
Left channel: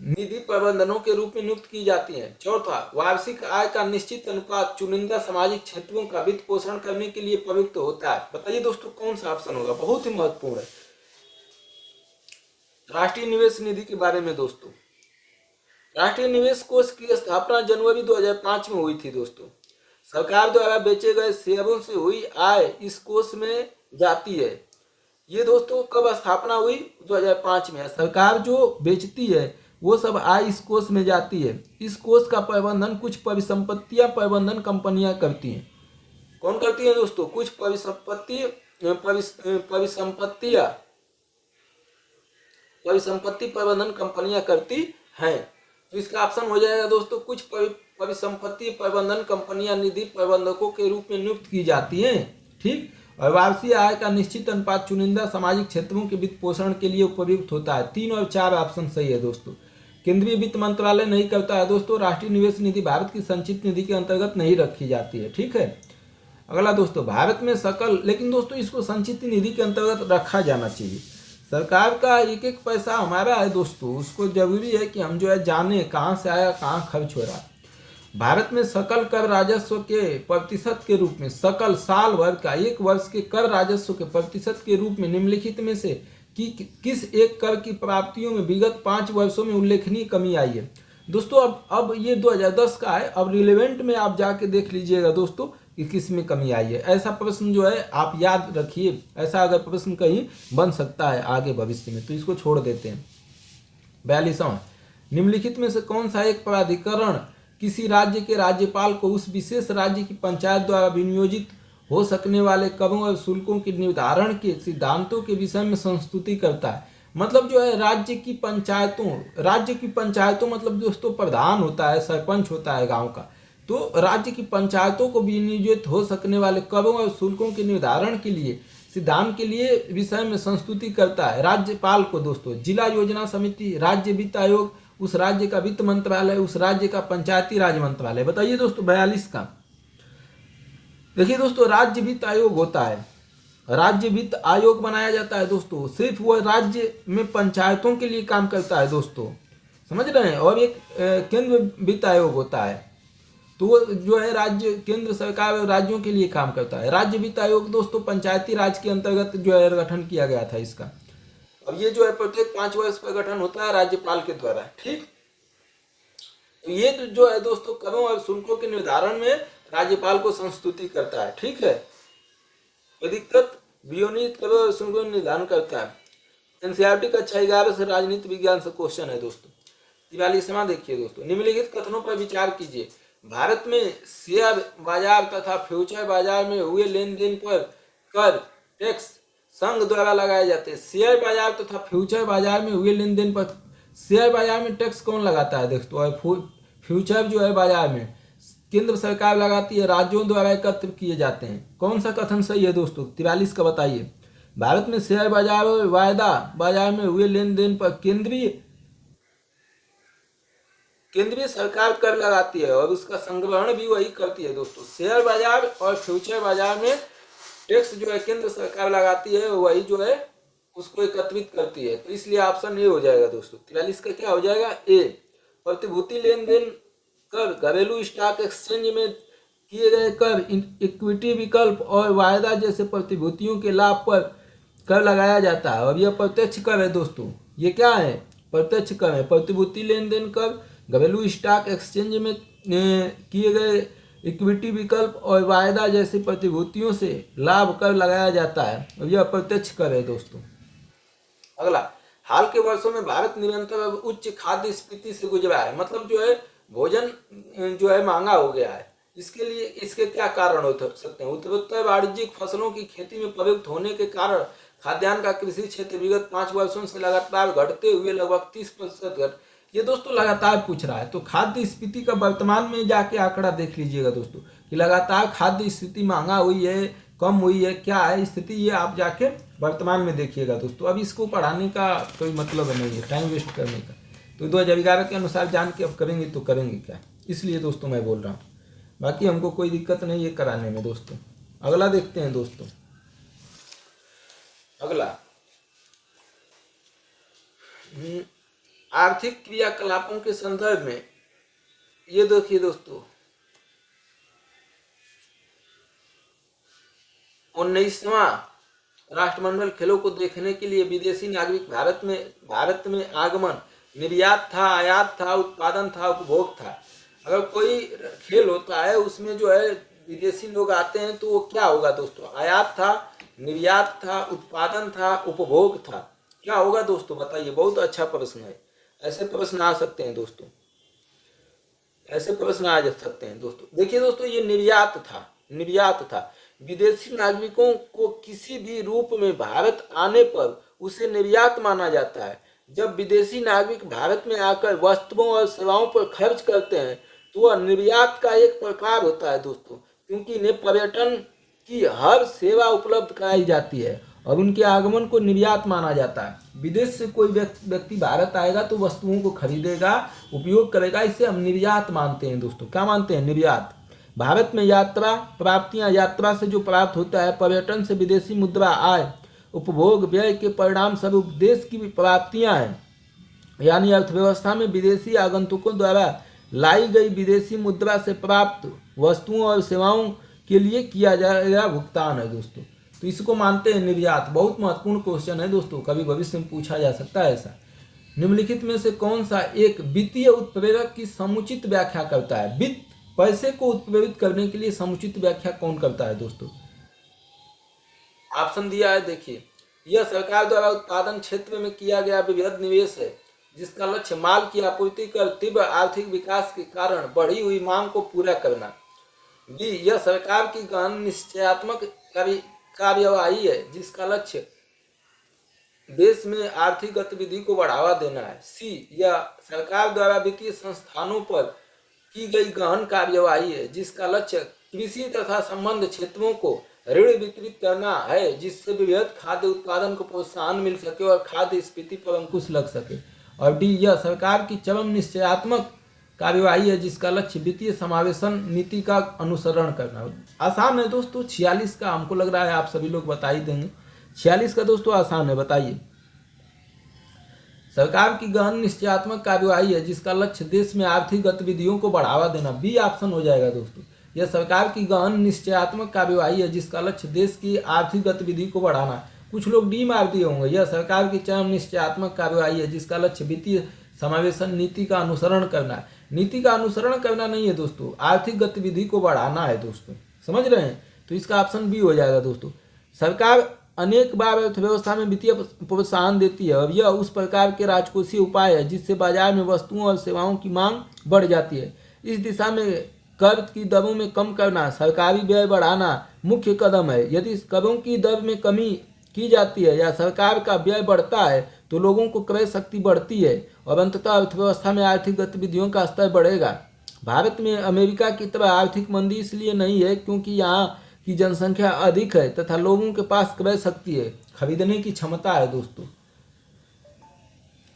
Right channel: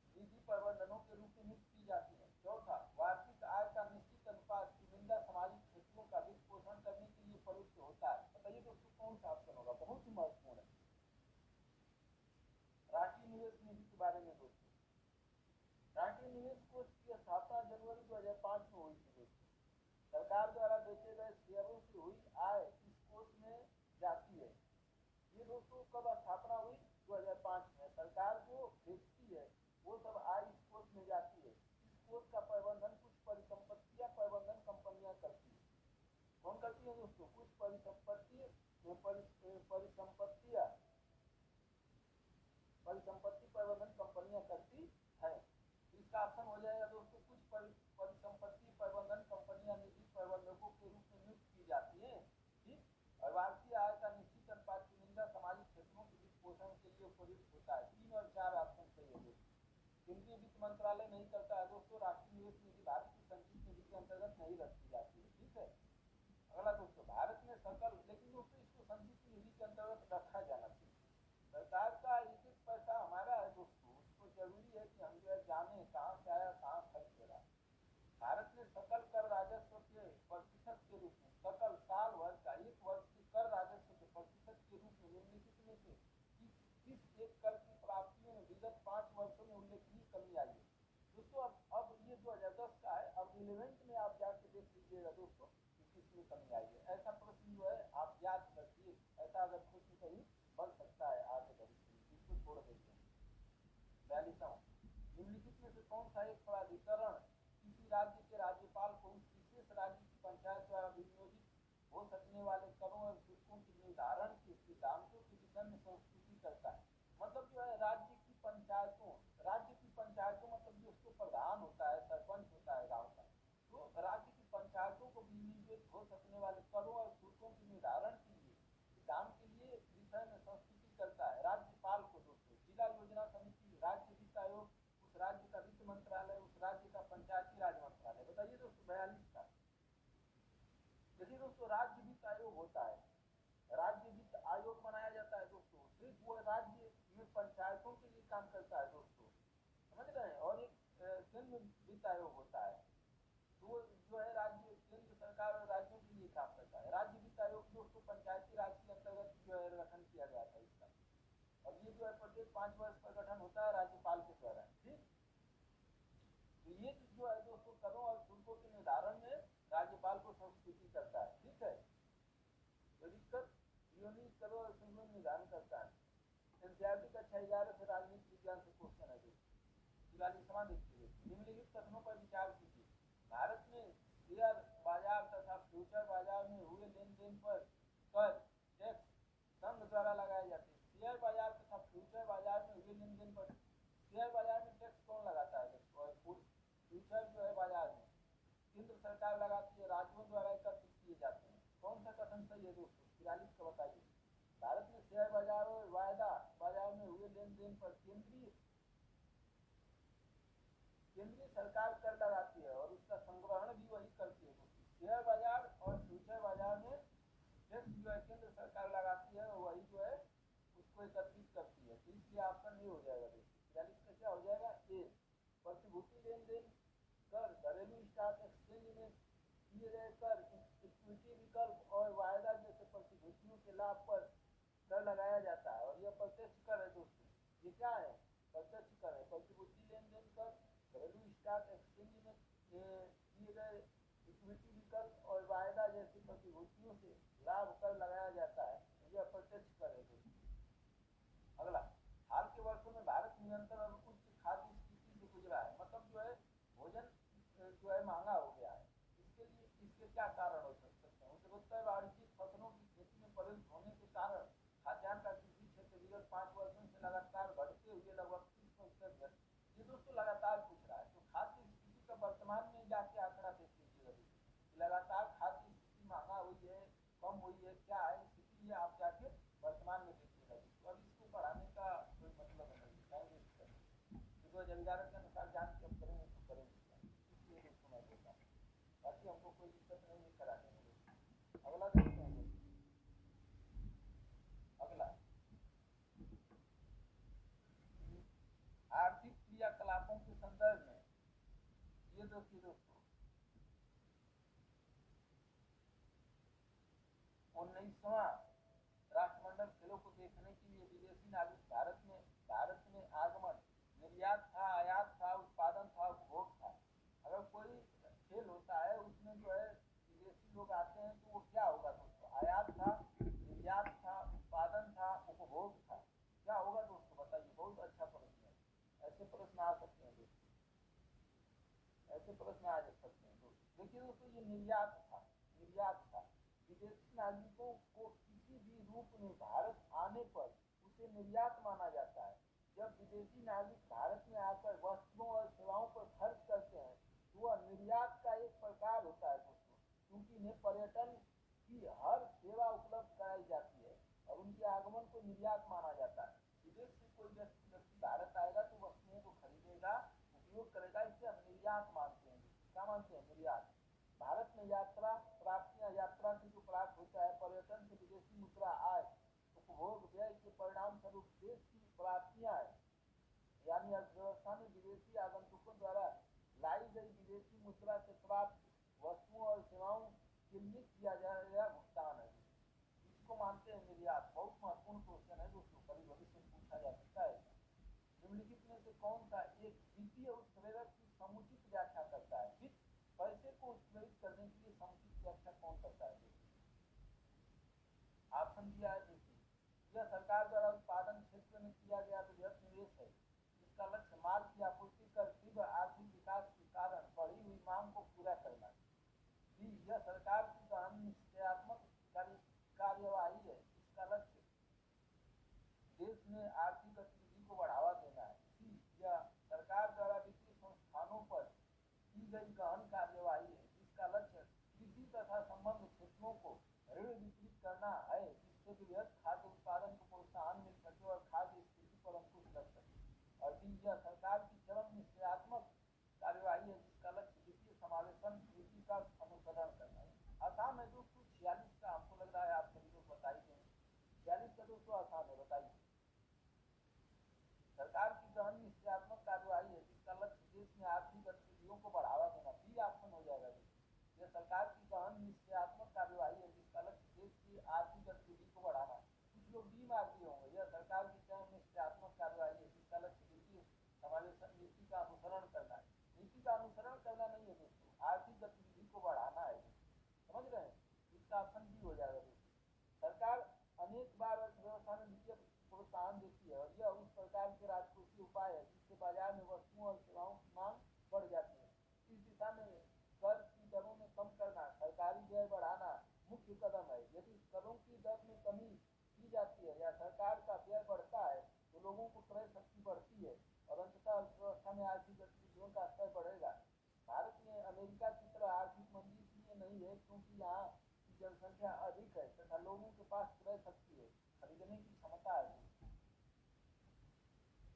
निधि प्रबंधनों के रूप में नियुक्त की जाती हैं। चौथा, वार्षिक आय का निश्चित अनुपात चुनिंदा सामाजिक क्षेत्रों का वित्त पोषण करने के लिए प्रयुक्त होता है। बताइए दोस्तों कौन सा ऑप्शन होगा, बहुत ही महत्वपूर्ण है राष्ट्रीय निवेश निधि के बारे में दोस्तों। राष्ट्रीय निवेश कोष की स्थापना जनवरी 2005 में हुई थी दोस्तों। सरकार द्वारा बेचे गए शेयरों से हुई आय इस कोष में जाती है। ये दोस्तों कब स्थापना हुई? 2005 में। सरकार जो बेचती है वो सब आय इस कोष में जाती है। इस कोष का प्रबंधन कुछ परिसंपत्तियां प्रबंधन कंपनियां करती हैं। कौन करती है दोस्तों? कुछ परिसंपत्ति प्रबंधन कंपनियां करती हैं। तो इसका ऑप्शन हो जाएगा दोस्तों, कुछ परिसंपत्ति प्रबंधन कंपनियां निधि प्रबंधकों के रूप में नियुक्त की जाती हैं। ठीक, और वार्षिक आय का निश्चित अनुपात चुनिंदा सामाजिक क्षेत्रों के वित्त पोषण के लिए उपयुक्त होता है। 3 और 4 ऑप्शन सही है दोस्तों। केंद्रीय वित्त मंत्रालय नहीं करता है दोस्तों। राष्ट्रीय निवेश निधि भारत की संचित निधि के अंतर्गत नहीं रखी जाती है। ठीक है, अगला दोस्तों, भारत में सकल, लेकिन दोस्तों इसको संचित निधि के अंतर्गत रखा जाना चाहिए। सरकार का एक एक पैसा हमारा है दोस्तों, उसको जरूरी है कि हम जो है जाने कहाँ से आया कहाँ खर्च हो रहा है। भारत में सकल कर राजस्व के प्रतिशत के रूप में, सकल साल भर का एक वर्ष के कर राजस्व के प्रतिशत के रूप में निम्नलिखित में से किस एक कर की प्राप्तियों में विगत 5 वर्षों में उल्लेखनीय कमी आई है? दोस्तों अब ये 2010 का है, अब रिलेवेंट में आप जाके देख लीजिएगा दोस्तों कि किस में कमी आई है। ऐसा प्रश्न जो है आप याद रखिए, ऐसा अगर प्रश्न कहीं बन सकता है आगे भविष्य में, तो इसको छोड़ देते हैं। 42वां, निम्नलिखित में से कौन सा एक प्राधिकरण किसी राज्य के राज्यपाल को उस विशेष राज्य की पंचायत द्वारा विनियोजित हो सकने वाले करों और शुल्कों के निर्धारण के सिद्धांतों के विषय में संस्तुति करता है? मतलब जो है राज्य की पंचायतों मतलब दोस्तों प्रधान होता है, सरपंच होता है गांव का, तो राज्य की पंचायतों को विनियोजित हो सकने वाले करों और शुल्कों के निर्धारण के लिए सिद्धांत के लिए विषय में संस्तुति करता है राज्यपाल को दोस्तों। जिला योजना समिति, राज्य वित्त आयोग, उस राज्य का वित्त मंत्रालय, उस राज्य का पंचायती राज मंत्रालय। बताइए दोस्तों 42 का। देखिए दोस्तों, राज्य वित्त आयोग होता है, राज्य वित्त आयोग बनाया जाता है दोस्तों, सिर्फ वह राज्य में पंचायतों के लिए काम करता है दोस्तों, समझ रहे हैं। और एक केंद्र वित्त आयोग होता है, तो वो जो है राज्य केंद्र सरकार और राज्यों के लिए काम करता है। राज्य वित्त आयोग दोस्तों पंचायती राज के अंतर्गत जो है गठन किया गया था इसका। अब ये जो है प्रत्येक 5 वर्ष पर गठन होता है राज्यपाल के द्वारा। ठीक, तो ये जो है दोस्तों करों और शुल्कों के निर्धारण में राज्यपाल को संस्तुति करता है। ठीक है, अधिकृत विनियोजित करों और शुल्कों का निर्धारण करता है। एनसीईआरटी का 11 से राजनीति विज्ञान से क्वेश्चन है दोस्तों। 43वां देखिए दोस्तों, निम्नलिखित कथनों पर विचार कीजिए। भारत में शेयर बाजार तथा फ्यूचर बाजार में हुए लेन देन पर कर टैक्स संघ द्वारा लगाए जाते हैं। शेयर बाजार तथा फ्यूचर बाजार में हुए लेन देन पर, शेयर बाजार में टैक्स कौन लगाता है दोस्तों, और फ्यूचर जो है बाजार में केंद्र सरकार लगाती है, राज्यों द्वारा एकत्र किए जाते हैं। कौन सा कथन सही है दोस्तों? 43 का बताइए। भारत में शेयर बाजार और वायदा बाजार में हुए लेन देन पर केंद्रीय सरकार कर लगाती है और उसका संग्रहण भी वही करती है दोस्तों। शेयर बाजार और फ्यूचर बाजार में टैक्स जो है केंद्र सरकार लगाती है, वही जो है उसको एकत्रित करती है। तो इसलिए ऑप्शन ए हो जाएगा दोस्तों। 43 का क्या हो जाएगा? ए। प्रतिभूति लेन देन कर, घरेलू स्टॉक एक्सचेंज में किए गए कर, इक्विटी विकल्प और वायदा जैसे प्रतिभूतियों के लाभ पर कर लगाया जाता है। और यह प्रत्यक्ष कर है दोस्तों। ये क्या है? प्रत्यक्ष कर है। प्रतिभूति लेन देन कर, घरेलू स्टॉक एक्सचेंज में किए गए इक्विटी विकल्प और वायदा जैसी प्रतिभूतियों से लाभ कर लगाया जाता है और यह प्रत्यक्ष कर है दोस्तों। अगला, हाल के वर्षों में भारत निरंतर उच्च खाद्य स्फीति से गुजरा है। मतलब जो है भोजन जो है महंगा हो गया है। इसके लिए इसके क्या कारण हो सकते हैं? उत्तरोत्तर वाणिज्यिक फसलों की खेती में प्रयुक्त होने के कारण खाद्यान्न का कृषि क्षेत्र विगत 5 वर्षों से लगातार घटते हुए लगभग 30% घट। ये दोस्तों लगातार पूछ रहा है, तो खाद्य स्फीति का वर्तमान में जाके आंकड़ा देख लीजिएगा दोस्तों कि लगातार खाद्य स्थिति महंगा हुई है, कम हुई है, क्या है स्थिति, ये आप जाके वर्तमान में देखिएगा दोस्तों। अब इसको पढ़ाने का कोई मतलब नहीं है, टाइम वेस्ट करने का। तो 2011 के अनुसार जान के अब करेंगे तो करेंगे क्या, इसलिए दोस्तों मैं बोल रहा हूँ। बाकी हमको कोई दिक्कत नहीं है कराने में दोस्तों। अगला देखते हैं दोस्तों। अगला, आर्थिक क्रियाकलापों के संदर्भ में ये देखिए दोस्तों, 19वां राष्ट्रमंडल खेलों को देखने के लिए विदेशी नागरिक भारत में आगमन, निर्यात था, आयात था, उत्पादन था, उपभोग था। अगर कोई खेल होता है उसमें जो है विदेशी लोग आते हैं तो वो क्या होगा दोस्तों? आयात था, निर्यात था, उत्पादन था, उपभोग था। क्या होगा दोस्तों बताइए? बहुत अच्छा प्रश्न है। ऐसे प्रश्न आ सकते हैं दोस्तों, ऐसे प्रश्न आ सकते हैं दोस्तों। देखिए दोस्तों, ये निर्यात था। विदेशी नागरिकों को किसी भी रूप में भारत आने पर उसे निर्यात माना जाता है। जब विदेशी नागरिक भारत में आकर वस्तुओं और सेवाओं पर खर्च करते हैं तो वह निर्यात का एक प्रकार होता है दोस्तों, क्योंकि इन्हें पर्यटन की हर सेवा उपलब्ध कराई जाती है और उनके आगमन को निर्यात माना जाता है। विदेश से कोई व्यक्ति भारत आएगा तो वस्तुओं को खरीदेगा, उपयोग करेगा, इसे हम निर्यात मानते हैं दोस्तों। क्या मानते हैं? निर्यात। भारत में यात्रा प्राप्तियां, यात्रा से जो प्राप्त होता है, पर्यटन से विदेशी मुद्रा आय, उपभोग व्यय के परिणाम स्वरूप देश की प्राप्तियां हैं, यानी अर्थव्यवस्था में विदेशी आगंतुकों द्वारा लाई गई विदेशी मुद्रा से प्राप्त वस्तुओं और सेवाओं के लिए किया जाएगा भुगतान है दोस्तों। तो इसको मानते हैं निर्यात। बहुत महत्वपूर्ण क्वेश्चन है दोस्तों, कभी भविष्य में पूछा जा सकता है ऐसा। निम्नलिखित में से कौन सा एक वित्तीय उत्प्रेरक की समुचित व्याख्या करता है? वित्त, पैसे को उत्प्रेरित करने के लिए समुचित व्याख्या कौन करता है दोस्तों? ऑप्शन दिया है, देखिए। यह सरकार द्वारा उत्पादन क्षेत्र में किया गया विविध निवेश है जिसका लक्ष्य माल की आपूर्ति कर तीव्र आर्थिक विकास के कारण बढ़ी हुई मांग को पूरा करना। बी, यह सरकार की गहन निश्चयात्मक कार्यवाही है जिसका लक्ष्य देश में आर्थिक गतिविधि को बढ़ावा देना है। सी, यह सरकार द्वारा वित्तीय संस्थानों पर की गई गहन कार्यवाही है जिसका लक्ष्य कृषि तथा संबद्ध क्षेत्रों को ऋण वितरित करना है जिससे वृहद खाद्य उत्पादन को प्रोत्साहन मिल सके और खाद्य स्फीति पर अंकुश लग सके। और डी, यह सरकार की चरम निश्चयात्मक कार्यवाही है जिसका लक्ष्य वित्तीय समावेशन नीति का अनुसरण करना। आसान है दोस्तों। 46 का हमको लग रहा है आप सभी लोग बता ही देंगे। 46 का दोस्तों आसान है, बताइए। सरकार की गहन निश्चयात्मक कार्यवाही है जिसका लक्ष्य देश में आर्थिक गतिविधियों को बढ़ावा देना। बी ऑप्शन हो जाएगा दोस्तों। यह सरकार की गहन निश्चयात्मक कार्यवाही है जिसका लक्ष्य देश की आर्थिक गतिविधि को बढ़ाना। कुछ लोग डी मार दिए होंगे। यह सरकार की चरम निश्चयात्मक कार्यवाही है जिसका लक्ष्य वित्तीय समावेशन नीति का अनुसरण करना है। नीति का अनुसरण करना नहीं है दोस्तों, आर्थिक गतिविधि को बढ़ाना है दोस्तों, समझ रहे हैं? तो इसका ऑप्शन बी हो जाएगा दोस्तों। सरकार अनेक बार अर्थव्यवस्था में वित्तीय प्रोत्साहन देती है और यह उस प्रकार के राजकोषीय उपाय है जिससे बाजार में वस्तुओं और सेवाओं की मांग बढ़ जाती है। इस दिशा में कर की दरों में कम करना, सरकारी व्यय बढ़ाना मुख्य कदम है। यदि करों की दर में कमी की जाती है या सरकार का व्यय बढ़ता है तो लोगों को क्रय शक्ति बढ़ती है और अंततः अर्थव्यवस्था में आर्थिक गतिविधियों का स्तर बढ़ेगा। भारत में अमेरिका की तरह आर्थिक मंदी इसलिए नहीं है क्योंकि यहाँ की जनसंख्या अधिक है तथा लोगों के पास क्रय शक्ति है, खरीदने की क्षमता है दोस्तों।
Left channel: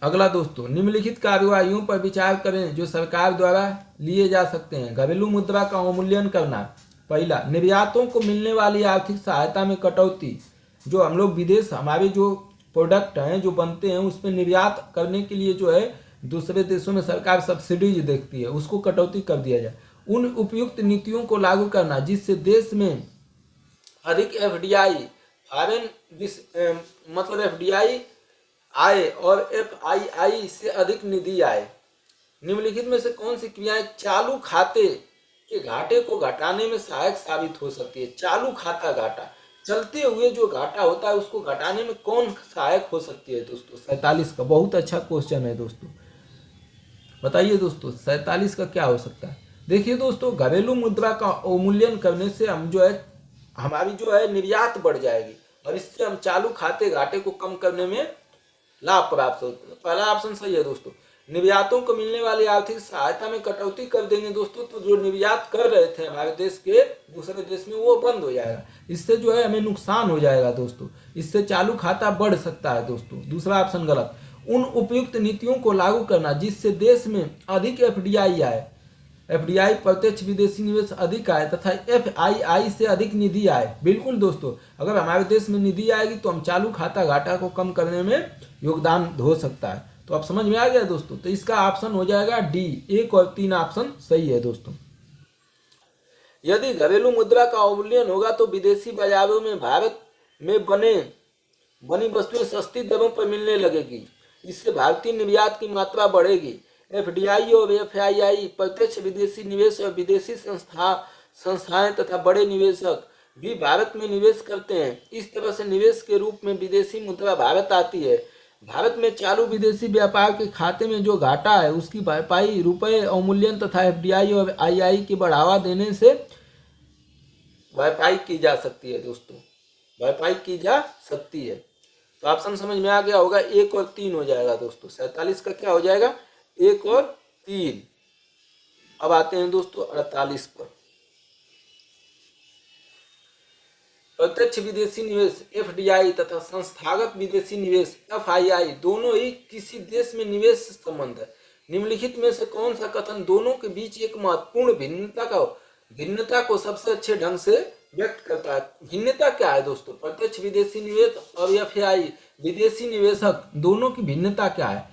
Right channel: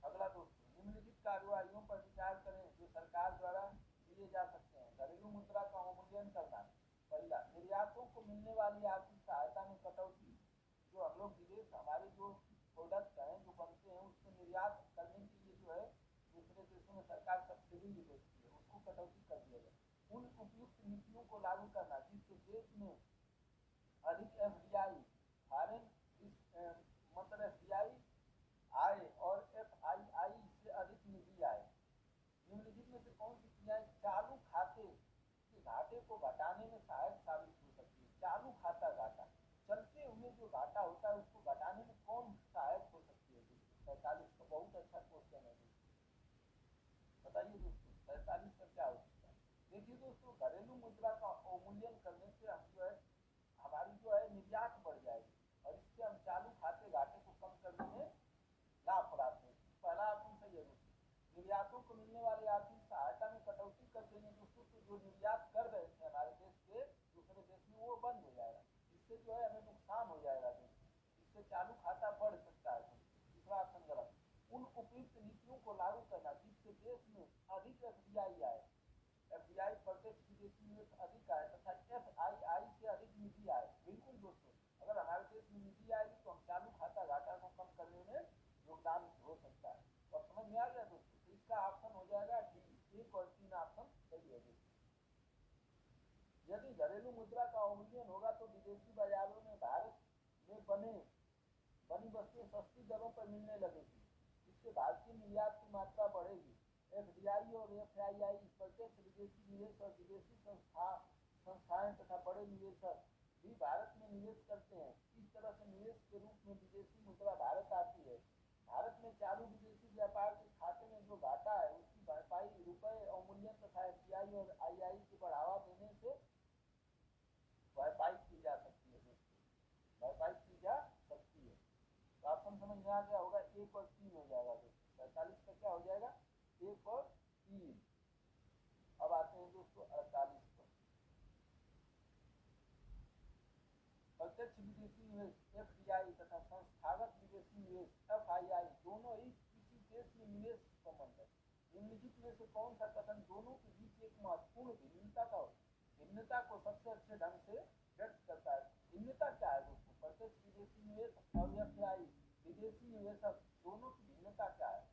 अगला दोस्तों, निम्नलिखित कार्यवाहियों पर विचार करें जो सरकार द्वारा लिए जा सकते हैं। घरेलू मुद्रा का अवमूल्यन करना। पहला, निर्यातों को मिलने वाली आर्थिक सहायता में कटौती। जो हम लोग विदेश, हमारे जो प्रोडक्ट हैं जो बनते हैं उसमें निर्यात करने के लिए जो है दूसरे देशों में सरकार सब्सिडीज देखती है, उसको कटौती कर दिया जाए। उन उपयुक्त नीतियों को लागू करना जिससे देश में अधिक एफडीआई, फॉरेन मतलब एफडीआई आए और एफआईआई से अधिक निधि आए। निम्नलिखित में से कौन सी क्रियाएं चालू खाते के घाटे को घटाने में सहायक साबित हो सकती है? चालू खाता घाटा, चलते हुए जो घाटा होता है उसको घटाने में कौन सहायक हो सकती है दोस्तों? 47 का बहुत अच्छा क्वेश्चन है दोस्तों, बताइए दोस्तों 47 का क्या हो सकता है? देखिए दोस्तों, घरेलू मुद्रा का अवमूल्यन करने से हम जो है हमारी जो है निर्यात बढ़ जाएगी और इससे हम चालू खाते घाटे को कम करने में लाभ प्राप्त होता है। पहला ऑप्शन सही है दोस्तों। निर्यातों को मिलने वाली आर्थिक सहायता में कटौती कर देंगे दोस्तों, तो जो निर्यात कर रहे थे हमारे देश के दूसरे देश में वो बंद हो जाएगा, इससे जो है हमें नुकसान हो जाएगा दोस्तों, इससे चालू खाता बढ़ सकता है दोस्तों। दूसरा ऑप्शन गलत। उन उपयुक्त नीतियों को लागू करना जिससे देश में अधिक एफडीआई आए, एफडीआई प्रत्यक्ष विदेशी निवेश अधिक आए तथा एफआईआई से अधिक निधि आए। बिल्कुल दोस्तों, अगर हमारे देश में निधि आएगी तो हम चालू खाता घाटा को कम करने में योगदान हो सकता है। तो अब समझ में आ गया दोस्तों, तो इसका ऑप्शन हो जाएगा डी। 1 और 3 ऑप्शन सही है दोस्तों। यदि घरेलू मुद्रा का अवमूल्यन होगा तो विदेशी बाजारों में भारत में बनी वस्तुएं सस्ती दरों पर मिलने लगेगी, इससे भारतीय निर्यात की मात्रा बढ़ेगी। एफडीआई और एफआईआई प्रत्यक्ष विदेशी निवेश और विदेशी संस्थाएं तथा बड़े निवेशक भी भारत में निवेश करते हैं। इस तरह से निवेश के रूप में विदेशी मुद्रा भारत आती है। भारत में चालू विदेशी व्यापार के खाते में जो घाटा है उसकी भरपाई रुपये अवमूल्यन तथा एफडीआई और आईआई की बढ़ावा देने से भरपाई की जा सकती है दोस्तों, भरपाई की जा सकती है। तो ऑप्शन समझ में आ गया होगा, 1 और 3 हो जाएगा दोस्तों। 47 का क्या हो जाएगा? 1 और 3। अब आते हैं दोस्तों 48 पर। प्रत्यक्ष विदेशी निवेश एफडीआई तथा संस्थागत विदेशी निवेश एफआईआई दोनों ही किसी देश में निवेश संबंध है। निम्नलिखित में से कौन सा कथन दोनों के बीच एक महत्वपूर्ण भिन्नता को सबसे अच्छे ढंग से व्यक्त करता है? भिन्नता क्या है दोस्तों? प्रत्यक्ष विदेशी निवेश और एफआईआई विदेशी निवेशक दोनों की भिन्नता क्या है?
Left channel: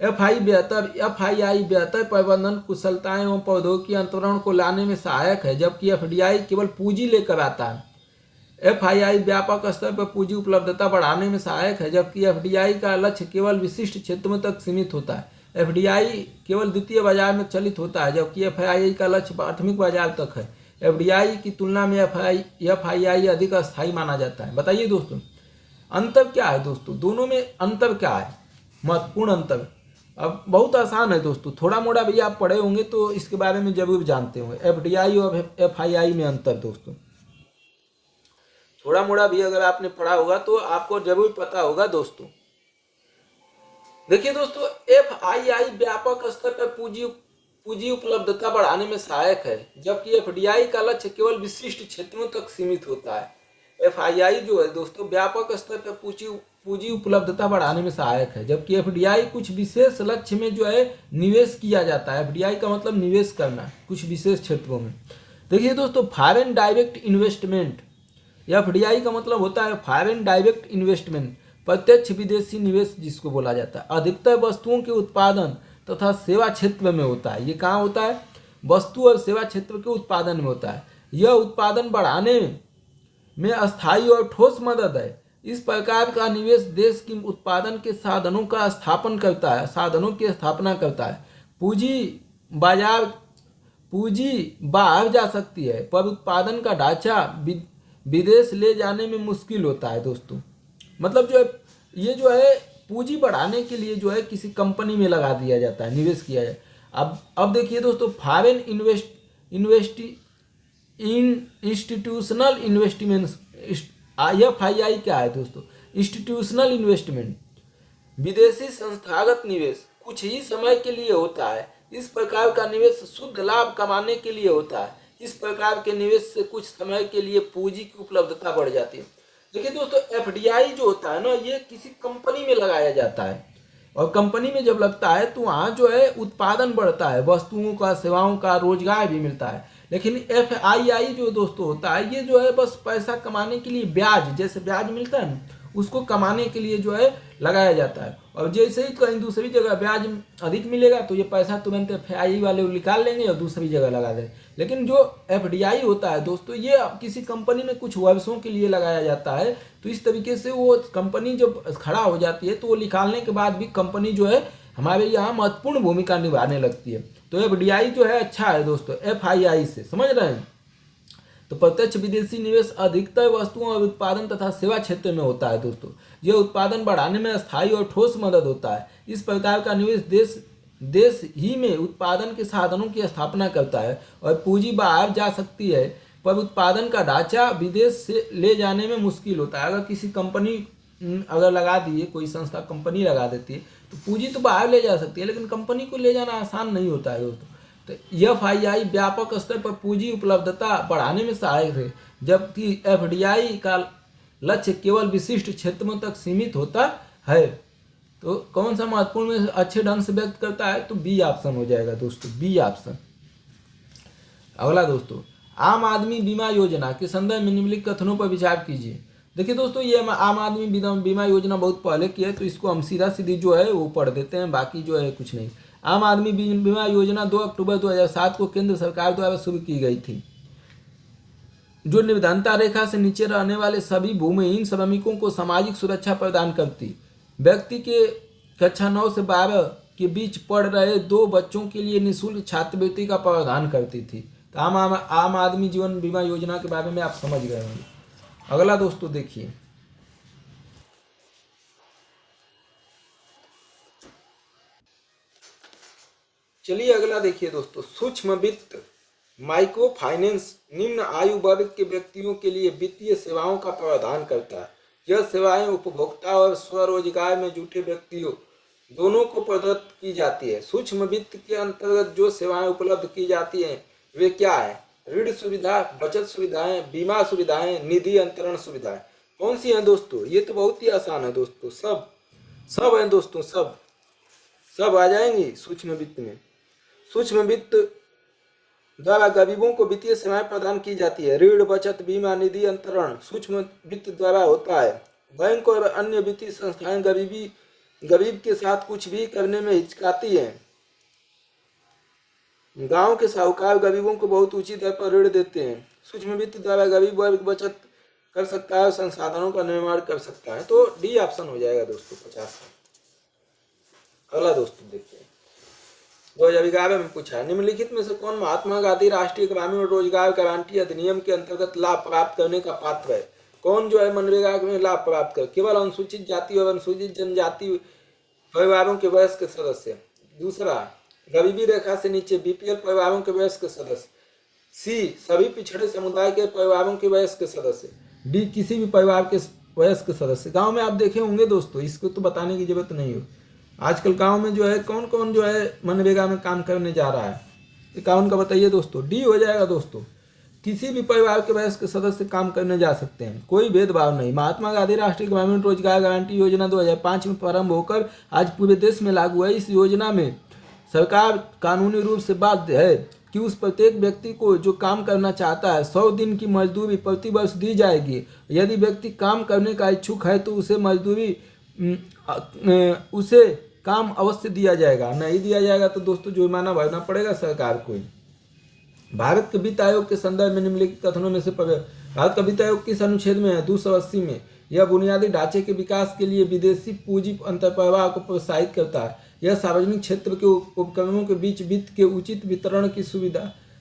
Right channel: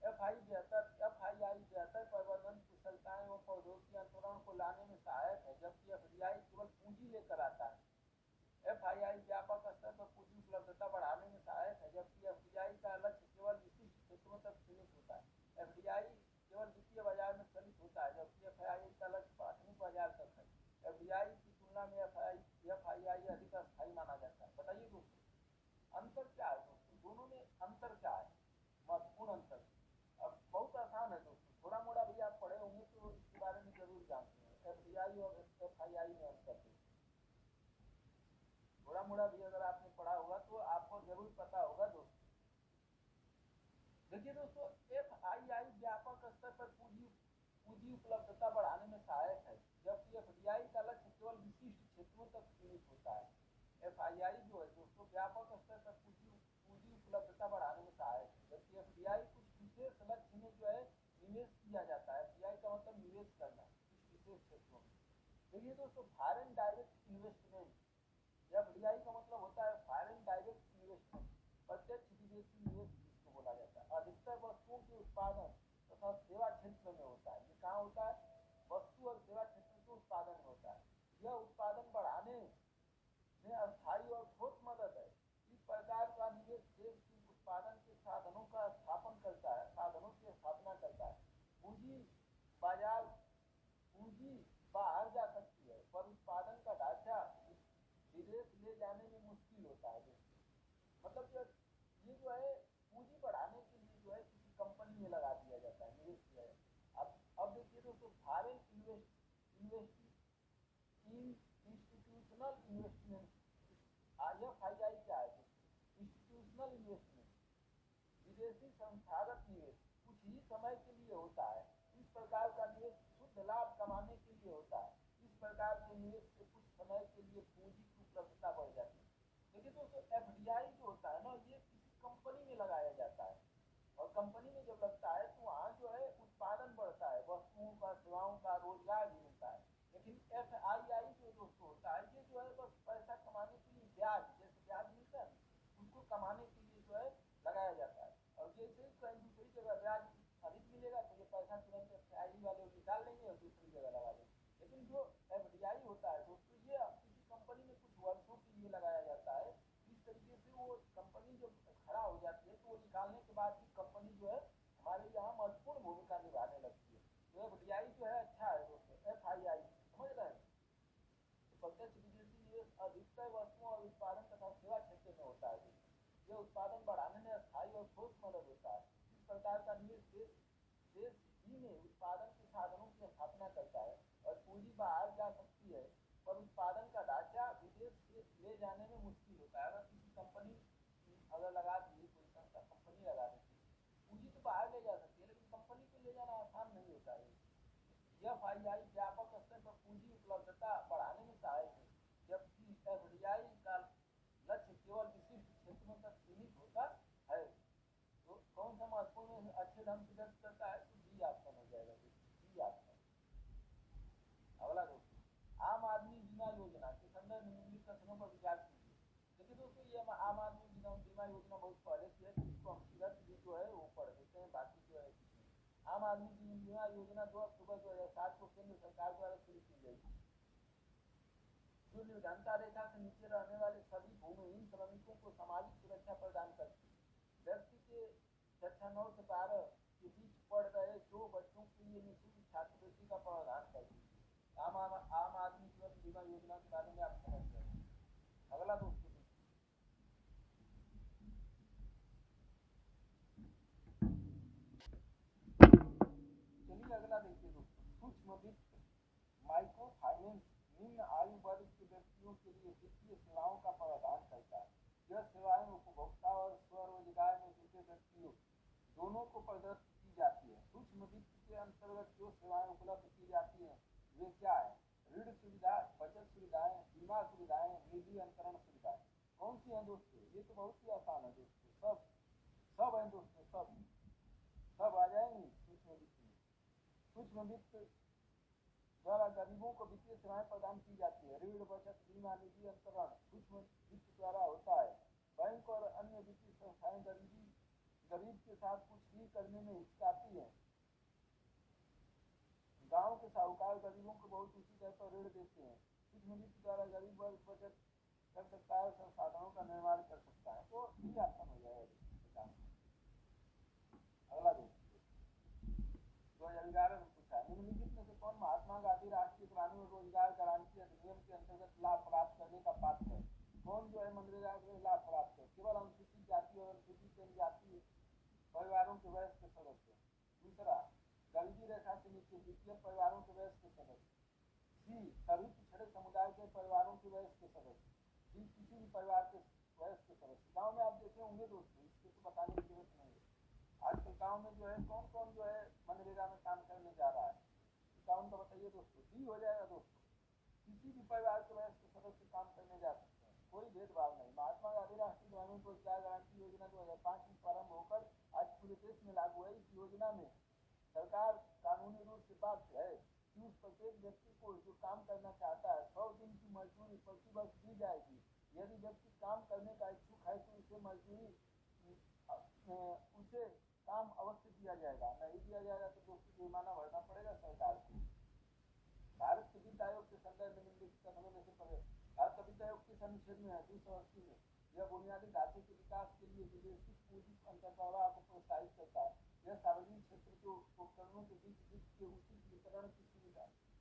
एफआईआई बेहतर प्रबंधन कुशलताएं एवं प्रौद्योगिकी अंतरण को लाने में सहायक है, जबकि एफडीआई केवल पूंजी लेकर आता है। एफआईआई व्यापक स्तर पर पूंजी उपलब्धता बढ़ाने में सहायक है, जबकि एफडीआई का लक्ष्य केवल विशिष्ट क्षेत्रों तक सीमित होता है। एफडीआई केवल द्वितीय बाजार में चलित होता है, जबकि एफआईआई का लक्ष्य प्राथमिक बाजार तक है। एफडीआई की तुलना में एफआईआई अधिक अस्थायी माना जाता है। बताइए दोस्तों अंतर क्या है दोस्तों, दोनों में अंतर क्या है? महत्वपूर्ण अंतर अब बहुत आसान है दोस्तों, थोड़ा मोड़ा भी आप पढ़े होंगे तो इसके बारे में जरूर जानते होंगे। एफडीआई और एफआईआई में अंतर दोस्तों, थोड़ा मोड़ा भी अगर आपने पढ़ा होगा तो आपको जरूर पता होगा दोस्तों। देखिए दोस्तों, एफआईआई व्यापक स्तर पर पूंजी उपलब्धता बढ़ाने में सहायक है, जबकि एफडीआई का लक्ष्य केवल विशिष्ट क्षेत्रों तक सीमित होता है। एफआईआई जो है दोस्तों व्यापक स्तर पर पूंजी उपलब्धता बढ़ाने में सहायक है, जबकि एफडीआई कुछ विशेष लक्ष्य में जो है निवेश किया जाता है। एफडीआई का मतलब निवेश करना कुछ विशेष क्षेत्रों में। देखिए दोस्तों, फॉरेन डायरेक्ट इन्वेस्टमेंट, एफडीआई का मतलब होता है फॉरेन डायरेक्ट इन्वेस्टमेंट, प्रत्यक्ष विदेशी निवेश जिसको बोला जाता है, अधिकतर वस्तुओं के उत्पादन तथा सेवा क्षेत्र में होता है। ये कहाँ होता है? वस्तु और सेवा क्षेत्र के उत्पादन में होता है। यह उत्पादन बढ़ाने में अस्थायी और ठोस मदद है। इस प्रकार का निवेश देश की उत्पादन के साधनों की स्थापना करता है। पूंजी बाहर जा सकती है, पर उत्पादन का ढांचा विदेश ले जाने में मुश्किल होता है दोस्तों। मतलब जो है ये जो है पूंजी बढ़ाने के लिए जो है किसी कंपनी में लगा दिया जाता है, निवेश किया जाए। अब देखिए दोस्तों, फॉरेन इंस्टीट्यूशनल इन्वेस्टमेंट, एफआईआई क्या है दोस्तों? इंस्टीट्यूशनल इन्वेस्टमेंट, विदेशी संस्थागत निवेश कुछ ही समय के लिए होता है। इस प्रकार का निवेश शुद्ध लाभ कमाने के लिए होता है। इस प्रकार के निवेश से कुछ समय के लिए पूंजी की उपलब्धता बढ़ जाती है। देखिए दोस्तों, एफडीआई जो होता है ना, ये किसी कंपनी में लगाया जाता है। और कंपनी में जब लगता है तो वहाँ जो है उत्पादन बढ़ता है, वस्तुओं का, सेवाओं का, रोजगार भी मिलता है। लेकिन FII जो दोस्तों होता है, ये जो है बस पैसा कमाने के लिए, ब्याज, जैसे ब्याज मिलता है ना, उसको कमाने के लिए जो है लगाया जाता है। और जैसे ही कहीं दूसरी जगह ब्याज अधिक मिलेगा तो ये पैसा तुरंत FII वाले निकाल लेंगे और दूसरी जगह लगा देंगे। लेकिन जो FDI होता है दोस्तों, ये किसी कंपनी में कुछ वर्षों के लिए लगाया जाता है। तो इस तरीके से वो कंपनी जब खड़ा हो जाती है तो वो निकालने के बाद भी कंपनी जो है हमारे यहाँ महत्वपूर्ण भूमिका निभाने लगती है। तो FDI जो है अच्छा है दोस्तों FII से, समझ रहे हैं। तो प्रत्यक्ष विदेशी निवेश अधिकतर वस्तुओं और उत्पादन तथा सेवा क्षेत्र में होता है दोस्तों। यह उत्पादन बढ़ाने में स्थायी और ठोस मदद होता है। इस प्रकार का निवेश देश ही में उत्पादन के साधनों की स्थापना करता है और पूंजी बाहर जा सकती है, पर उत्पादन का ढांचा विदेश से ले जाने में मुश्किल होता है। अगर किसी कंपनी अगर लगा दी है, कोई संस्था कंपनी लगा देती है तो पूंजी तो बाहर ले जा सकती है, लेकिन कंपनी को ले जाना आसान नहीं होता है दोस्तों। तो FII व्यापक स्तर पर पूंजी उपलब्धता बढ़ाने में सहायक है, जबकि FDI का लक्ष्य केवल विशिष्ट क्षेत्रों तक सीमित होता है। तो कौन सा महत्वपूर्ण में अच्छे ढंग से व्यक्त करता है, तो बी ऑप्शन हो जाएगा दोस्तों, बी ऑप्शन। अगला दोस्तों, आम आदमी बीमा योजना के संदर्भ में निम्नलिखित कथनों पर विचार कीजिए। देखिए दोस्तों, ये आम आदमी बीमा योजना बहुत पहले की है, तो इसको हम सीधा सीधी जो है वो पढ़ देते हैं, बाकी जो है कुछ नहीं। आम आदमी बीमा योजना 2 अक्टूबर 2007 को केंद्र सरकार द्वारा शुरू की गई थी, जो निर्धनता रेखा से नीचे रहने वाले सभी भूमिहीन श्रमिकों को सामाजिक सुरक्षा प्रदान करती। व्यक्ति के कक्षा 9 से 12 के बीच पढ़ रहे 2 बच्चों के लिए निःशुल्क छात्रवृत्ति का प्रावधान करती थी। तो आम आदमी जीवन बीमा योजना के बारे में आप समझ गए होंगे। अगला दोस्तों देखिए, चलिए अगला देखिए दोस्तों, सूक्ष्म वित्त माइक्रो फाइनेंस निम्न आयु वर्ग के व्यक्तियों के लिए वित्तीय सेवाओं का प्रावधान करता है। यह सेवाएं उपभोक्ता और स्वरोजगार में जुटे व्यक्तियों दोनों को प्रदत्त की जाती है। सूक्ष्म वित्त के अंतर्गत जो सेवाएं उपलब्ध की जाती हैं वे क्या है? ऋण सुविधा, बचत सुविधाएं, बीमा सुविधाएं, निधि अंतरण सुविधाएं। कौन सी हैं दोस्तों? ये तो बहुत ही आसान है दोस्तों, सब हैं दोस्तों, सब आ जाएंगी सूक्ष्म वित्त में। सूक्ष्म वित्त द्वारा गरीबों को वित्तीय सेवाएं प्रदान की जाती है। ऋण, बचत, बीमा, निधि अंतरण सूक्ष्म वित्त द्वारा होता है। बैंक और अन्य वित्तीय संस्थाएं गरीब के साथ कुछ भी करने में हिचकाती हैं। गांव के साहूकार गरीबों को बहुत ऊंची दर पर ऋण देते हैं। सूक्ष्म वित्त द्वारा गरीब वर्ग बचत कर सकता है और संसाधनों का निर्माण कर सकता है। तो डी ऑप्शन हो जाएगा दोस्तों 50। अगला दोस्तों देखिए, 2011 में पूछा है, निम्नलिखित में से कौन महात्मा गांधी राष्ट्रीय ग्रामीण रोजगार गारंटी अधिनियम के अंतर्गत लाभ प्राप्त करने का पात्र है? कौन जो है मनरेगा में लाभ प्राप्त कर? केवल अनुसूचित जाति और अनुसूचित जनजाति परिवारों के वयस्क सदस्य। दूसरा, गरीबी रेखा से नीचे BPL परिवारों के वयस्क सदस्य। सी, सभी पिछड़े समुदाय के परिवारों के वयस्क सदस्य। डी, किसी भी परिवार के वयस्क सदस्य। गांव में आप देखे होंगे दोस्तों, इसको तो बताने की जरूरत नहीं हो। आजकल गांव में जो है कौन कौन जो है मनरेगा में काम करने जा रहा है, अकाउंट का बताइए दोस्तों। डी हो जाएगा दोस्तों, किसी भी परिवार के वयस्क सदस्य काम करने जा सकते हैं, कोई भेदभाव नहीं। महात्मा गांधी राष्ट्रीय ग्रामीण रोजगार गारंटी योजना 2005 में प्रारंभ होकर आज पूरे देश में लागू है। इस योजना में सरकार कानूनी रूप से बाध्य है कि उस प्रत्येक व्यक्ति को जो काम करना चाहता है 100 दिन की मजदूरी प्रति वर्ष दी जाएगी। यदि व्यक्ति काम करने का इच्छुक है तो उसे काम अवश्य दिया जाएगा, नहीं दिया जाएगा तो दोस्तों जुर्माना भरना पड़ेगा सरकार को। भारत के वित्त आयोग के संदर्भ में निम्नलिखित कथनों में से भारत का वित्त आयोग किस अनुच्छेद में है? 280 में। यह बुनियादी ढांचे के विकास के लिए विदेशी पूंजी अंतर्प्रवाह को प्रोत्साहित करता है। यह सार्वजनिक क्षेत्र के उपक्रमों के बीच वित्त के उचित वितरण की सुविधा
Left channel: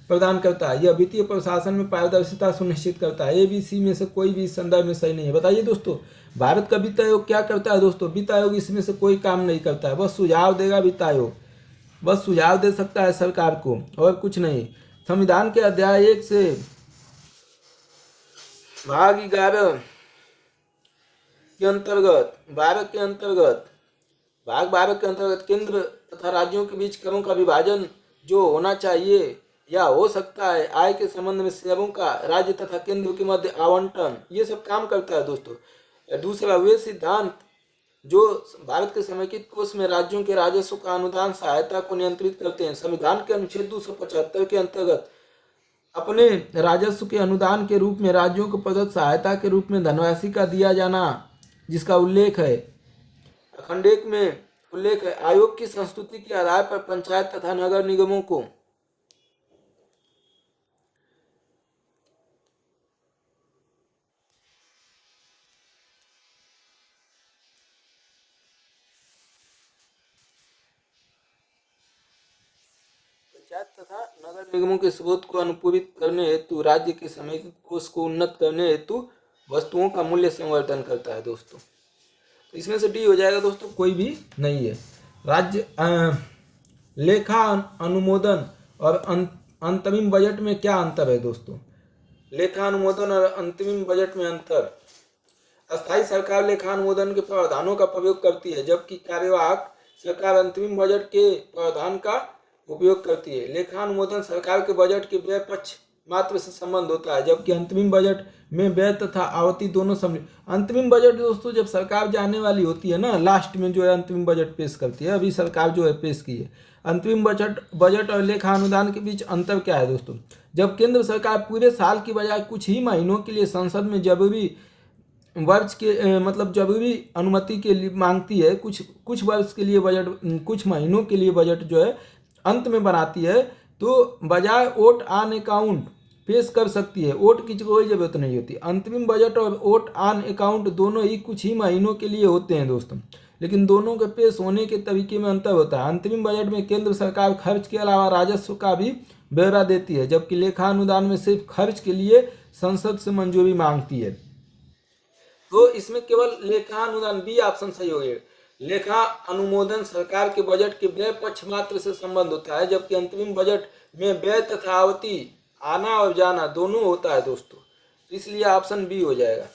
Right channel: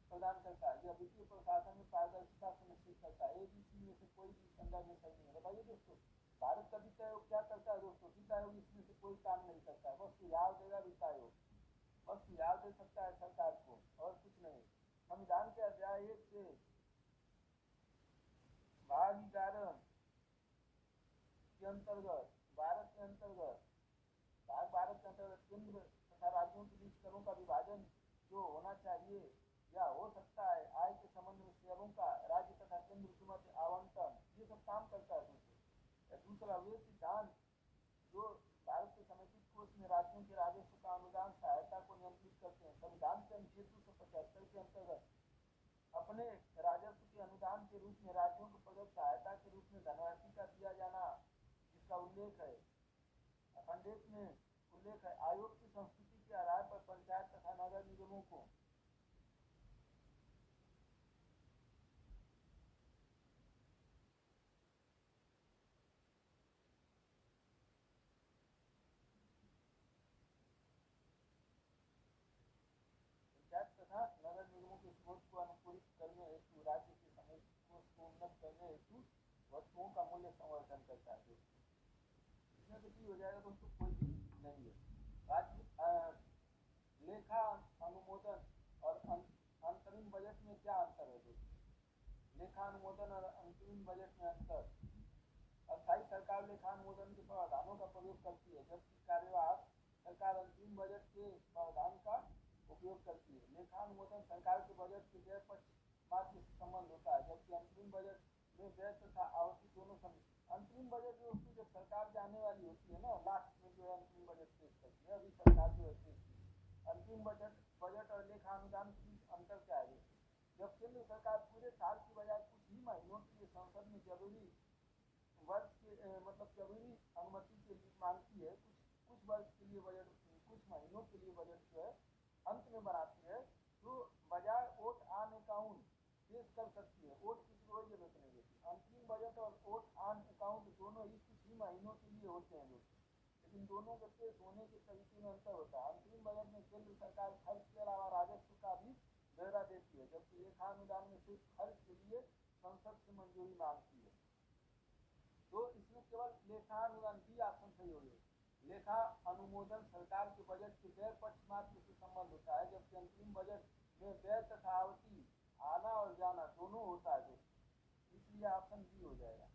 प्रदान करता है। यह वित्तीय प्रशासन में पारदर्शिता सुनिश्चित करता है। ABC में से कोई भी इस संदर्भ में सही नहीं है। बताइए दोस्तों, भारत का वित्त आयोग क्या करता है दोस्तों? वित्त आयोग इसमें से कोई काम नहीं करता है, बस सुझाव देगा। वित्त आयोग बस सुझाव दे सकता है सरकार को और कुछ नहीं। संविधान के अध्याय 1 से भाग 11 के अंतर्गत भाग 12 के अंतर्गत केंद्र तथा राज्यों के बीच करों का विभाजन जो होना चाहिए या हो सकता है, आय के संबंध में सेवाओं का राज्य तथा केंद्र के मध्य आवंटन, ये सब काम करता है दोस्तों। दूसरा, वे सिद्धांत जो भारत के समेकित कोष में राज्यों के राजस्व का अनुदान सहायता को नियंत्रित करते हैं। संविधान के अनुच्छेद 275 के अंतर्गत अपने राजस्व के अनुदान के रूप में राज्यों को प्रदत्त सहायता के रूप में धनराशि का दिया जाना, जिसका उल्लेख है खंड 1 में उल्लेख है। आयोग की संस्तुति के आधार पर पंचायत तथा नगर निगमों को पंचायत तथा नगर निगमों के स्रोत को अनुपूरित करने हेतु राज्य के समेकित कोष को उन्नत करने हेतु वस्तुओं का मूल्य संवर्धन करता है दोस्तों। तो इसमें से डी हो जाएगा दोस्तों, कोई भी नहीं है। राज्य लेखा अनुमोदन और अंतरिम बजट में क्या अंतर है दोस्तों? लेखा अनुमोदन और अंतरिम बजट में अंतर। अस्थायी सरकार लेखा अनुमोदन के प्रावधानों का प्रयोग करती है, जबकि कार्यवाहक सरकार अंतरिम बजट के प्रावधान का उपयोग करती है। लेखा अनुमोदन सरकार के बजट के व्यय पक्ष मात्र से संबंध होता है, जबकि अंतरिम बजट में व्यय तथा आवती दोनों सम्मिलित। अंतरिम बजट दोस्तों जब सरकार जाने वाली होती है ना, लास्ट में जो है अंतरिम बजट पेश करती है। अभी सरकार जो है पेश की है। अंतरिम बजट और लेखा अनुदान के बीच अंतर क्या है दोस्तों? जब केंद्र सरकार पूरे साल की बजाय कुछ ही महीनों के लिए संसद में जरूरी वर्ष के मतलब जरूरी अनुमति के लिए मांगती है, कुछ वर्ष के लिए बजट, कुछ महीनों के लिए बजट जो है अंत में बनाती है, तो बजाय वोट ऑन अकाउंट पेश कर सकती है। वोट की कोई जरूरत नहीं होती। अंतरिम बजट और वोट ऑन अकाउंट दोनों ही कुछ ही महीनों के लिए होते हैं दोस्तों, लेकिन दोनों के पेश होने के तरीके में अंतर होता है। अंतरिम बजट में केंद्र सरकार खर्च के अलावा राजस्व का भी ब्यौरा देती है, जबकि लेखा अनुदान में सिर्फ खर्च के लिए संसद से मंजूरी मांगती है। तो इसमें केवल लेखा अनुदान, बी ऑप्शन सही हो गया। लेखा अनुमोदन सरकार के बजट के व्यय पक्ष मात्र से संबंध होता है, जबकि अंतरिम बजट में व्यय तथा आवती आना और जाना दोनों होता है दोस्तों। इसलिए ऑप्शन बी हो जाएगा।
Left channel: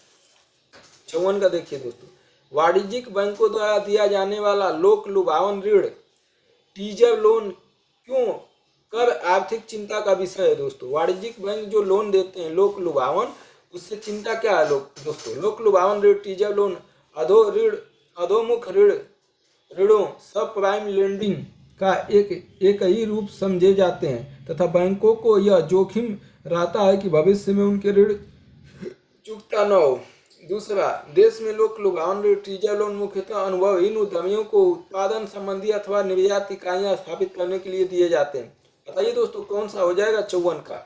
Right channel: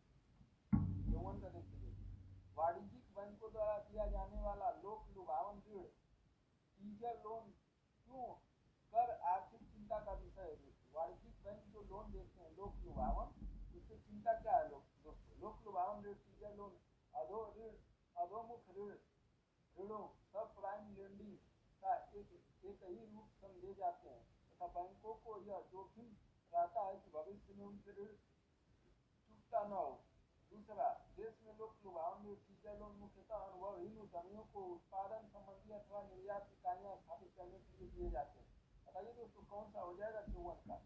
54 का देखिए दोस्तों, वाणिज्यिक बैंकों द्वारा दिया जाने वाला लोक लुभावन ऋण टीजर लोन क्यों कर आर्थिक चिंता का विषय है दोस्तों? वाणिज्यिक बैंक जो लोन देते हैं लोक लुभावन, उससे चिंता क्या है दोस्तों? लोक लुभावन ऋण, टीजर लोन, अधोमुख ऋणों, सब प्राइम लेंडिंग का एक ही रूप समझे जाते हैं तथा बैंकों को यह जोखिम रहता है कि भविष्य में उनके ऋण चुकता न हो। दूसरा, देश में लोक लुभावन ऋण टीजर लोन मुख्यतः अनुभवहीन उद्यमियों को उत्पादन संबंधी अथवा निर्यात इकाइयां स्थापित करने के लिए दिए जाते हैं। बताइए दोस्तों कौन सा हो जाएगा 54 का?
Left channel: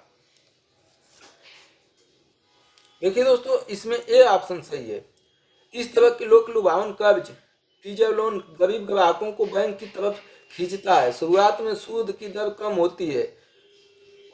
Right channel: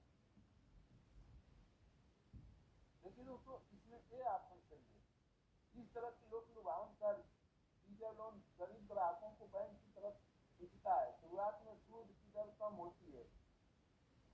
देखिए दोस्तों, इसमें ए ऑप्शन सही है। इस तरह के लोक लुभावन कर्ज टीजर लोन गरीब ग्राहकों को बैंक की तरफ खींचता है। शुरुआत में सूद की दर कम होती है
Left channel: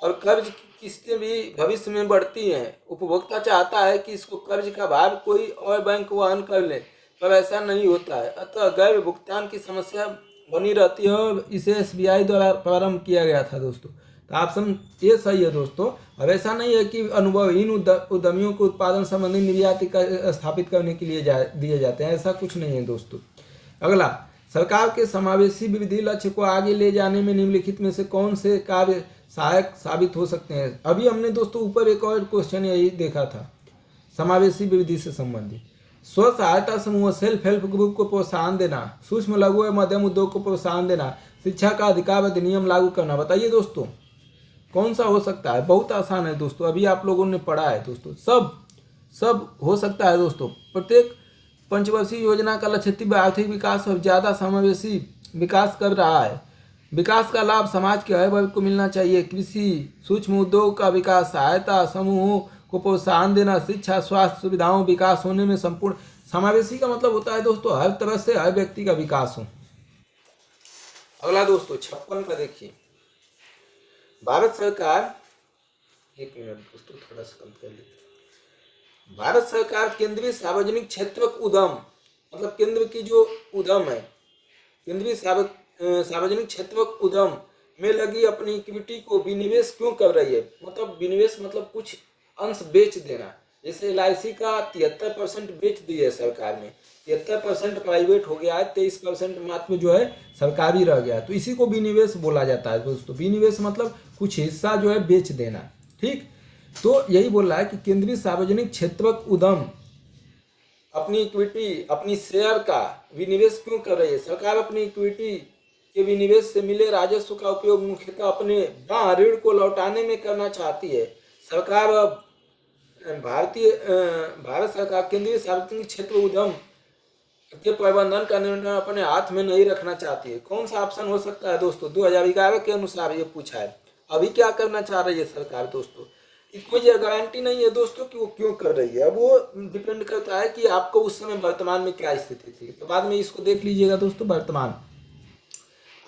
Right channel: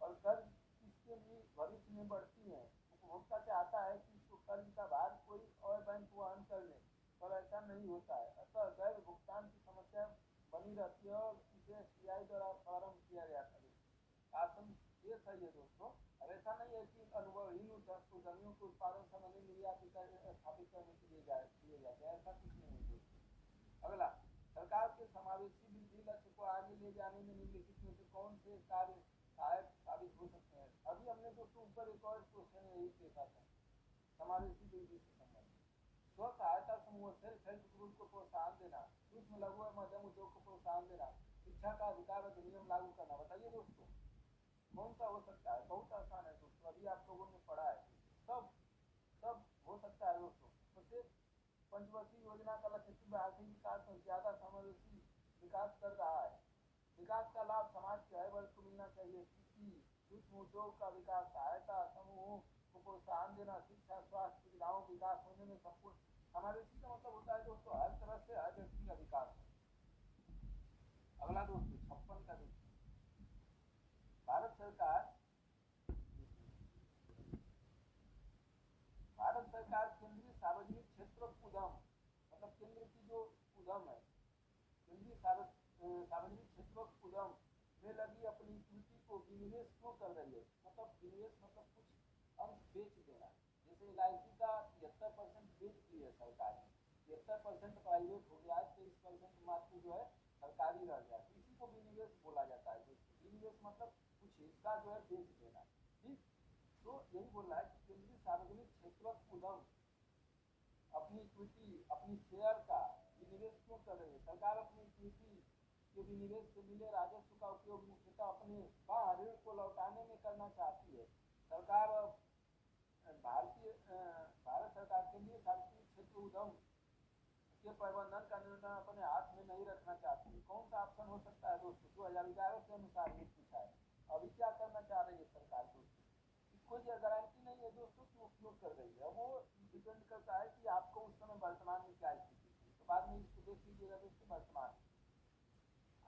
और कर्ज की किस्तें भी भविष्य में बढ़ती हैं। उपभोक्ता चाहता है कि इसको कर्ज का भार कोई और बैंक वहन कर ले, पर ऐसा नहीं होता है। अतः गैर भुगतान की समस्या बनी रहती है और इसे SBI द्वारा प्रारंभ किया गया था दोस्तों। तो ऑप्शन ये सही है दोस्तों। अब ऐसा नहीं है कि अनुभवहीन उद्यमियों को उत्पादन संबंधी निर्यात स्थापित करने के लिए दिए जाते हैं, ऐसा कुछ नहीं है दोस्तों। अगला, सरकार के समावेशी वृद्धि लक्ष्य को आगे ले जाने में निम्नलिखित में से कौन से कार्य सहायक साबित हो सकते हैं? अभी हमने दोस्तों ऊपर एक और क्वेश्चन यही देखा था समावेशी वृद्धि से संबंधित। स्व सहायता समूह, सेल्फ हेल्प ग्रुप को प्रोत्साहन देना, सूक्ष्म लघु एवं मध्यम उद्योग को प्रोत्साहन देना, शिक्षा का अधिकार अधिनियम लागू करना। बताइए दोस्तों कौन सा हो सकता है? बहुत आसान है दोस्तों, अभी आप लोगों ने पढ़ा है दोस्तों। सब हो सकता है दोस्तों। प्रत्येक पंचवर्षीय योजना का लक्ष्य तीव्र आर्थिक विकास और ज़्यादा समावेशी विकास कर रहा है। विकास का लाभ समाज के हर वर्ग को मिलना चाहिए। कृषि, सूक्ष्म उद्योग का विकास, सहायता समूहों को प्रोत्साहन देना, शिक्षा, स्वास्थ्य सुविधाओं विकास होने में संपूर्ण समावेशी का मतलब होता है दोस्तों हर तरह से हर व्यक्ति का विकास हो। अगला दोस्तों 56 का देखिए, भारत सरकार, एक मिनट दोस्तों थोड़ा सा कम कर लेते। भारत सरकार केंद्रीय सार्वजनिक क्षेत्रक उद्यम, मतलब केंद्र की जो उद्यम है, केंद्रीय सार्वजनिक क्षेत्रक उद्यम में लगी अपनी इक्विटी को विनिवेश क्यों कर रही है? मतलब विनिवेश मतलब कुछ अंश बेच देना। जैसे LIC का 73% बेच दी है सरकार ने, 73% प्राइवेट हो गया है, 23% मात्र जो है सरकारी रह गया, तो इसी को विनिवेश बोला जाता है दोस्तों। विनिवेश मतलब कुछ हिस्सा जो है बेच देना, ठीक। तो यही बोल रहा है कि केंद्रीय सार्वजनिक क्षेत्रक उद्यम अपनी इक्विटी, अपनी शेयर का विनिवेश क्यों कर रही है? सरकार अपनी इक्विटी के विनिवेश से मिले राजस्व का उपयोग मुख्यतः अपने ऋण को लौटाने में करना चाहती है। सरकार भारत सरकार केंद्रीय सार्वजनिक क्षेत्र उद्यम के प्रबंधन का निर्णय अपने हाथ में नहीं रखना चाहती है। कौन सा ऑप्शन हो सकता है दोस्तों? 2011 के अनुसार ये पूछा है। अभी क्या करना चाह रही है सरकार दोस्तों? कोई गारंटी नहीं है दोस्तों कि वो क्यों कर रही है। अब वो डिपेंड करता है कि आपको उस समय वर्तमान में क्या स्थिति थी। तो बाद में इसको देख लीजिएगा दोस्तों। वर्तमान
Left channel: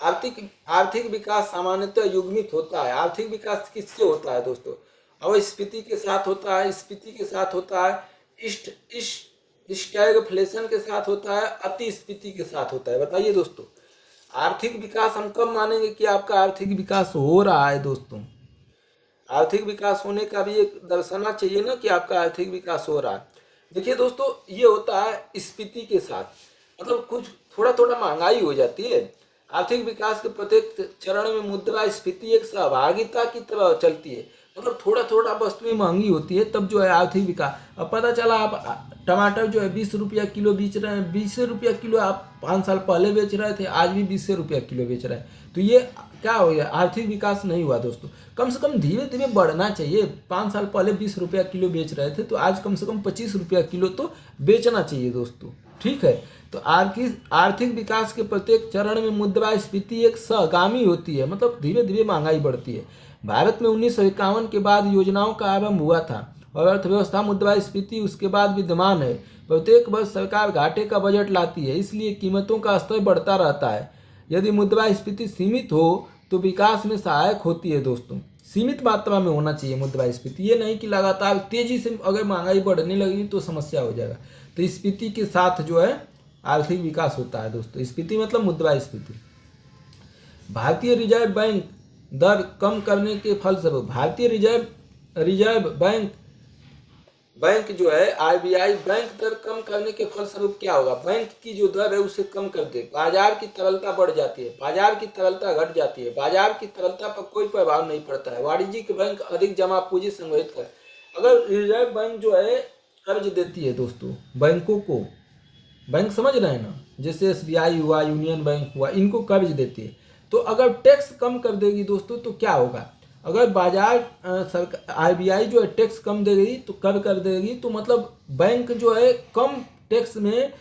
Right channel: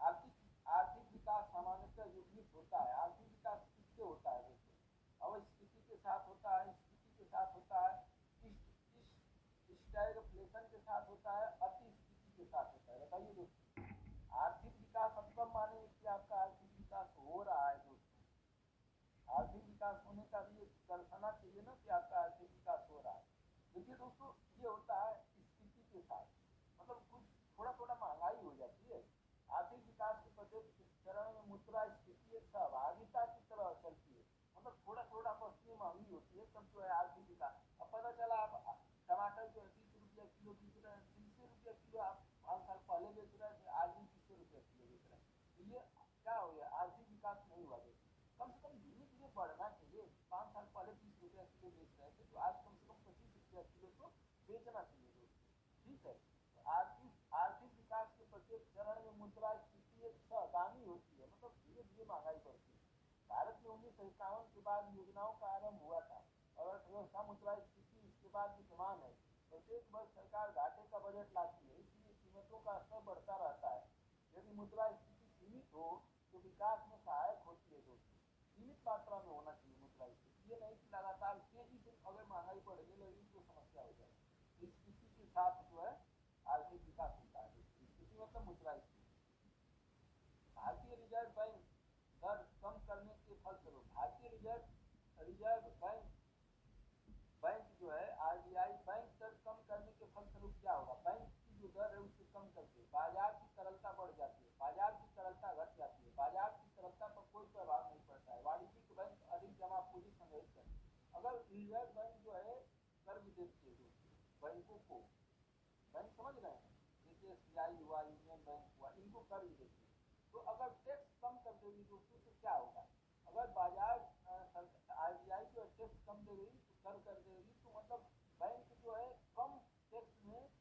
आर्थिक विकास सामान्यतः युग्मित होता है। आर्थिक विकास किससे होता है दोस्तों? अवस्फीति के साथ होता है, स्फीति के साथ होता है, स्टैगफ्लेशन के साथ होता है, अतिस्फीति के साथ होता है। बताइए दोस्तों, आर्थिक विकास हम कब मानेंगे कि आपका आर्थिक विकास हो रहा है दोस्तों? आर्थिक विकास होने का भी एक दर्शाना चाहिए ना कि आपका आर्थिक विकास हो रहा है। देखिए दोस्तों, ये होता है स्फीति के साथ, मतलब कुछ थोड़ा थोड़ा महंगाई हो जाती है। आर्थिक विकास के प्रत्येक चरण में मुद्रा स्फीति एक सहभागिता की तरह चलती है, मतलब थोड़ा थोड़ा वस्तुएं महंगी होती है तब जो है आर्थिक विकास। अब पता चला आप टमाटर जो है 20 रुपया किलो बेच रहे हैं, 20 रुपया किलो आप 5 साल पहले बेच रहे थे, आज भी 20 रुपया किलो बेच रहे हैं। तो ये क्या हो गया? आर्थिक विकास नहीं हुआ दोस्तों। कम से कम धीरे धीरे बढ़ना चाहिए। 5 साल पहले 20 रुपया किलो बेच रहे थे तो आज कम से कम 25 रुपया किलो तो बेचना चाहिए दोस्तों। ठीक है, तो आर्थिक विकास के प्रत्येक चरण में मुद्रा स्फीति एक सहगामी होती है, मतलब धीरे धीरे महंगाई बढ़ती है। भारत में 1951 के बाद योजनाओं का आरंभ हुआ था और अर्थव्यवस्था मुद्रास्फीति उसके बाद विद्यमान है। प्रत्येक वर्ष सरकार घाटे का बजट लाती है, इसलिए कीमतों का स्तर बढ़ता रहता है। यदि मुद्रास्फीति सीमित हो तो विकास में सहायक होती है दोस्तों। सीमित मात्रा में होना चाहिए मुद्रास्फीति, ये नहीं कि लगातार तेजी से अगर महंगाई बढ़ने लगी तो समस्या हो जाएगा। तो स्फीति के साथ जो है आर्थिक विकास होता है दोस्तों। स्फीति मतलब मुद्रास्फीति। भारतीय रिजर्व बैंक दर कम करने के फलस्वरूप भारतीय रिजर्व बैंक जो है आरबीआई बैंक दर कम करने के फलस्वरूप क्या होगा? बैंक की जो दर है उसे कम कर दे। बाजार की तरलता बढ़ जाती है, बाजार की तरलता घट जाती है, बाजार की तरलता पर कोई प्रभाव नहीं पड़ता है। वाणिज्यिक बैंक अधिक जमा पूंजी संग्रहित कर। अगर रिजर्व बैंक जो है कर्ज देती है दोस्तों बैंकों को, बैंक समझ रहे हैं ना, जैसे एसबीआई हुआ, यूनियन बैंक हुआ, इनको कर्ज देती है, तो अगर टैक्स कम कर देगी दोस्तों तो क्या होगा? अगर बाजार सरकार आरबीआई जो है टैक्स कम देगी तो कर देगी तो मतलब बैंक जो है कम टैक्स में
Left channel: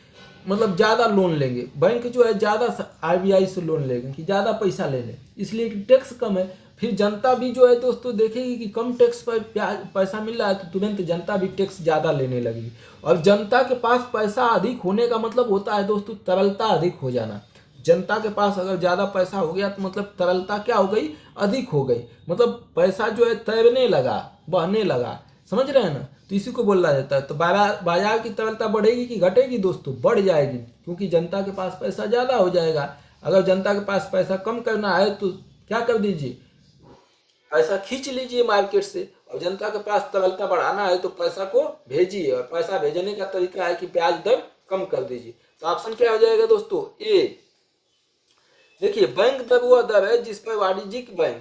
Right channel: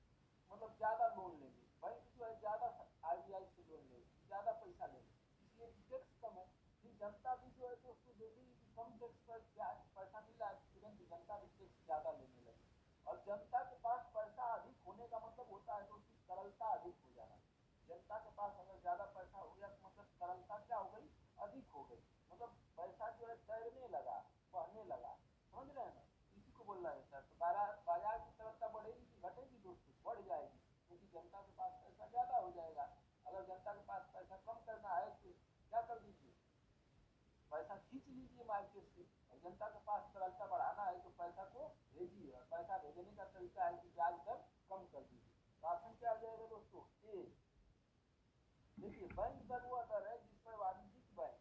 मतलब ज़्यादा लोन लेंगे। बैंक जो है ज़्यादा आरबीआई से लोन लेंगे कि ज़्यादा पैसा ले लें, इसलिए कि टैक्स कम है। फिर जनता भी जो है दोस्तों देखेगी कि कम टैक्स पर पैसा मिल रहा है तो तुरंत जनता भी टैक्स ज़्यादा लेने लगेगी। और जनता के पास पैसा अधिक होने का मतलब होता है दोस्तों तरलता अधिक हो जाना। जनता के पास अगर ज़्यादा पैसा हो गया तो मतलब तरलता क्या हो गई? अधिक हो गई, मतलब पैसा जो है तैरने लगा, बहने लगा। समझ रहे हैं ना? तो इसी को बोला जाता है। तो बाजार की तरलता बढ़ेगी कि घटेगी दोस्तों? बढ़ जाएगी, क्योंकि जनता के पास पैसा ज़्यादा हो जाएगा। अगर जनता के पास पैसा कम करना है तो क्या कर दीजिए? पैसा खींच लीजिए मार्केट से। और जनता के पास तरलता बढ़ाना है तो पैसा को भेजिए, और पैसा भेजने का तरीका है कि ब्याज दर कम कर दीजिए। तो ऑप्शन क्या हो जाएगा दोस्तों? ए। देखिए, बैंक दर वह दर है जिस पर वाणिज्यिक बैंक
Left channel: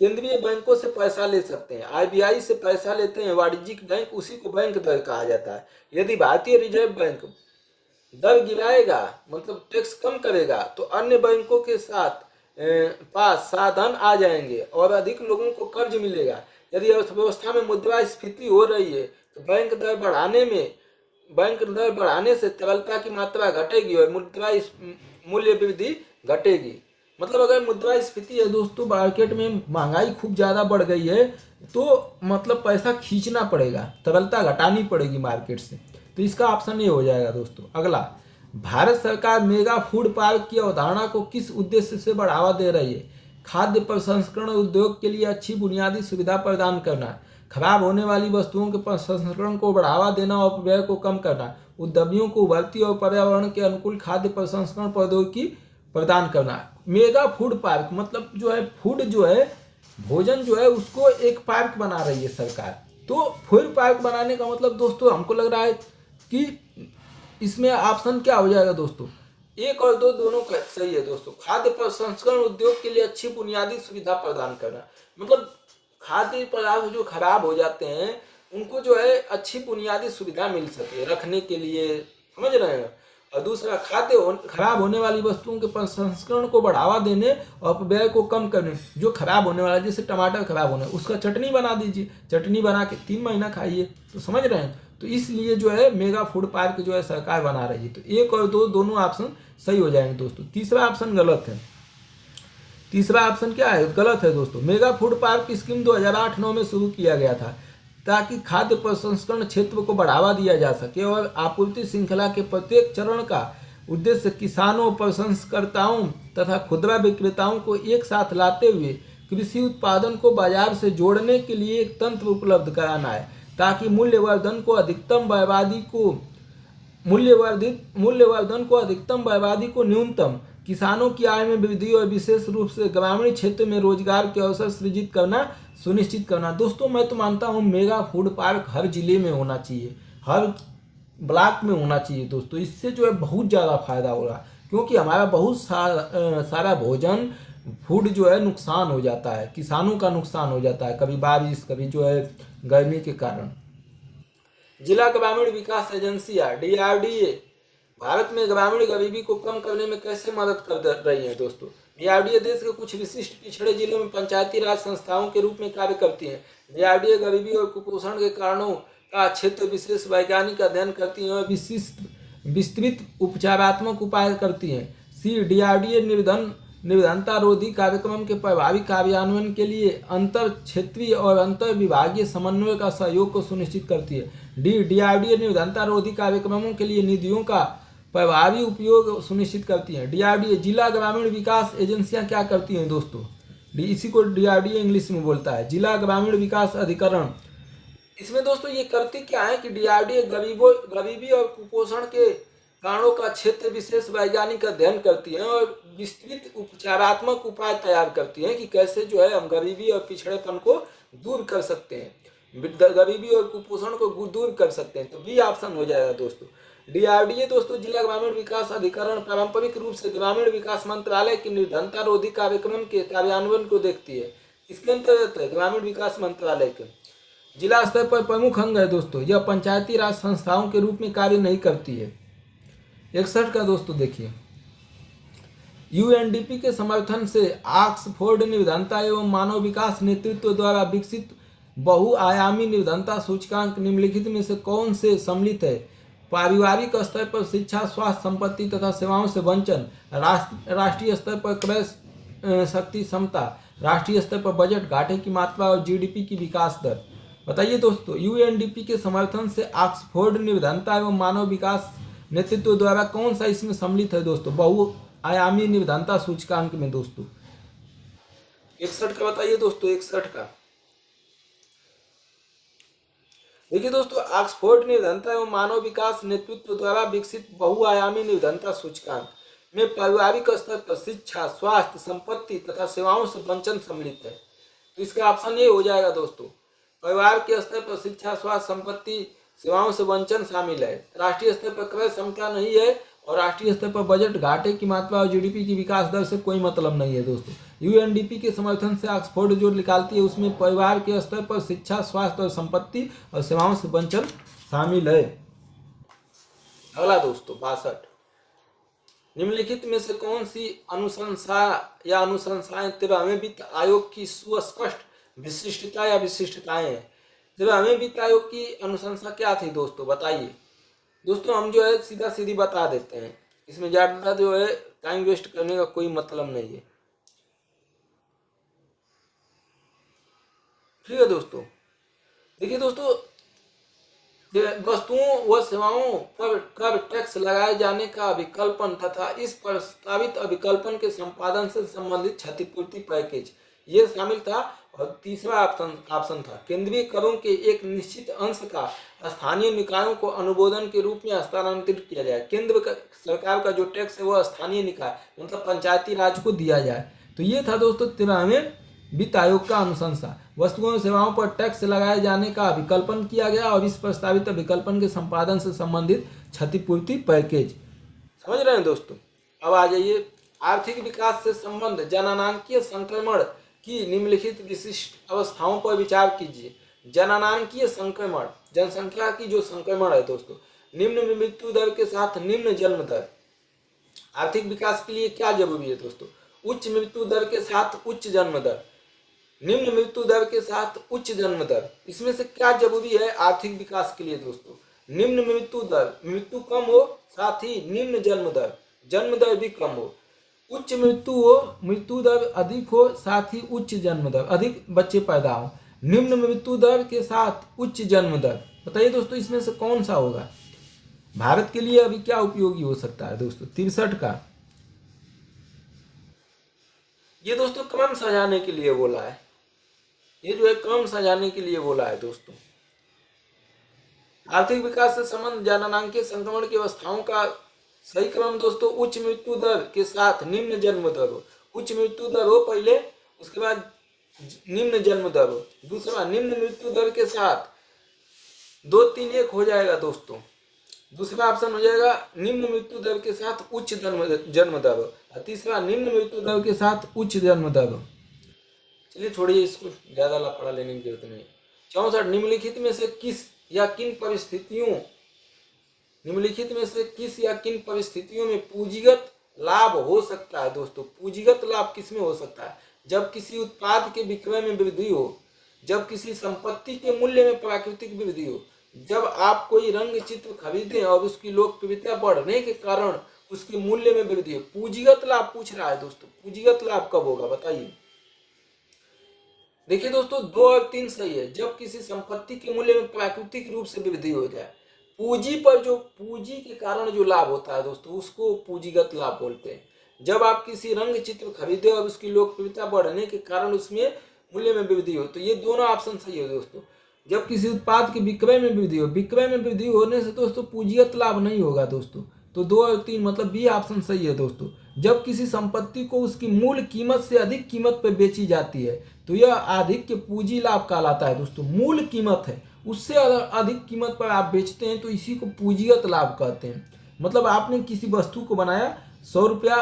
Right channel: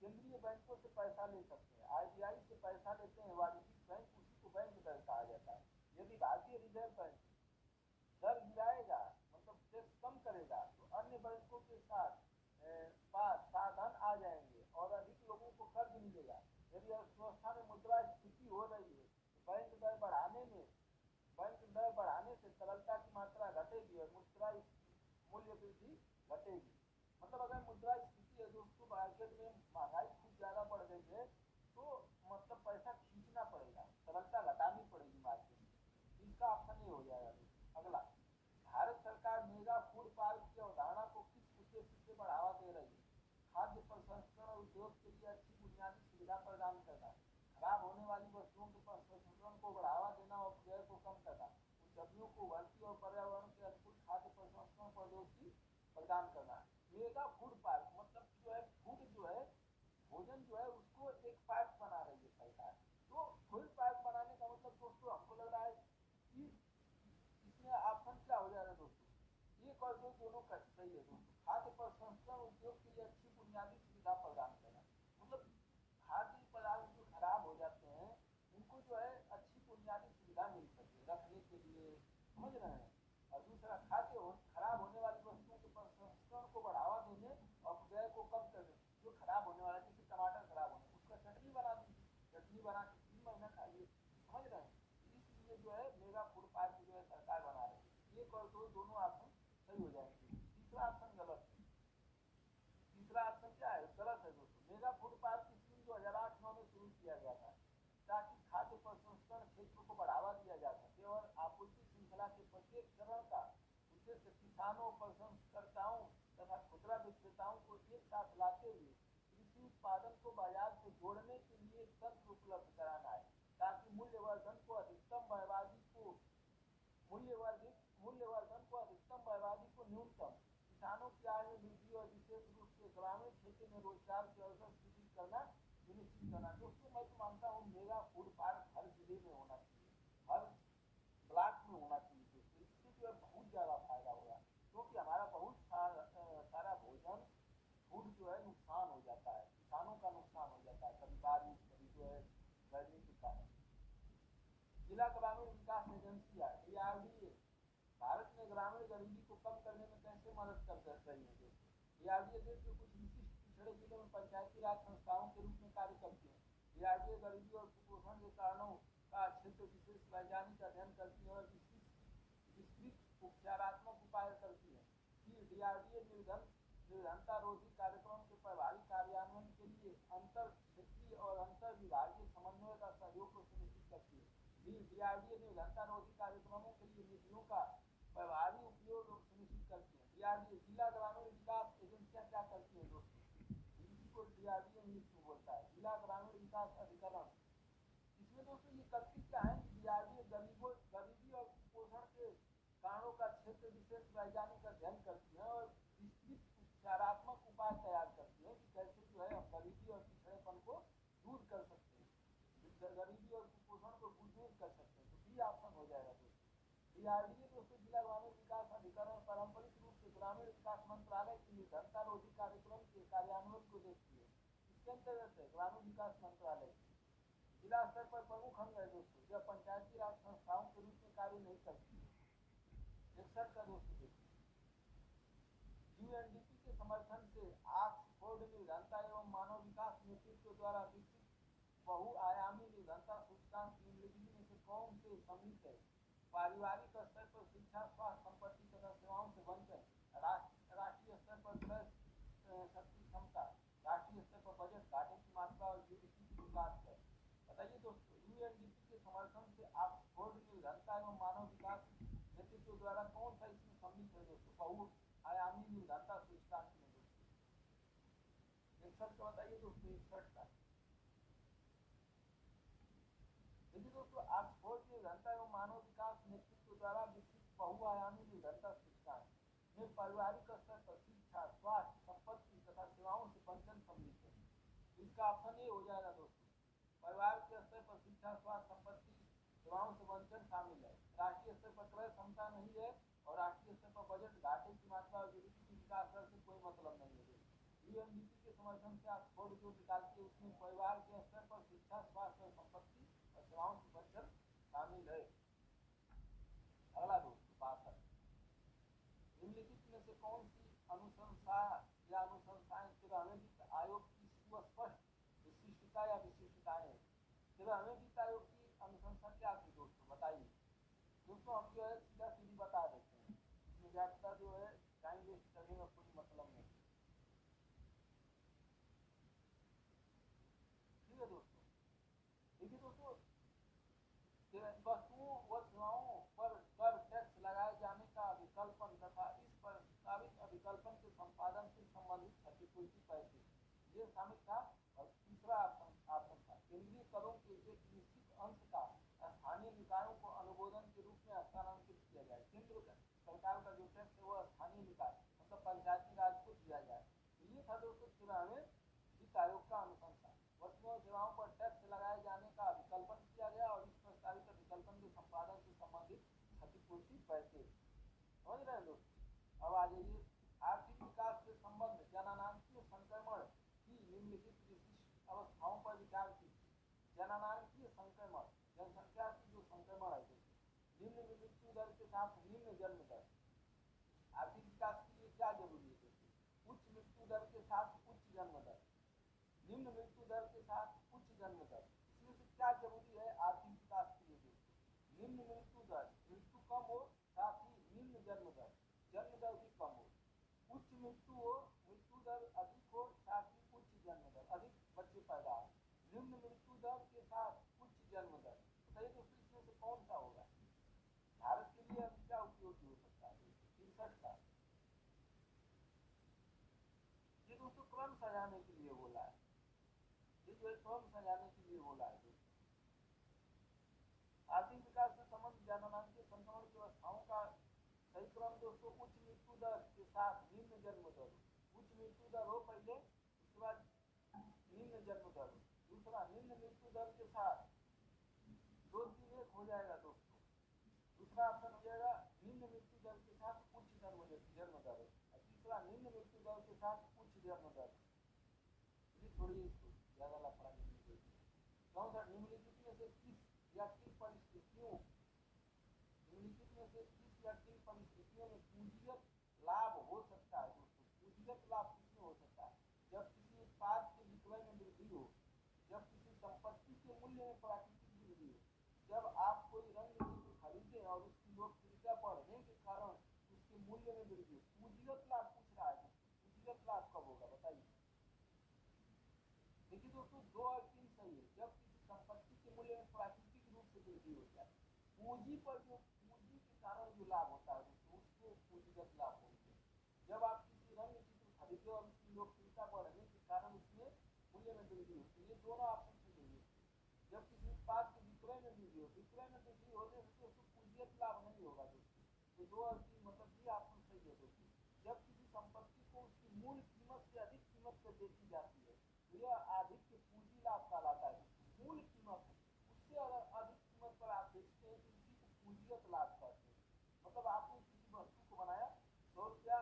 केंद्रीय बैंकों से पैसा ले सकते हैं। आरबीआई से पैसा लेते हैं वाणिज्यिक बैंक, उसी को बैंक दर कहा जाता है। यदि भारतीय रिजर्व बैंक दर गिराएगा मतलब टैक्स कम करेगा तो अन्य बैंकों के साथ पास साधन आ जाएंगे और अधिक लोगों को कर्ज मिलेगा। यदि अर्थव्यवस्था में मुद्रास्फीति हो रही है तो बैंक दर बढ़ाने से तरलता की मात्रा घटेगी और मुद्रा मूल्य वृद्धि घटेगी। मतलब अगर मुद्रास्फीति है दोस्तों, मार्केट में महंगाई खूब ज़्यादा बढ़ गई है तो मतलब पैसा खींचना पड़ेगा, तरलता घटानी पड़ेगी मार्केट से। तो इसका ऑप्शन ये हो जाएगा दोस्तों। अगला, भारत सरकार मेगा फूड पार्क की अवधारणा को किस उद्देश्य से बढ़ावा दे रही है? खाद्य प्रसंस्करण उद्योग के लिए अच्छी बुनियादी सुविधा प्रदान करना, खराब होने वाली वस्तुओं के प्रसंस्करण को बढ़ावा देना और व्यय को कम करना, उद्यमियों को उभरती और पर्यावरण के अनुकूल खाद्य प्रसंस्करण प्रौद्योगिकी प्रदान करना। मेगा फूड पार्क मतलब जो है फूड जो है भोजन जो है उसको एक पार्क बना रही है सरकार। तो फूड पार्क बनाने का मतलब दोस्तों हमको लग रहा है कि इसमें ऑप्शन क्या हो जाएगा दोस्तों? एक और दो दोनों सही है दोस्तों। खाद्य प्रसंस्करण उद्योग के लिए अच्छी बुनियादी सुविधा प्रदान करना, मतलब खाद्य पदार्थ जो खराब हो जाते हैं उनको जो है अच्छी बुनियादी सुविधा मिल सके, रखने के लिए, समझ रहे हैं। और दूसरा, खराब होने वाली वस्तुओं के प्रसंस्करण को बढ़ावा देने और अपव्यय को कम करने। जो खराब होने वाला, जैसे टमाटर खराब होना, उसका चटनी बना दीजिए, चटनी बना के 3 महीना खाइए। तो समझ रहे हैं। तो इसलिए जो है मेगा फूड पार्क जो है सरकार बना रही है। तो 1 और 2 दोनों ऑप्शन सही हो जाएंगे दोस्तों। तीसरा ऑप्शन गलत है। तीसरा ऑप्शन क्या है, गलत है दोस्तों। मेगा फूड पार्क की स्कीम 2008-9 में शुरू किया गया था ताकि खाद्य प्रसंस्करण क्षेत्र को बढ़ावा दिया जा सके और आपूर्ति श्रृंखला के प्रत्येक चरण का उद्देश्य किसानों, प्रसंस्कर्ताओं तथा खुदरा विक्रेताओं को एक साथ लाते हुए कृषि उत्पादन को बाजार से जोड़ने के लिए एक तंत्र उपलब्ध कराना है, ताकि मूल्यवर्धन को अधिकतम बर्बादी को न्यूनतम, किसानों की आय में वृद्धि और विशेष रूप से ग्रामीण क्षेत्र में रोजगार के अवसर सृजित करना सुनिश्चित करना। दोस्तों मैं तो मानता हूँ मेगा फूड पार्क हर जिले में होना चाहिए, हर ब्लॉक में होना चाहिए दोस्तों। इससे जो है बहुत ज़्यादा फायदा होगा, क्योंकि हमारा बहुत सारा भोजन फूड जो है नुकसान हो जाता है, किसानों का नुकसान हो जाता है, कभी बारिश, कभी जो है गर्मी के कारण। जिला ग्रामीण विकास एजेंसियां DRDA भारत में ग्रामीण गरीबी को कम करने में कैसे मदद कर रही है दोस्तों। DRDA देश के कुछ विशिष्ट पिछड़े जिलों में पंचायती राज संस्थाओं के रूप में कार्य करती है। DRDA गरीबी और कुपोषण के कारणों का क्षेत्र विशेष वैज्ञानिक अध्ययन करती है और विस्तृत उपचारात्मक उपाय करती है। DRDA निर्धनता रोधी कार्यक्रम के प्रभावी कार्यान्वयन के लिए अंतर क्षेत्रीय और अंतर विभागीय समन्वय का सहयोग को सुनिश्चित करती है। DRDA निर्धनता रोधी कार्यक्रमों के लिए निधियों का प्रभावी उपयोग सुनिश्चित करती है। DRDA जिला ग्रामीण विकास एजेंसियां क्या करती हैं दोस्तों, इसी को DRDA इंग्लिश में बोलता है, जिला ग्रामीण विकास अधिकरण। इसमें दोस्तों ये करती क्या है कि DRDA गरीबी और कुपोषण के कारणों का क्षेत्र विशेष वैज्ञानिक अध्ययन करती है और विस्तृत उपचारात्मक उपाय तैयार करती है कि कैसे जो है हम गरीबी और पिछड़ेपन को दूर कर सकते हैं, गरीबी और कुपोषण को दूर कर सकते हैं। तो बी ऑप्शन हो जाएगा दोस्तों। DRDA दोस्तों जिला ग्रामीण विकास अधिकरण पारंपरिक रूप से ग्रामीण विकास मंत्रालय की निर्धनता रोधी कार्यक्रम के कार्यान्वयन को देखती है। इसके अंतर्गत है ग्रामीण विकास मंत्रालय के जिला स्तर पर प्रमुख अंग है दोस्तों। यह पंचायती राज संस्थाओं के रूप में कार्य नहीं करती है। 61 का दोस्तों देखिए, UNDP के समर्थन से ऑक्सफोर्ड निर्धनता एवं मानव विकास नेतृत्व द्वारा विकसित बहुआयामी निर्धनता सूचकांक निम्नलिखित में से कौन से सम्मिलित है। पारिवारिक स्तर पर शिक्षा, स्वास्थ्य, संपत्ति तथा सेवाओं से वंचन, राष्ट्रीय स्तर पर क्रय शक्ति क्षमता, राष्ट्रीय स्तर पर बजट घाटे की मात्रा और GDP की विकास दर। बताइए दोस्तों, UNDP के समर्थन से ऑक्सफोर्ड निर्धनता एवं मानव विकास नेतृत्व द्वारा कौन सा इसमें सम्मिलित है दोस्तों बहुआयामी निर्धनता सूचकांक में दोस्तों। 61 का बताइए दोस्तों, 61 का देखिए दोस्तों, ऑक्सफोर्ड निर्धनता एवं मानव विकास नेतृत्व द्वारा विकसित बहुआयामी निर्धनता सूचकांक में पारिवारिक स्तर पर शिक्षा, स्वास्थ्य, संपत्ति तथा सेवाओं से वंचन सम्मिलित है। तो इसका ऑप्शन ये हो जाएगा दोस्तों, परिवार के स्तर पर शिक्षा, स्वास्थ्य, संपत्ति, सेवाओं से वंचन शामिल है। राष्ट्रीय स्तर पर क्रय क्षमता नहीं है और राष्ट्रीय स्तर पर बजट घाटे की मात्रा और GDP की विकास दर से कोई मतलब नहीं है दोस्तों। UNDP के समर्थन से ऑक्सफोर्ड जो निकालती है उसमें परिवार के स्तर पर शिक्षा, स्वास्थ्य और संपत्ति और सेवाओं से वंचन शामिल है। अगला दोस्तों 62, निम्नलिखित में से कौन सी अनुशंसा या अनुशंसाएं 13वें वित्त आयोग की सुस्पष्ट विशिष्टता या विशिष्टताएं हैं। 13वें वित्त आयोग की अनुशंसा क्या थी दोस्तों, बताइए दोस्तों। हम जो है सीधा सीधी बता देते हैं, इसमें ज्यादा जो है टाइम वेस्ट करने का कोई मतलब नहीं है। ठीक है दोस्तों, देखिए दोस्तों, वस्तुओं व सेवाओं पर कर टैक्स लगाए जाने का विकल्पन तथा इस प्रस्तावित अभिकल्पन के संपादन से संबंधित क्षतिपूर्ति पैकेज ये शामिल था। और तीसरा ऑप्शन था केंद्रीय करों के एक निश्चित अंश का स्थानीय निकायों को अनुमोदन के रूप में हस्तांतरित किया जाए। केंद्र सरकार का जो टैक्स है वो स्थानीय निकाय मतलब पंचायती राज को दिया जाए। तो ये था दोस्तों 13वें वित्त आयोग का अनुशंसा। वस्तुओं और सेवाओं पर टैक्स लगाए जाने का विकल्पन किया गया और इस प्रस्तावित विकल्पन के संपादन से संबंधित क्षतिपूर्ति पैकेज। समझ रहे हैं दोस्तों। अब आ जाइए, आर्थिक विकास से संबंध जननांकीय संक्रमण की निम्नलिखित विशिष्ट अवस्थाओं पर विचार कीजिए। जननांकीय संक्रमण, जनसंख्या की जो संक्रमण है दोस्तों, निम्न मृत्यु दर के साथ निम्न जन्म दर। आर्थिक विकास के लिए क्या जरूरी है दोस्तों? उच्च मृत्यु दर के साथ उच्च जन्म दर, निम्न मृत्यु दर के साथ उच्च जन्म दर। इसमें से क्या जरूरी है आर्थिक विकास के लिए दोस्तों? निम्न मृत्यु दर, मृत्यु कम हो, साथ ही निम्न जन्म दर भी कम हो। उच्च मृत्यु हो, मृत्यु दर अधिक हो, साथ ही उच्च जन्म दर, अधिक बच्चे पैदा हो। निम्न मृत्यु दर के साथ उच्च जन्म दर, बताइए दोस्तों इसमें से कौन सा होगा? भारत के लिए अभी क्या उपयोगी हो सकता है दोस्तों? 63 का ये दोस्तों क्रम सजाने के लिए बोला है, ये जो है क्रम सजाने के लिए बोला है दोस्तों। आर्थिक विकास से संबंध जननांकीय संक्रमण की अवस्थाओं का सही क्रम दोस्तों उच्च मृत्यु दर के साथ निम्न जन्म दर हो। उच्च मृत्यु दर हो पहले, उसके बाद निम्न जन्म दर हो। दूसरा, निम्न मृत्यु दर के साथ 2 3 1 हो जाएगा दोस्तों। दूसरा ऑप्शन हो जाएगा निम्न मृत्यु दर के साथ उच्च जन्म दर हो। और तीसरा, निम्न मृत्यु दर के साथ उच्च जन्म दर हो। चलिए छोड़िए इसको, ज्यादा लफड़ा लेने की जरूरत नहीं। 64, निम्नलिखित में से किस या किन परिस्थितियों में पूंजीगत लाभ हो सकता है दोस्तों? पूंजीगत लाभ किसमें हो सकता है? जब किसी उत्पाद के विक्रय में वृद्धि हो, जब किसी संपत्ति के मूल्य में प्राकृतिक वृद्धि हो, जब आप कोई रंग चित्र खरीदें और उसकी लोकप्रियता बढ़ने के कारण उसके मूल्य में वृद्धि हो। पूंजीगत लाभ पूछ रहा है दोस्तों, पूंजीगत लाभ कब होगा बताइए? देखिए दोस्तों 2 और 3 सही है। जब किसी संपत्ति के मूल्य में प्राकृतिक रूप से वृद्धि हो जाए, पूंजी पर जो पूंजी के कारण जो लाभ होता है दोस्तों उसको पूंजीगत लाभ बोलते हैं। जब आप किसी रंग चित्र खरीदे और उसकी लोकप्रियता बढ़ने के कारण उसमें मूल्य में वृद्धि हो, तो ये दोनों ऑप्शन सही है दोस्तों। जब किसी उत्पाद के विक्रय में वृद्धि हो, विक्रय में वृद्धि होने से दोस्तों पूंजीगत लाभ नहीं होगा दोस्तों। तो 2 और 3 मतलब बी ऑप्शन सही है दोस्तों। जब किसी संपत्ति को उसकी मूल कीमत से अधिक कीमत पर बेची जाती है तो यह अधिक पूंजी लाभ कहलाता है दोस्तों। मूल कीमत है उससे अधिक कीमत पर आप बेचते हैं तो इसी को पूंजीगत लाभ कहते हैं। मतलब आपने किसी वस्तु को बनाया, 100 रुपया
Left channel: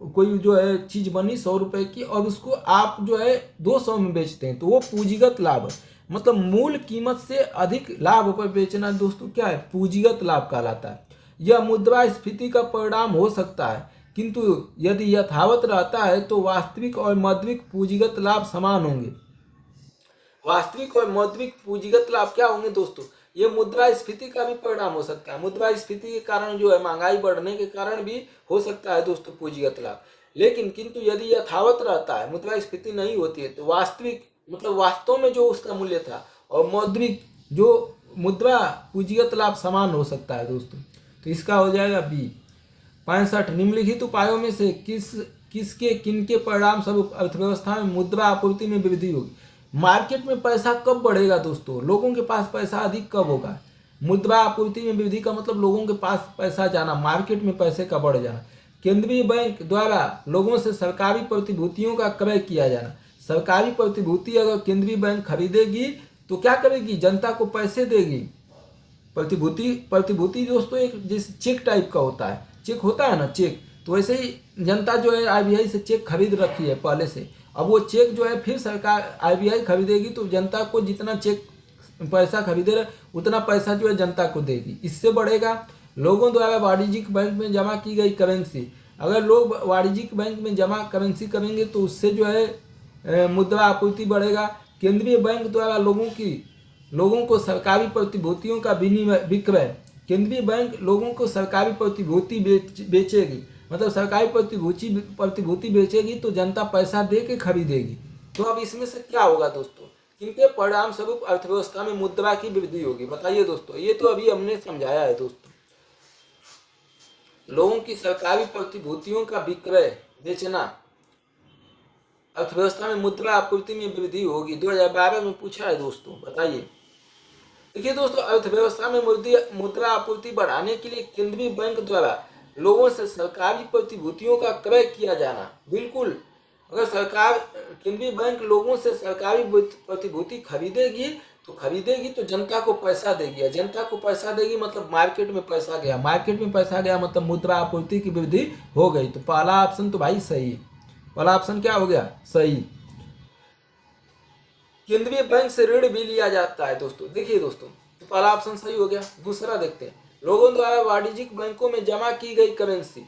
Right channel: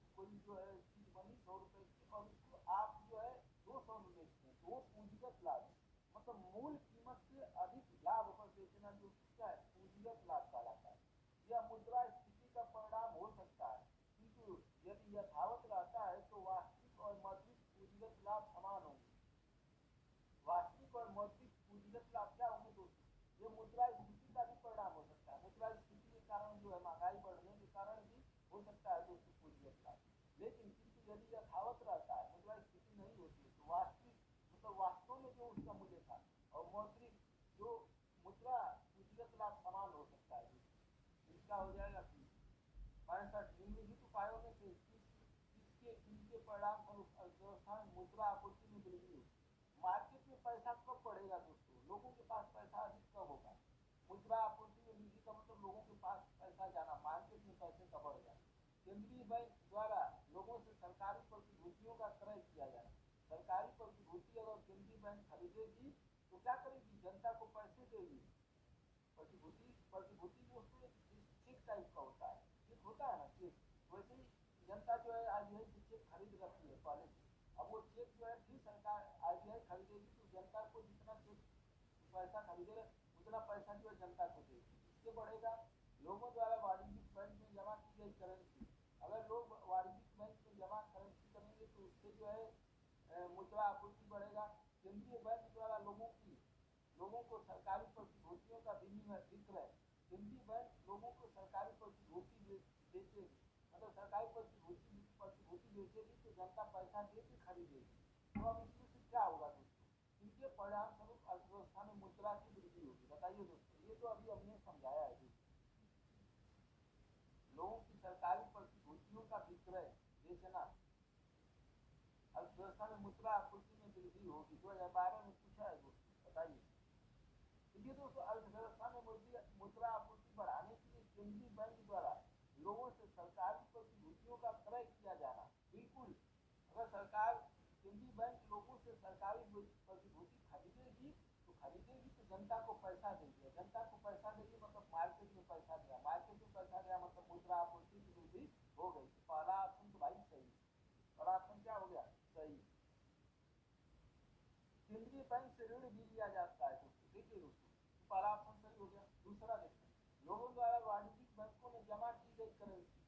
कोई जो है चीज बनी 100 रुपए की और उसको आप जो है 200 में बेचते हैं तो वो पूंजीगत लाभ है। मतलब मूल कीमत से अधिक लाभ पर बेचना दोस्तों क्या है? पूंजीगत लाभ कहलाता है। यह मुद्रास्फीति का परिणाम हो सकता है, किंतु यदि यथावत रहता है तो वास्तविक और मौद्रिक पूंजीगत लाभ समान होंगे। वास्तविक और मौद्रिक पूंजीगत लाभ क्या होंगे दोस्तों? ये मुद्रास्फीति का भी परिणाम हो सकता है। मुद्रास्फीति के कारण जो है महंगाई बढ़ने के कारण भी हो सकता है दोस्तों पूंजीगत लाभ। लेकिन किंतु यदि यथावत रहता है, मुद्रास्फीति नहीं होती है, तो वास्तविक मतलब वास्तव में जो उसका मूल्य था और मौद्रिक जो मुद्रा पूंजीगत लाभ समान हो सकता है दोस्तों। तो इसका हो जाएगा बी। 65, निम्नलिखित उपायों में से किसके किनके परिणाम स्वरूप अर्थव्यवस्था में मुद्रा आपूर्ति में वृद्धि होगी? मार्केट में पैसा कब बढ़ेगा दोस्तों? लोगों के पास पैसा अधिक कब होगा? मुद्रा आपूर्ति में वृद्धि का मतलब लोगों के पास पैसा जाना, मार्केट में पैसे का बढ़ जाना। केंद्रीय बैंक द्वारा लोगों से सरकारी प्रतिभूतियों का क्रय किया जाना। सरकारी प्रतिभूति अगर केंद्रीय बैंक खरीदेगी तो क्या करेगी? जनता को पैसे देगी। प्रतिभूति दोस्तों एक जैसे चेक टाइप का होता है, चेक होता है ना चेक, तो वैसे ही जनता जो है आरबीआई से चेक खरीद रखी है पहले से। अब वो चेक जो है फिर सरकार आरबीआई खरीदेगी तो जनता को जितना चेक पैसा खरीदे रहे उतना पैसा जो है जनता को देगी। इससे बढ़ेगा लोगों द्वारा वाणिज्यिक बैंक में जमा की गई करेंसी। अगर लोग वाणिज्यिक बैंक में जमा करेंसी करेंगे तो उससे जो है मुद्रा आपूर्ति बढ़ेगा। केंद्रीय बैंक द्वारा लोगों को सरकारी प्रतिभूतियों का विक्रय, केंद्रीय बैंक लोगों को सरकारी प्रतिभूति बेचेगी, मतलब सरकारी प्रतिभूति बेचेगी तो जनता पैसा दे के खरीदेगी। तो अब इसमें से क्या होगा दोस्तों? इनके परिणाम स्वरूप अर्थव्यवस्था में मुद्रा की वृद्धि होगी। बताइए दोस्तों, ये तो अभी हमने समझाया है दोस्तों। लोगों की सरकारी प्रतिभूतियों का विक्रय बेचना, अर्थव्यवस्था में मुद्रा आपूर्ति में वृद्धि होगी। 2012 में पूछा है दोस्तों, बताइए। देखिए दोस्तों, अर्थव्यवस्था में मुद्रा आपूर्ति बढ़ाने के लिए केंद्रीय बैंक द्वारा लोगों से सरकारी प्रतिभूतियों का क्रय किया जाना। बिल्कुल, अगर केंद्रीय बैंक लोगों से सरकारी प्रतिभूति खरीदेगी तो जनता को पैसा देगी। जनता को पैसा देगी मतलब मार्केट में पैसा गया, मार्केट में पैसा गया मतलब मुद्रा आपूर्ति की वृद्धि हो गई। तो पहला ऑप्शन तो भाई सही है। पहला ऑप्शन क्या हो गया? सही। केंद्रीय बैंक से ऋण भी लिया जाता है दोस्तों। देखिए दोस्तों, तो पहला ऑप्शन सही हो गया। दूसरा देखते हैं, लोगों द्वारा वाणिज्यिक बैंकों में जमा की गई करेंसी।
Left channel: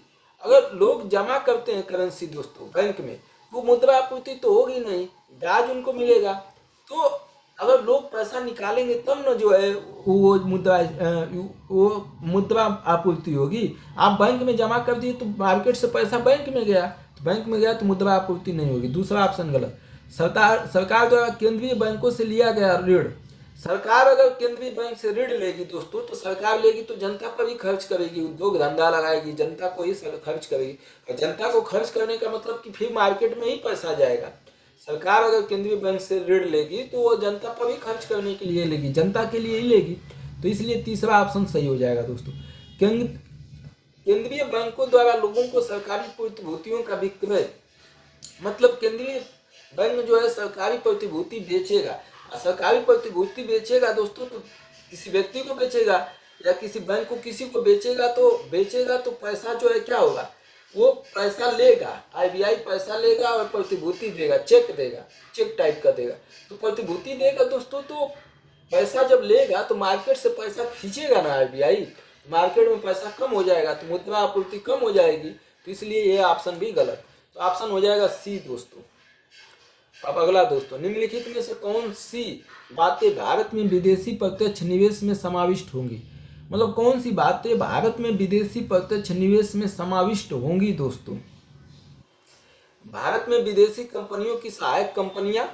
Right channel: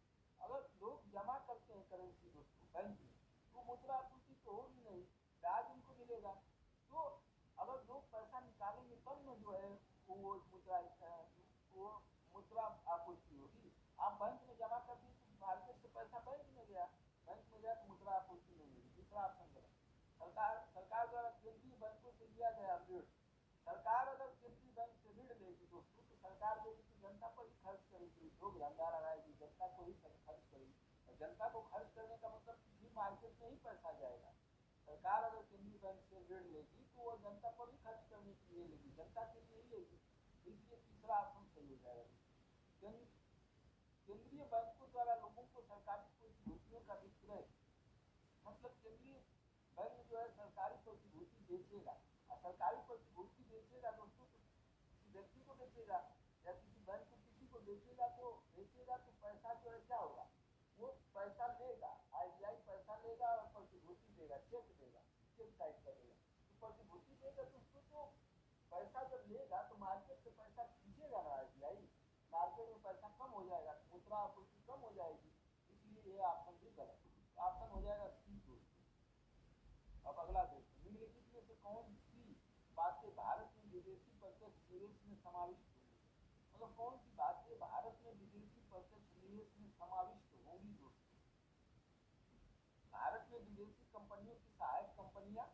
अगर लोग जमा करते हैं करेंसी दोस्तों बैंक में, वो मुद्रा आपूर्ति तो होगी नहीं, ब्याज उनको मिलेगा। तो अगर लोग पैसा निकालेंगे तब न जो है वो मुद्रा आपूर्ति होगी। आप बैंक में जमा कर दिए तो मार्केट से पैसा बैंक में गया, तो बैंक में गया तो मुद्रा आपूर्ति नहीं होगी। दूसरा ऑप्शन गलत। सरकार द्वारा केंद्रीय बैंकों से लिया गया ऋण। सरकार अगर केंद्रीय बैंक से ऋण लेगी दोस्तों, तो सरकार लेगी तो जनता पर ही खर्च करेगी, उद्योग धंधा लगाएगी, जनता को ही खर्च करेगी। और जनता को खर्च करने का मतलब कि फिर मार्केट में ही पैसा जाएगा। सरकार अगर केंद्रीय बैंक से ऋण लेगी तो वो जनता पर ही खर्च करने के लिए लेगी, जनता के लिए ही लेगी। तो इसलिए तीसरा ऑप्शन सही हो जाएगा दोस्तों। केंद्रीय बैंकों द्वारा लोगों को सरकारी प्रतिभूतियों का विक्रय, मतलब केंद्रीय बैंक जो है सरकारी प्रतिभूति बेचेगा। सरकारी प्रतिभूति बेचेगा दोस्तों, तो किसी व्यक्ति को बेचेगा या किसी बैंक को किसी को बेचेगा तो पैसा जो है क्या होगा, वो पैसा लेगा, आरबीआई पैसा लेगा और प्रतिभूति देगा, चेक देगा, चेक टाइप का देगा। तो प्रतिभूति देगा दोस्तों, तो पैसा जब लेगा तो मार्केट से पैसा खींचेगा ना आरबीआई, मार्केट में पैसा कम हो जाएगा तो मुद्रा आपूर्ति कम हो जाएगी। तो इसलिए ये ऑप्शन भी गलत। तो ऑप्शन हो जाएगा सी दोस्तों। अब अगला दोस्तों, निम्नलिखित में से कौन सी बातें भारत में विदेशी प्रत्यक्ष निवेश में समाविष्ट होंगी? मतलब कौन सी बातें भारत में विदेशी प्रत्यक्ष निवेश में समाविष्ट होंगी दोस्तों? भारत में विदेशी कंपनियों की सहायक कंपनियां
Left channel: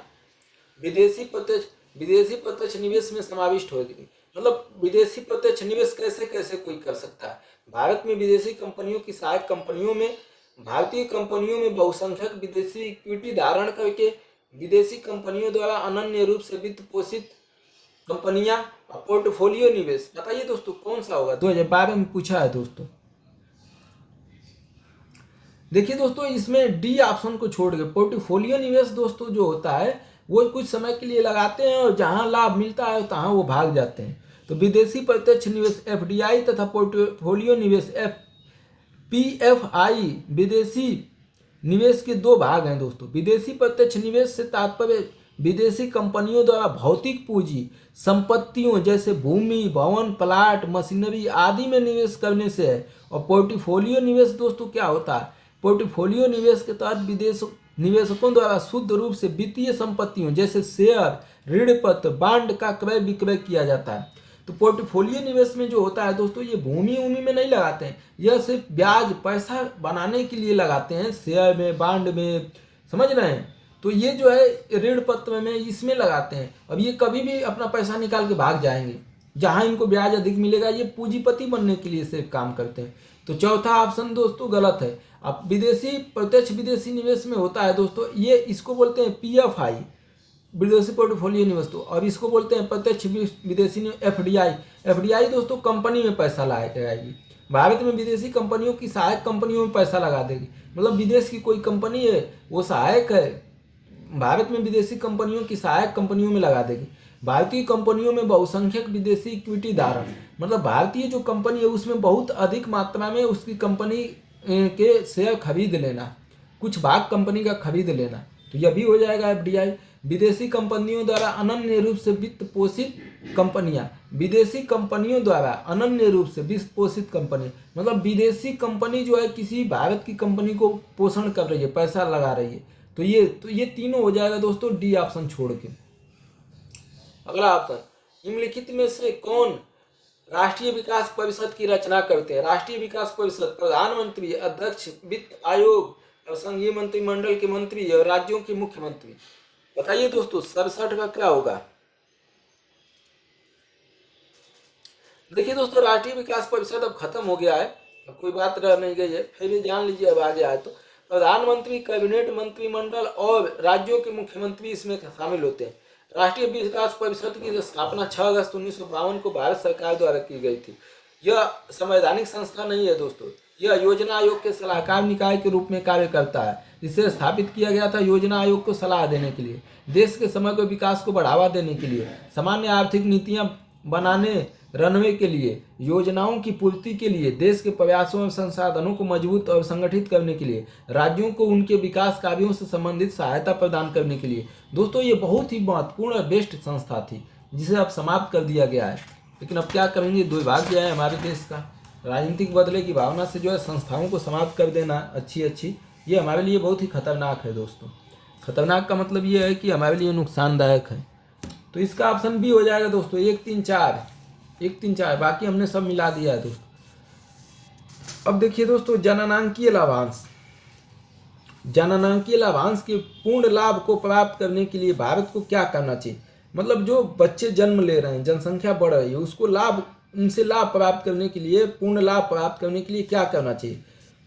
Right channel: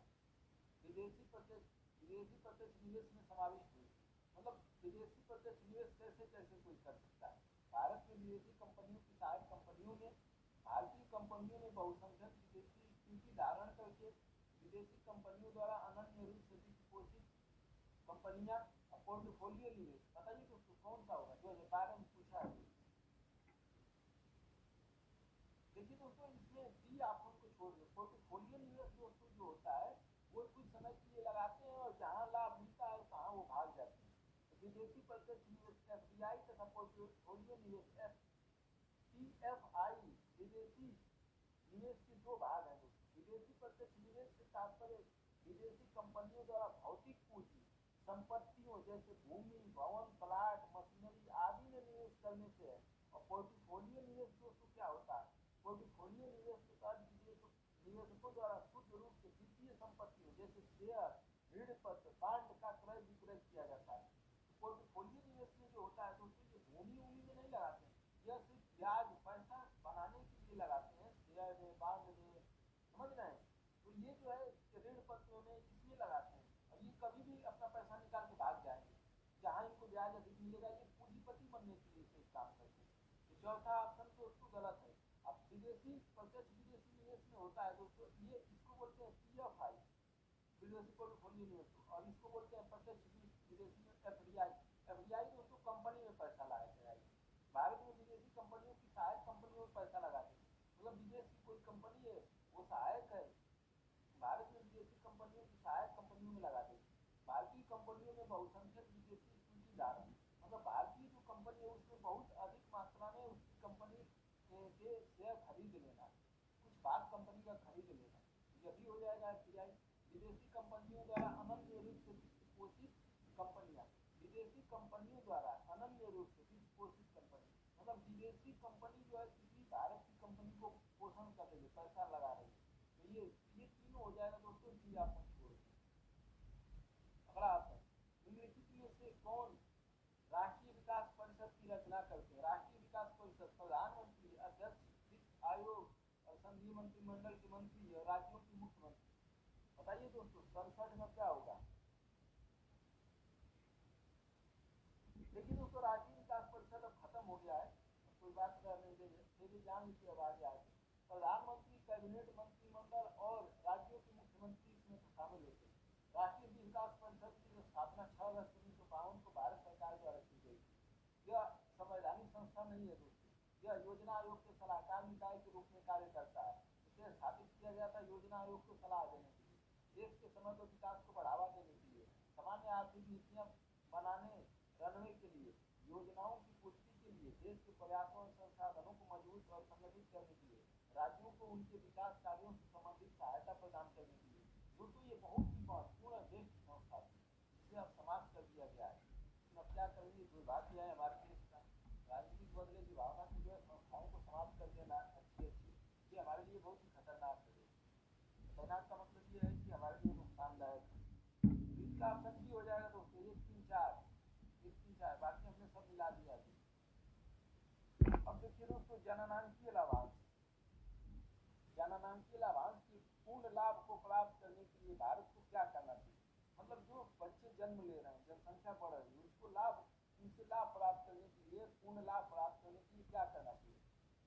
विदेशी प्रत्यक्ष निवेश में समाविष्ट होगी। मतलब विदेशी प्रत्यक्ष निवेश कैसे कैसे कोई कर सकता है? भारत में विदेशी कंपनियों की सहायक कंपनियों में भारतीय कंपनियों में बहुसंख्यक विदेशी इक्विटी धारण करके विदेशी कंपनियों द्वारा अनन्य रूप से वित्त पोषित कंपनियां और पोर्टफोलियो निवेश। बताइए दोस्तों कौन सा होगा? 2012 में पूछा है दोस्तों। देखिए दोस्तों, इसमें डी ऑप्शन को छोड़ के पोर्टफोलियो निवेश दोस्तों जो होता है वो कुछ समय के लिए लगाते हैं और जहां लाभ मिलता है तहां वो भाग जाते हैं। तो विदेशी प्रत्यक्ष निवेश एफडीआई तथा पोर्टफोलियो निवेश पीएफआई विदेशी निवेश के दो भाग हैं दोस्तों। विदेशी प्रत्यक्ष निवेश से तात्पर्य विदेशी कंपनियों द्वारा भौतिक पूंजी संपत्तियों जैसे भूमि, भवन, प्लाट, मशीनरी आदि में निवेश करने से है। और पोर्टफोलियो निवेश दोस्तों क्या होता है? पोर्टफोलियो निवेश के तहत निवेशकों द्वारा शुद्ध रूप से वित्तीय संपत्तियों जैसे शेयर, ऋण पत्र, बांड का क्रय विक्रय किया जाता है। तो पोर्टफोलियो निवेश में जो होता है दोस्तों, ये भूमि में नहीं लगाते हैं, यह सिर्फ ब्याज पैसा बनाने के लिए लगाते हैं, शेयर में, बांड में, समझ रहे हैं? तो ये जो है ऋण पत्र में इसमें लगाते हैं। अब ये कभी भी अपना पैसा निकाल के भाग जाएंगे, जहां इनको ब्याज अधिक मिलेगा। ये पूंजीपति बनने के लिए सिर्फ काम करते हैं। तो चौथा ऑप्शन दोस्तों गलत है। अब प्रत्यक्ष विदेशी निवेश में होता है दोस्तों, ये इसको बोलते हैं पीएफआई विदेशी पोर्टफोलियो निवेश। तो अब इसको बोलते हैं प्रत्यक्ष विदेशी एफडीआई। एफडीआई दोस्तों कंपनी में पैसा लगाएगी। भारत में विदेशी कंपनियों की सहायक कंपनियों में पैसा लगा देगी। मतलब विदेश की कोई कंपनी है वो सहायक है, भारत में विदेशी कंपनियों की सहायक कंपनियों में लगा देगी। भारतीय कंपनियों में बहुसंख्यक विदेशी इक्विटी धारण, मतलब भारतीय जो कंपनी है उसमें बहुत अधिक मात्रा में उसकी कंपनी के शेयर खरीद लेना, कुछ भाग कंपनी का खरीद लेना। तो यह भी हो जाएगा एफडीआई। विदेशी कंपनियों द्वारा अनन्य रूप से वित्त पोषित कंपनियां, विदेशी कंपनियों द्वारा अनन्य रूप से वित्त पोषित कंपनी, मतलब विदेशी कंपनी जो है किसी भारत की कंपनी को पोषण कर रही है, पैसा लगा रही है। तो ये तीनों हो जाएगा दोस्तों डी ऑप्शन छोड़ के। अगला ऑप्शन, निम्नलिखित में से कौन राष्ट्रीय विकास परिषद की रचना करते हैं? राष्ट्रीय विकास परिषद प्रधानमंत्री, अध्यक्ष, वित्त आयोग और संघीय मंत्रिमंडल के मंत्री और राज्यों के मुख्यमंत्री। बताइए दोस्तों 67 का क्या होगा? देखिए दोस्तों, राष्ट्रीय विकास परिषद अब खत्म हो गया है, अब कोई बात रह नहीं गई है, फिर भी जान लीजिए अब आगे आए तो प्रधानमंत्री, कैबिनेट, मंत्रिमंडल और राज्यों के मुख्यमंत्री इसमें शामिल होते हैं। राष्ट्रीय विकास परिषद की स्थापना 6 अगस्त 1952 को भारत सरकार द्वारा की गई थी। यह संवैधानिक संस्था नहीं है दोस्तों, यह योजना आयोग के सलाहकार निकाय के रूप में कार्य करता है। इसे स्थापित किया गया था योजना आयोग को सलाह देने के लिए, देश के समग्र विकास को बढ़ावा देने के लिए, सामान्य आर्थिक नीतियां बनाने, रनवे के लिए, योजनाओं की पूर्ति के लिए, देश के प्रयासों और संसाधनों को मजबूत और संगठित करने के लिए, राज्यों को उनके विकास कार्यों से संबंधित सहायता प्रदान करने के लिए। दोस्तों ये बहुत ही महत्वपूर्ण और बेस्ट संस्था थी जिसे अब समाप्त कर दिया गया है। लेकिन अब क्या करेंगे, दुर्भाग्य है हमारे देश का। राजनीतिक बदले की भावना से जो है संस्थाओं को समाप्त कर देना अच्छी, ये हमारे लिए बहुत ही खतरनाक है दोस्तों। खतरनाक का मतलब ये है कि हमारे लिए नुकसानदायक है। तो इसका ऑप्शन बी हो जाएगा दोस्तों, 1 3 4, 1 3 4, बाकी हमने सब मिला दिया है दोस्तों। अब देखिए दोस्तों, जननांकीय लाभांश। जननांकीय लाभांश के पूर्ण लाभ को प्राप्त करने के लिए भारत को क्या करना चाहिए? मतलब जो बच्चे जन्म ले रहे हैं, जनसंख्या बढ़ रही है, उसको उनसे लाभ प्राप्त करने के लिए, पूर्ण लाभ प्राप्त करने के लिए क्या करना चाहिए?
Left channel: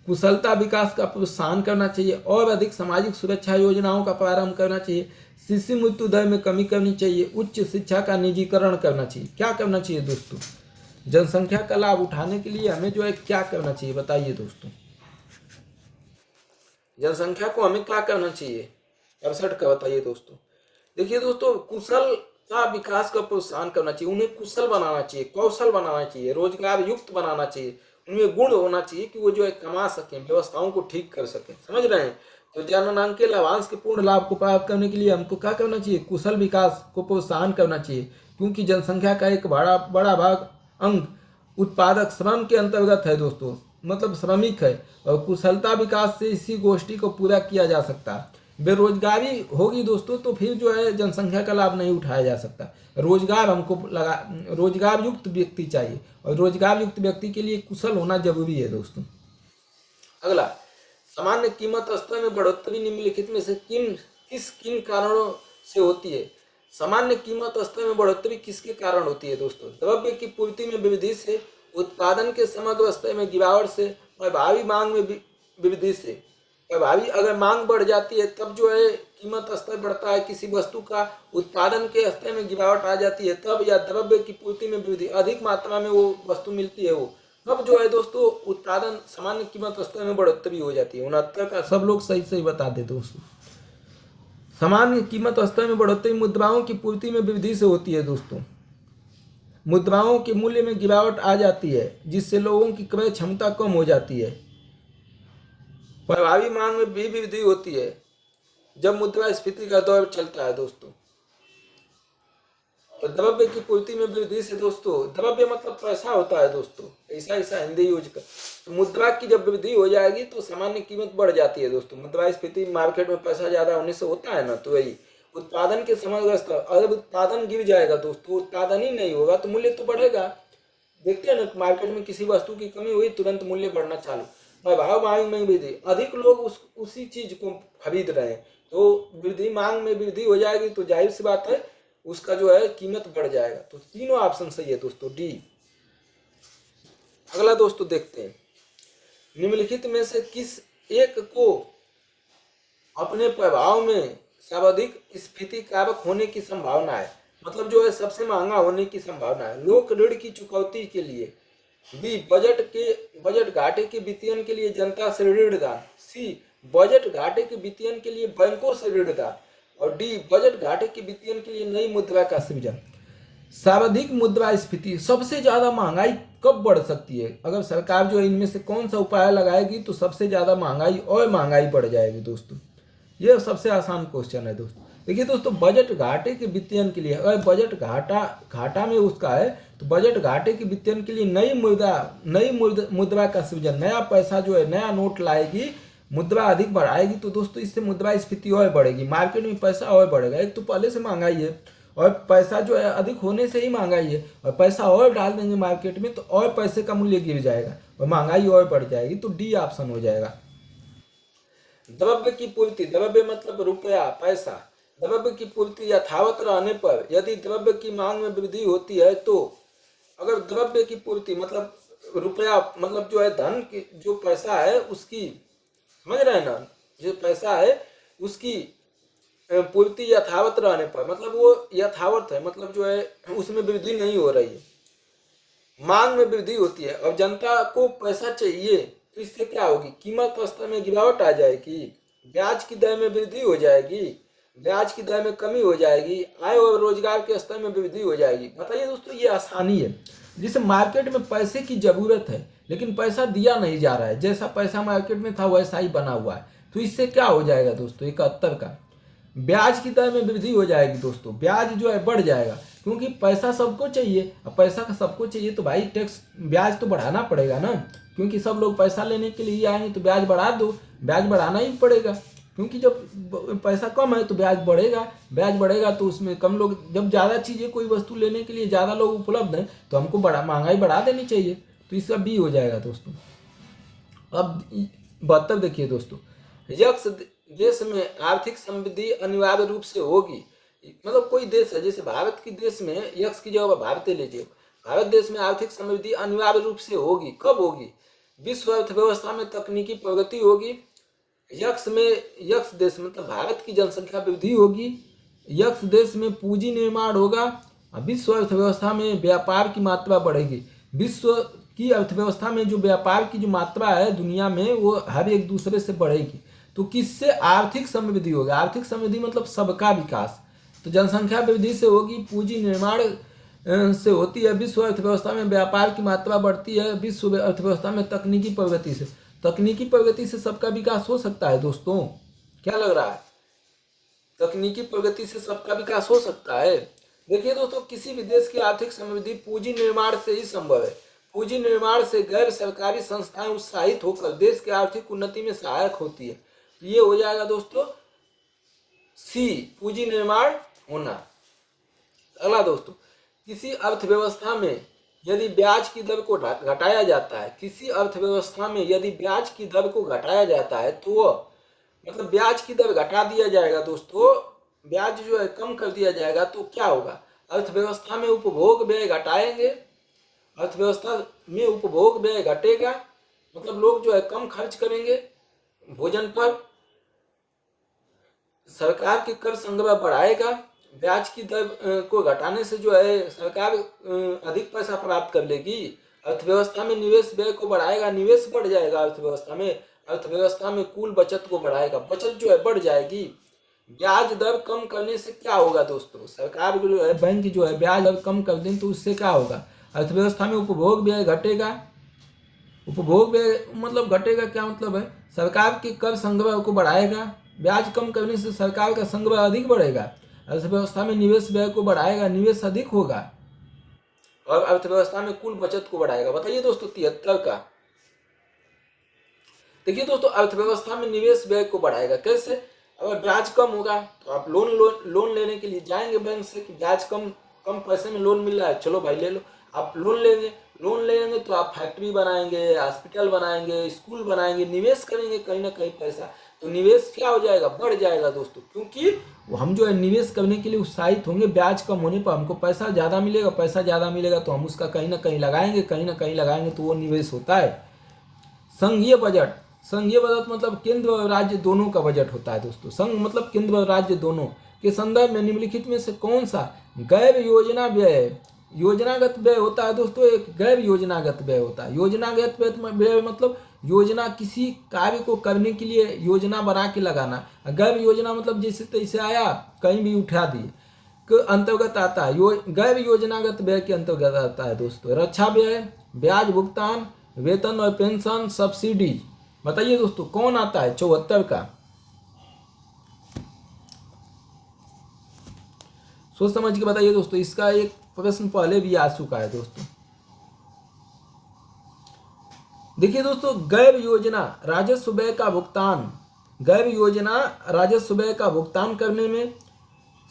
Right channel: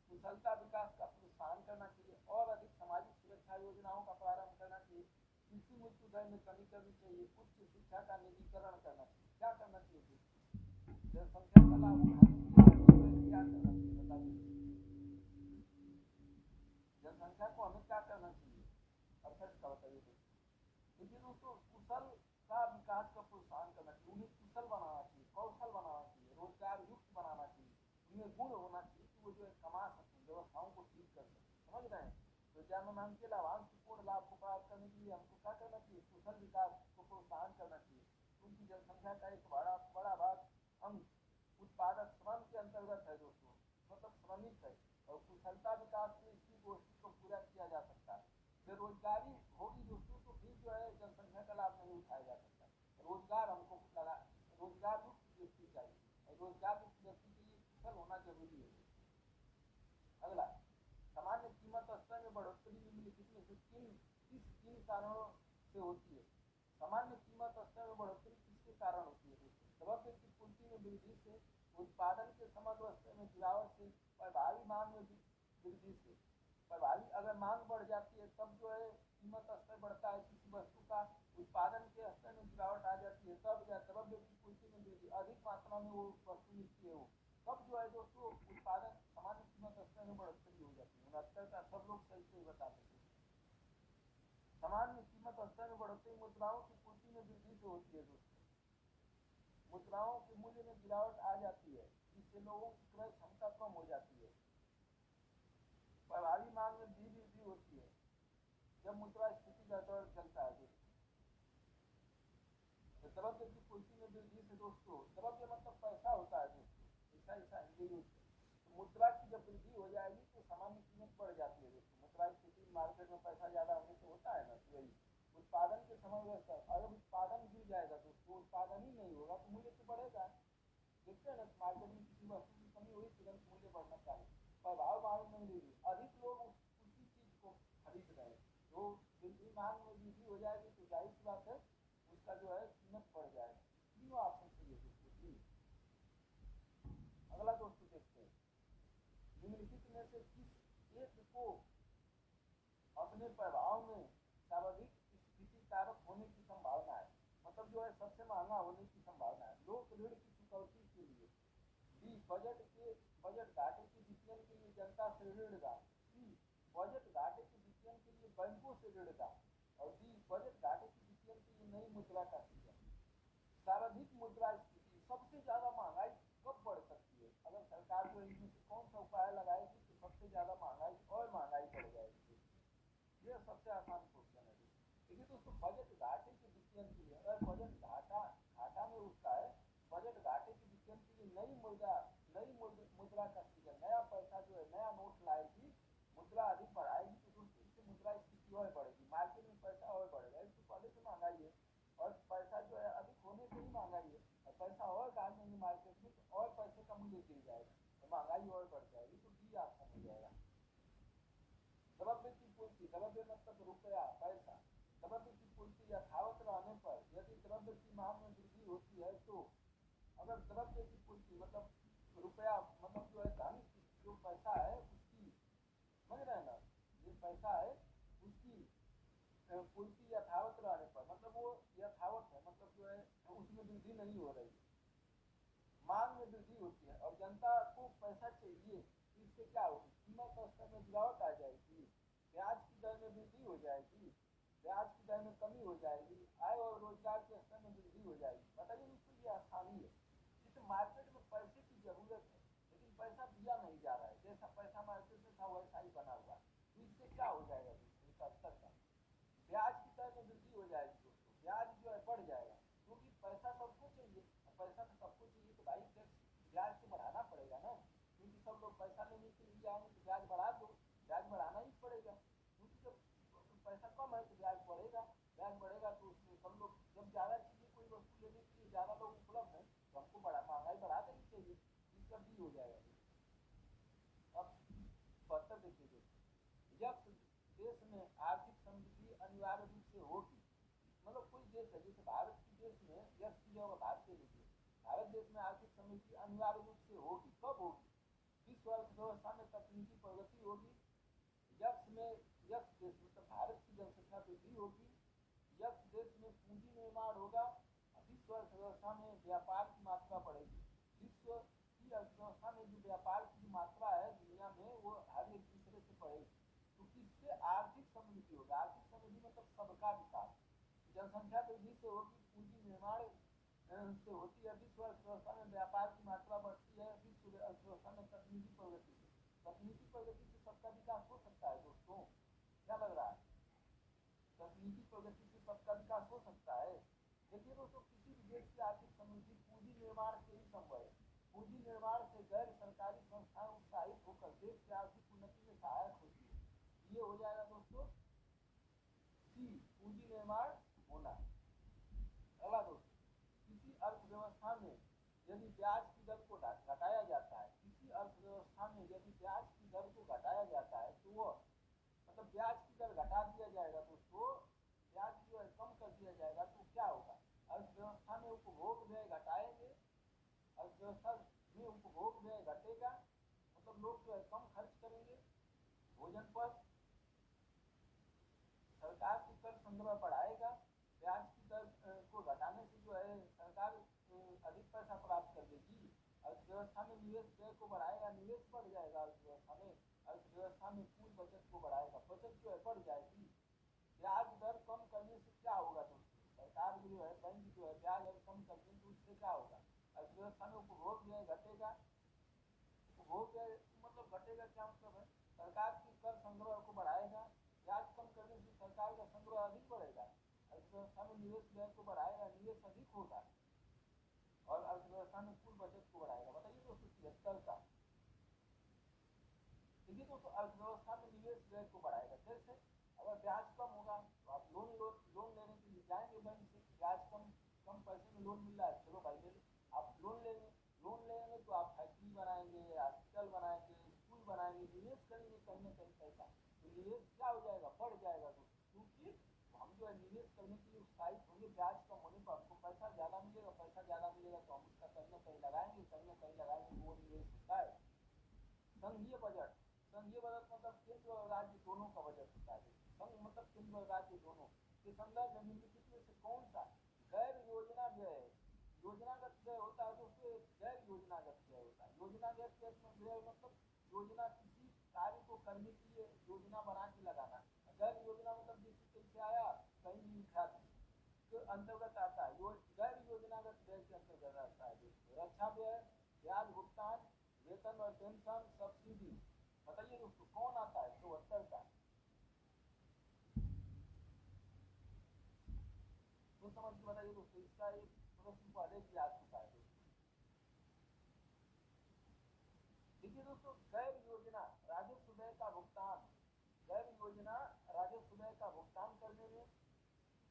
कुशलता विकास का प्रोत्साहन करना चाहिए, और अधिक सामाजिक सुरक्षा योजनाओं का प्रारंभ करना चाहिए, शिशु मृत्यु दर में कमी करनी चाहिए, उच्च शिक्षा का निजीकरण करना चाहिए। क्या करना चाहिए दोस्तों? जनसंख्या का लाभ उठाने के लिए हमें जो है क्या करना चाहिए, बताइए दोस्तों। जनसंख्या को हमें क्या करना चाहिए? 68 का बताइए दोस्तों। देखिए दोस्तों, कुशल का विकास का प्रोत्साहन करना चाहिए, उन्हें कुशल बनाना चाहिए, कौशल बनाना चाहिए, रोजगार युक्त बनाना चाहिए, उनमें गुण होना चाहिए कि वो जो है कमा सकें, व्यवस्थाओं को ठीक कर सकें। समझ रहे हैं? तो जननांकीय लाभांश के पूर्ण लाभ को प्राप्त करने के लिए हमको क्या करना चाहिए? कुशल विकास को प्रोत्साहन करना चाहिए, क्योंकि जनसंख्या का एक बड़ा भाग अंग उत्पादक श्रम के अंतर्गत है दोस्तों, मतलब श्रमिक है, और कुशलता विकास से इसी गोष्ठी को पूरा किया जा सकता है। बेरोजगारी होगी दोस्तों तो फिर जो है जनसंख्या का लाभ नहीं उठाया जा सकता। रोजगार हमको रोजगार युक्त व्यक्ति चाहिए, और रोजगार युक्त व्यक्ति के लिए कुशल होना जरूरी है दोस्तों। अगला, सामान्य कीमत स्तर में बढ़ोतरी निम्नलिखित में से किस कारणों से होती है? सामान्य कीमत स्तर में बढ़ोतरी किसके कारण होती है दोस्तों? द्रव्य की पूर्ति में वृद्धि से, उत्पादन के समग्र स्तर में गिरावट से, और भावी मांग में वृद्धि से। भावी अगर मांग बढ़ जाती है तब जो है कीमत स्तर बढ़ता है किसी वस्तु का, उत्पादन के स्तर में गिरावट आ जाती है तब, या द्रव्य की पूर्ति में वृद्धि, अधिक मात्रा में वो वस्तु मिलती है वो, तब जो है दोस्तों उत्पादन सामान्य कीमत स्तर में बढ़ोतरी हो जाती है। 69 का सब लोग सही बता दे दोस्तों। सामान्य कीमत स्तर में बढ़ोतरी मुद्राओं की पूर्ति में वृद्धि से होती है दोस्तों। मुद्राओं के मूल्य में गिरावट आ जाती है जिससे लोगों की क्रय क्षमता कम हो जाती है। प्रभावी मांग में भी वृद्धि होती है जब मुद्रास्फीति का दौर चलता है दोस्तों। तो द्रव्य की पूर्ति में वृद्धि से दोस्तों, द्रव्य मतलब पैसा होता है दोस्तों, ऐसा हिंदी यूज कर। तो मुद्रा की जब वृद्धि हो जाएगी तो सामान्य कीमत बढ़ जाती है दोस्तों। मुद्रास्फीति मार्केट में पैसा ज्यादा होने से होता है ना, तो वही उत्पादन के समग्र स्तर, अगर उत्पादन गिर जाएगा दोस्तों, उत्पादन ही नहीं होगा तो मूल्य तो बढ़ेगा। देखते हैं ना, मार्केट में किसी वस्तु की कमी हुई तुरंत मूल्य बढ़ना चालू, भाव मांग में वृद्धि, अधिक लोग उसी चीज को खरीद रहे हैं, तो वृद्धि मांग में वृद्धि हो जाएगी तो जाहिर सी बात है उसका जो है कीमत बढ़ जाएगा। तो तीनों ऑप्शन सही है दोस्तों, डी। अगला दोस्तों देखते हैं, निम्नलिखित में से किस एक को अपने प्रभाव में सर्वाधिक स्फीति कारक होने की संभावना है? मतलब जो है सबसे महंगा होने की संभावना है। लोक ऋण की चुकौती के लिए, बी बजट घाटे के वित्तीयन के लिए जनता से ऋणदान, सी बजट घाटे के वित्तीयन के लिए बैंकों से ऋणदान, और डी बजट घाटे के वित्तीयन के लिए नई मुद्रा का सृजन। सर्वाधिक मुद्रास्फीति, सबसे ज्यादा महंगाई कब बढ़ सकती है? अगर सरकार जो है इनमें से कौन सा उपाय लगाएगी तो सबसे ज्यादा महंगाई और महंगाई बढ़ जाएगी दोस्तों। ये सबसे आसान क्वेश्चन है दोस्तों। देखिए दोस्तों, बजट घाटे के वित्तीयन के लिए, अगर बजट घाटा में उसका है तो बजट घाटे के वित्तीयन के लिए नई मुद्रा का सृजन, नया पैसा जो है, नया नोट लाएगी, मुद्रा अधिक बढ़ाएगी, तो दोस्तों इससे मुद्रास्फीति और बढ़ेगी, मार्केट में पैसा और बढ़ेगा। एक तो पहले से महंगाई है, और पैसा जो है अधिक होने से ही महंगाई है, और पैसा और डाल देंगे मार्केट में तो और पैसे का मूल्य गिर जाएगा और महंगाई और बढ़ जाएगी। तो डी ऑप्शन हो जाएगा। द्रव्य की पूर्ति, द्रव्य मतलब रुपया, पैसा, द्रव्य की पूर्ति यथावत रहने पर यदि द्रव्य की मांग में वृद्धि होती है, तो अगर द्रव्य की पूर्ति मतलब रुपया मतलब जो है धन की जो पैसा है उसकी, समझ रहे हैं ना, जो पैसा है उसकी पूर्ति यथावत रहने पर, मतलब वो यथावत है, मतलब जो है उसमें वृद्धि नहीं हो रही है, मांग में वृद्धि होती है और जनता को पैसा चाहिए, तो इससे क्या होगी? कीमत स्तर में गिरावट आ जाएगी, ब्याज की दर में वृद्धि हो जाएगी, ब्याज की दर में कमी हो जाएगी, आय और रोजगार के स्तर में वृद्धि हो जाएगी। बताइए दोस्तों, ये आसानी है। जिस मार्केट में पैसे की जरूरत है लेकिन पैसा दिया नहीं जा रहा है, जैसा पैसा मार्केट में था वैसा ही बना हुआ है, तो इससे क्या हो जाएगा दोस्तों? 71 का ब्याज की दर में वृद्धि हो जाएगी दोस्तों, ब्याज जो है बढ़ जाएगा। क्योंकि पैसा सबको चाहिए। अब पैसा का सबको चाहिए तो भाई टैक्स ब्याज तो बढ़ाना पड़ेगा ना, क्योंकि सब लोग पैसा लेने के लिए आएंगे तो ब्याज बढ़ा दो, ब्याज बढ़ाना ही पड़ेगा। क्योंकि जब पैसा कम है तो ब्याज बढ़ेगा, ब्याज बढ़ेगा तो उसमें कम लोग, जब ज़्यादा चीज़ें कोई वस्तु लेने के लिए ज़्यादा लोग उपलब्ध हैं तो हमको महंगाई बढ़ा देनी चाहिए। तो इसका बी हो जाएगा दोस्तों। अब 72 देखिए दोस्तों, यक्ष देश में आर्थिक समृद्धि अनिवार्य रूप से होगी। मतलब कोई देश है, जैसे भारत की देश में यक्ष की जगह भारत लीजिए, भारत देश में आर्थिक समृद्धि अनिवार्य रूप से होगी। कब होगी? विश्व अर्थव्यवस्था में तकनीकी प्रगति होगी। यक्ष देश मतलब भारत की जनसंख्या वृद्धि होगी। यक्ष देश में पूंजी निर्माण होगा। विश्व अर्थव्यवस्था में व्यापार की मात्रा बढ़ेगी। विश्व की अर्थव्यवस्था में जो व्यापार की जो मात्रा है दुनिया में वो हर एक दूसरे से बढ़ेगी। तो किससे? आर्थिक समृद्धि होगी। आर्थिक समृद्धि मतलब सबका विकास। तो जनसंख्या वृद्धि से होगी, पूंजी निर्माण से होती है, विश्व अर्थव्यवस्था में व्यापार की मात्रा बढ़ती है, विश्व अर्थव्यवस्था में तकनीकी प्रगति से, तकनीकी प्रगति से सबका विकास हो सकता है दोस्तों। क्या लग रहा है? तकनीकी प्रगति से सबका विकास हो सकता है। देखिए दोस्तों, किसी भी देश की आर्थिक समृद्धि पूंजी निर्माण से ही संभव है। पूंजी निर्माण से गैर सरकारी संस्थाएं उत्साहित होकर देश की आर्थिक उन्नति में सहायक होती है। ये हो जाएगा दोस्तों सी, पूंजी निर्माण होना। अगला दोस्तों, किसी अर्थव्यवस्था में यदि ब्याज की दर को घटाया जाता है, किसी अर्थव्यवस्था में यदि ब्याज की दर को घटाया जाता है तो वो मतलब ब्याज की दर घटा दिया जाएगा दोस्तों, ब्याज जो है कम कर दिया जाएगा तो क्या होगा? अर्थव्यवस्था में उपभोग व्यय घटाएंगे, अर्थव्यवस्था में उपभोग व्यय घटेगा, मतलब लोग जो है कम खर्च करेंगे भोजन पर, सरकार की कर संग्रह बढ़ाएगा। ब्याज की दर को घटाने से जो है सरकार अधिक पैसा प्राप्त कर लेगी। अर्थव्यवस्था में निवेश व्यय को बढ़ाएगा, निवेश बढ़ जाएगा अर्थव्यवस्था में, अर्थव्यवस्था में कुल बचत को बढ़ाएगा, बचत जो है बढ़ जाएगी। ब्याज दर कम करने से क्या होगा दोस्तों? सरकार जो है, बैंक जो है ब्याज दर कम कर दें तो उससे क्या होगा? अर्थव्यवस्था में उपभोग व्यय घटेगा। उपभोग व्यय मतलब घटेगा, क्या मतलब है? सरकार के कर संग्रह को बढ़ाएगा। ब्याज कम करने से सरकार का संग्रह अधिक बढ़ेगा। अर्थव्यवस्था में निवेश व्यय को बढ़ाएगा, निवेश अधिक होगा, और अर्थव्यवस्था में कुल बचत को बढ़ाएगा। बताइए दोस्तों 73 का। देखिए दोस्तों, अर्थव्यवस्था में निवेश व्यय को बढ़ाएगा कैसे? अगर ब्याज कम होगा तो आप लोन लेने के लिए जाएंगे बैंक से कि ब्याज कम पैसे में लोन मिल रहा है, चलो भाई ले लो। आप लोन लेंगे तो आप फैक्ट्री बनाएंगे, हॉस्पिटल बनाएंगे, स्कूल बनाएंगे, निवेश करेंगे कहीं ना कहीं पैसा, तो निवेश क्या हो जाएगा? बढ़ जाएगा दोस्तों, क्योंकि हम जो है निवेश करने के लिए उत्साहित होंगे। ब्याज कम होने पर हमको पैसा ज़्यादा मिलेगा, पैसा ज़्यादा मिलेगा तो हम उसका कहीं ना कहीं लगाएंगे, तो वो निवेश होता है। संघीय बजट, संघीय बजट मतलब केंद्र और राज्य दोनों का बजट होता है दोस्तों। संघ मतलब केंद्र और राज्य दोनों के संदर्भ में निम्नलिखित में से कौन सा गैर योजना व्यय, योजनागत व्यय होता है दोस्तों? एक गैर योजनागत व्यय होता है। योजनागत व्यय मतलब योजना, किसी कार्य को करने के लिए योजना बना के लगाना। गैर योजना मतलब जैसे तैसे आया कहीं भी उठा दिए के अंतर्गत आता है। गैर योजनागत व्यय के अंतर्गत आता है दोस्तों रक्षा व्यय, ब्याज भुगतान, वेतन और पेंशन, सब्सिडी। बताइए दोस्तों कौन आता है 74 का? सोच समझ के बताइए दोस्तों, इसका एक प्रश्न पहले भी आ चुका है दोस्तों। देखिए दोस्तों, गैर योजना राजस्व व्यय का भुगतान, गैर योजना राजस्व व्यय का भुगतान करने में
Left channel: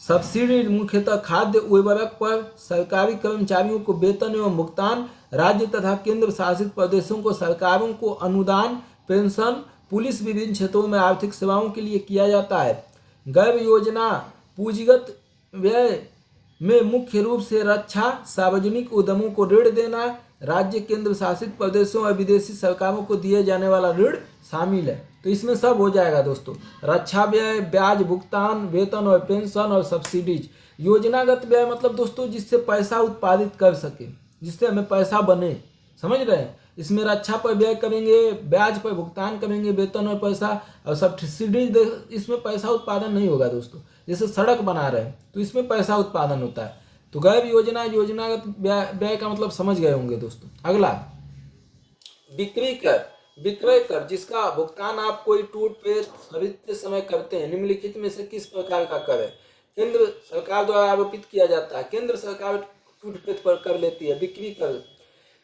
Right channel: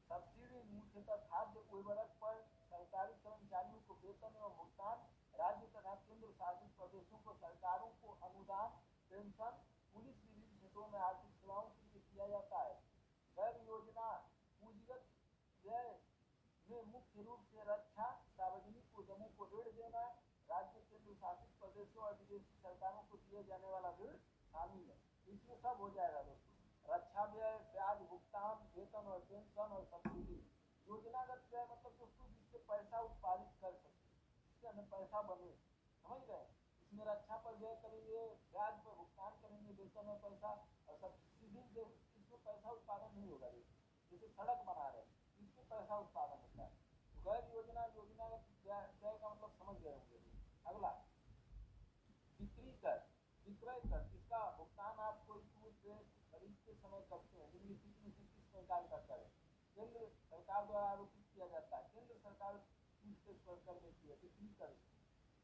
सब्सिडी मुख्यतः खाद्य उर्वरक पर, सरकारी कर्मचारियों को वेतन एवं भुगतान, राज्य तथा केंद्र शासित प्रदेशों को सरकारों को अनुदान, पेंशन, पुलिस विभिन्न क्षेत्रों में आर्थिक सेवाओं के लिए किया जाता है। गैर योजना पूंजीगत व्यय में मुख्य रूप से रक्षा, सार्वजनिक उद्यमों को ऋण देना, राज्य केंद्र शासित प्रदेशों और विदेशी सरकारों को दिए जाने वाला ऋण शामिल है। तो इसमें सब हो जाएगा दोस्तों, रक्षा व्यय, ब्याज भुगतान, वेतन और पेंशन और सब्सिडीज। योजनागत व्यय मतलब दोस्तों जिससे पैसा उत्पादित कर सके, जिससे हमें पैसा बने, समझ रहे हैं? इसमें रक्षा पर व्यय करेंगे, ब्याज पर भुगतान करेंगे, वेतन और पैसा, और सब्सिडीज इसमें पैसा उत्पादन नहीं होगा दोस्तों। जैसे सड़क बना रहे हैं तो इसमें पैसा उत्पादन होता है। तो गैर योजनागत व्यय का मतलब समझ गए होंगे दोस्तों। अगला बिक्री कर, विक्रय कर जिसका भुगतान आप कोई टूथपेस्ट खरीदते समय करते हैं, निम्नलिखित में से किस प्रकार का कर है? केंद्र सरकार द्वारा आरोपित किया जाता है। केंद्र सरकार टूथपेस्ट पर कर लेती है बिक्री कर,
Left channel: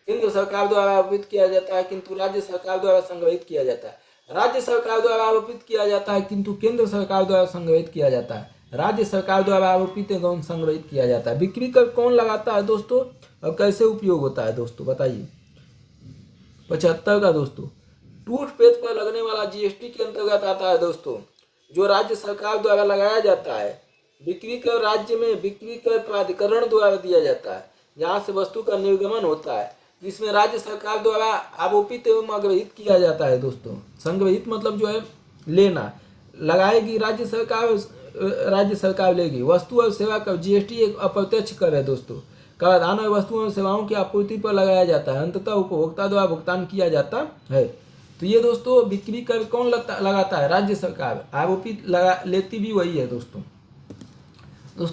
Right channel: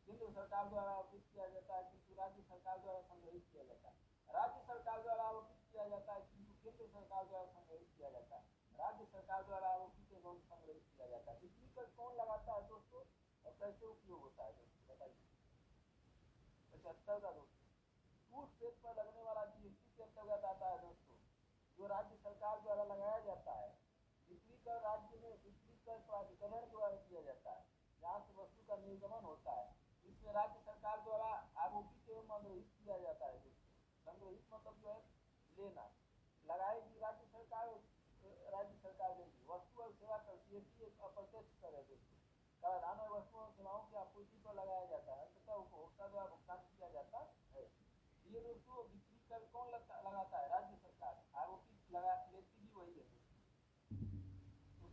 केंद्र सरकार द्वारा आरोपित किया जाता है किंतु राज्य सरकार द्वारा संग्रहित किया जाता है। राज्य सरकार द्वारा आरोपित किया जाता है किंतु केंद्र सरकार द्वारा संग्रहित किया जाता है। राज्य सरकार द्वारा आरोपित एवं संग्रहित किया जाता है। बिक्री कर कौन लगाता है दोस्तों और कैसे उपयोग होता है दोस्तों बताइए। 75 का दोस्तों, टूथपेस्ट पर लगने वाला जीएसटी के अंतर्गत आता है दोस्तों, जो राज्य सरकार द्वारा लगाया जाता है। बिक्री कर राज्य में बिक्री कर प्राधिकरण द्वारा दिया जाता है, जहाँ से वस्तु का निर्गमन होता है, जिसमें राज्य सरकार द्वारा आरोपित एवं आग्रहित किया जाता है दोस्तों। संग्रहित मतलब जो है लेना, लगाएगी राज्य सरकार लेगी। वस्तु और सेवा कर जीएसटी एक अप्रत्यक्ष कर है दोस्तों। कराधान और वस्तुओं और सेवाओं की आपूर्ति पर लगाया जाता है, अंततः उपभोक्ता द्वारा भुगतान किया जाता है। तो ये दोस्तों बिक्री कर कौन लगाता है? राज्य सरकार। आरोपित लेती भी वही है दोस्तों।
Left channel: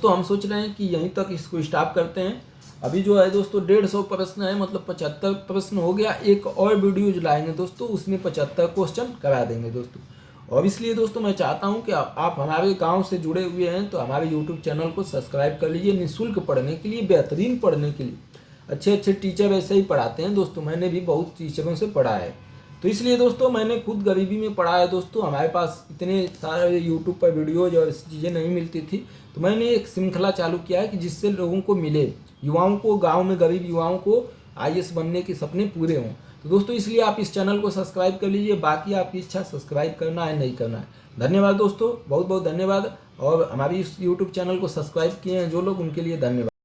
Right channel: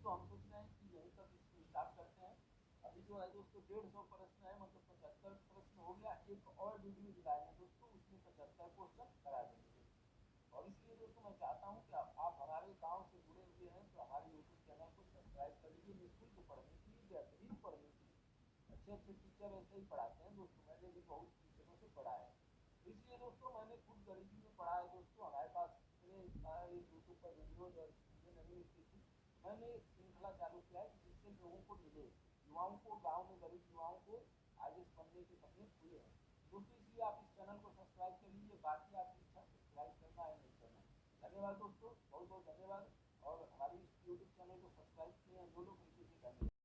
हम सोच रहे हैं कि यहीं तक इसको स्टॉप करते हैं। अभी जो है दोस्तों 150 प्रश्न है, मतलब 75 प्रश्न हो गया। एक और वीडियो लाएंगे दोस्तों, उसमें 75 क्वेश्चन करा देंगे दोस्तों। और इसलिए दोस्तों मैं चाहता हूं कि आप हमारे गांव से जुड़े हुए हैं तो हमारे यूट्यूब चैनल को सब्सक्राइब कर लीजिए। निःशुल्क पढ़ने के लिए, बेहतरीन पढ़ने के लिए, अच्छे टीचर वैसे ही पढ़ाते हैं दोस्तों। मैंने भी बहुत टीचरों से पढ़ा है, तो इसलिए दोस्तों मैंने खुद गरीबी में पढ़ा है दोस्तों। हमारे पास इतने सारे यूट्यूब पर वीडियोज और चीज़ें नहीं मिलती थी, तो मैंने एक श्रृंखला चालू किया है कि जिससे लोगों को मिले, युवाओं को, गांव में गरीब युवाओं को आईएएस बनने के सपने पूरे हों। तो दोस्तों इसलिए आप इस चैनल को सब्सक्राइब कर लीजिए। बाकी आपकी इच्छा, सब्सक्राइब करना है नहीं करना है। धन्यवाद दोस्तों, बहुत बहुत धन्यवाद। और हमारी इस यूट्यूब चैनल को सब्सक्राइब किए हैं जो लोग, उनके लिए धन्यवाद।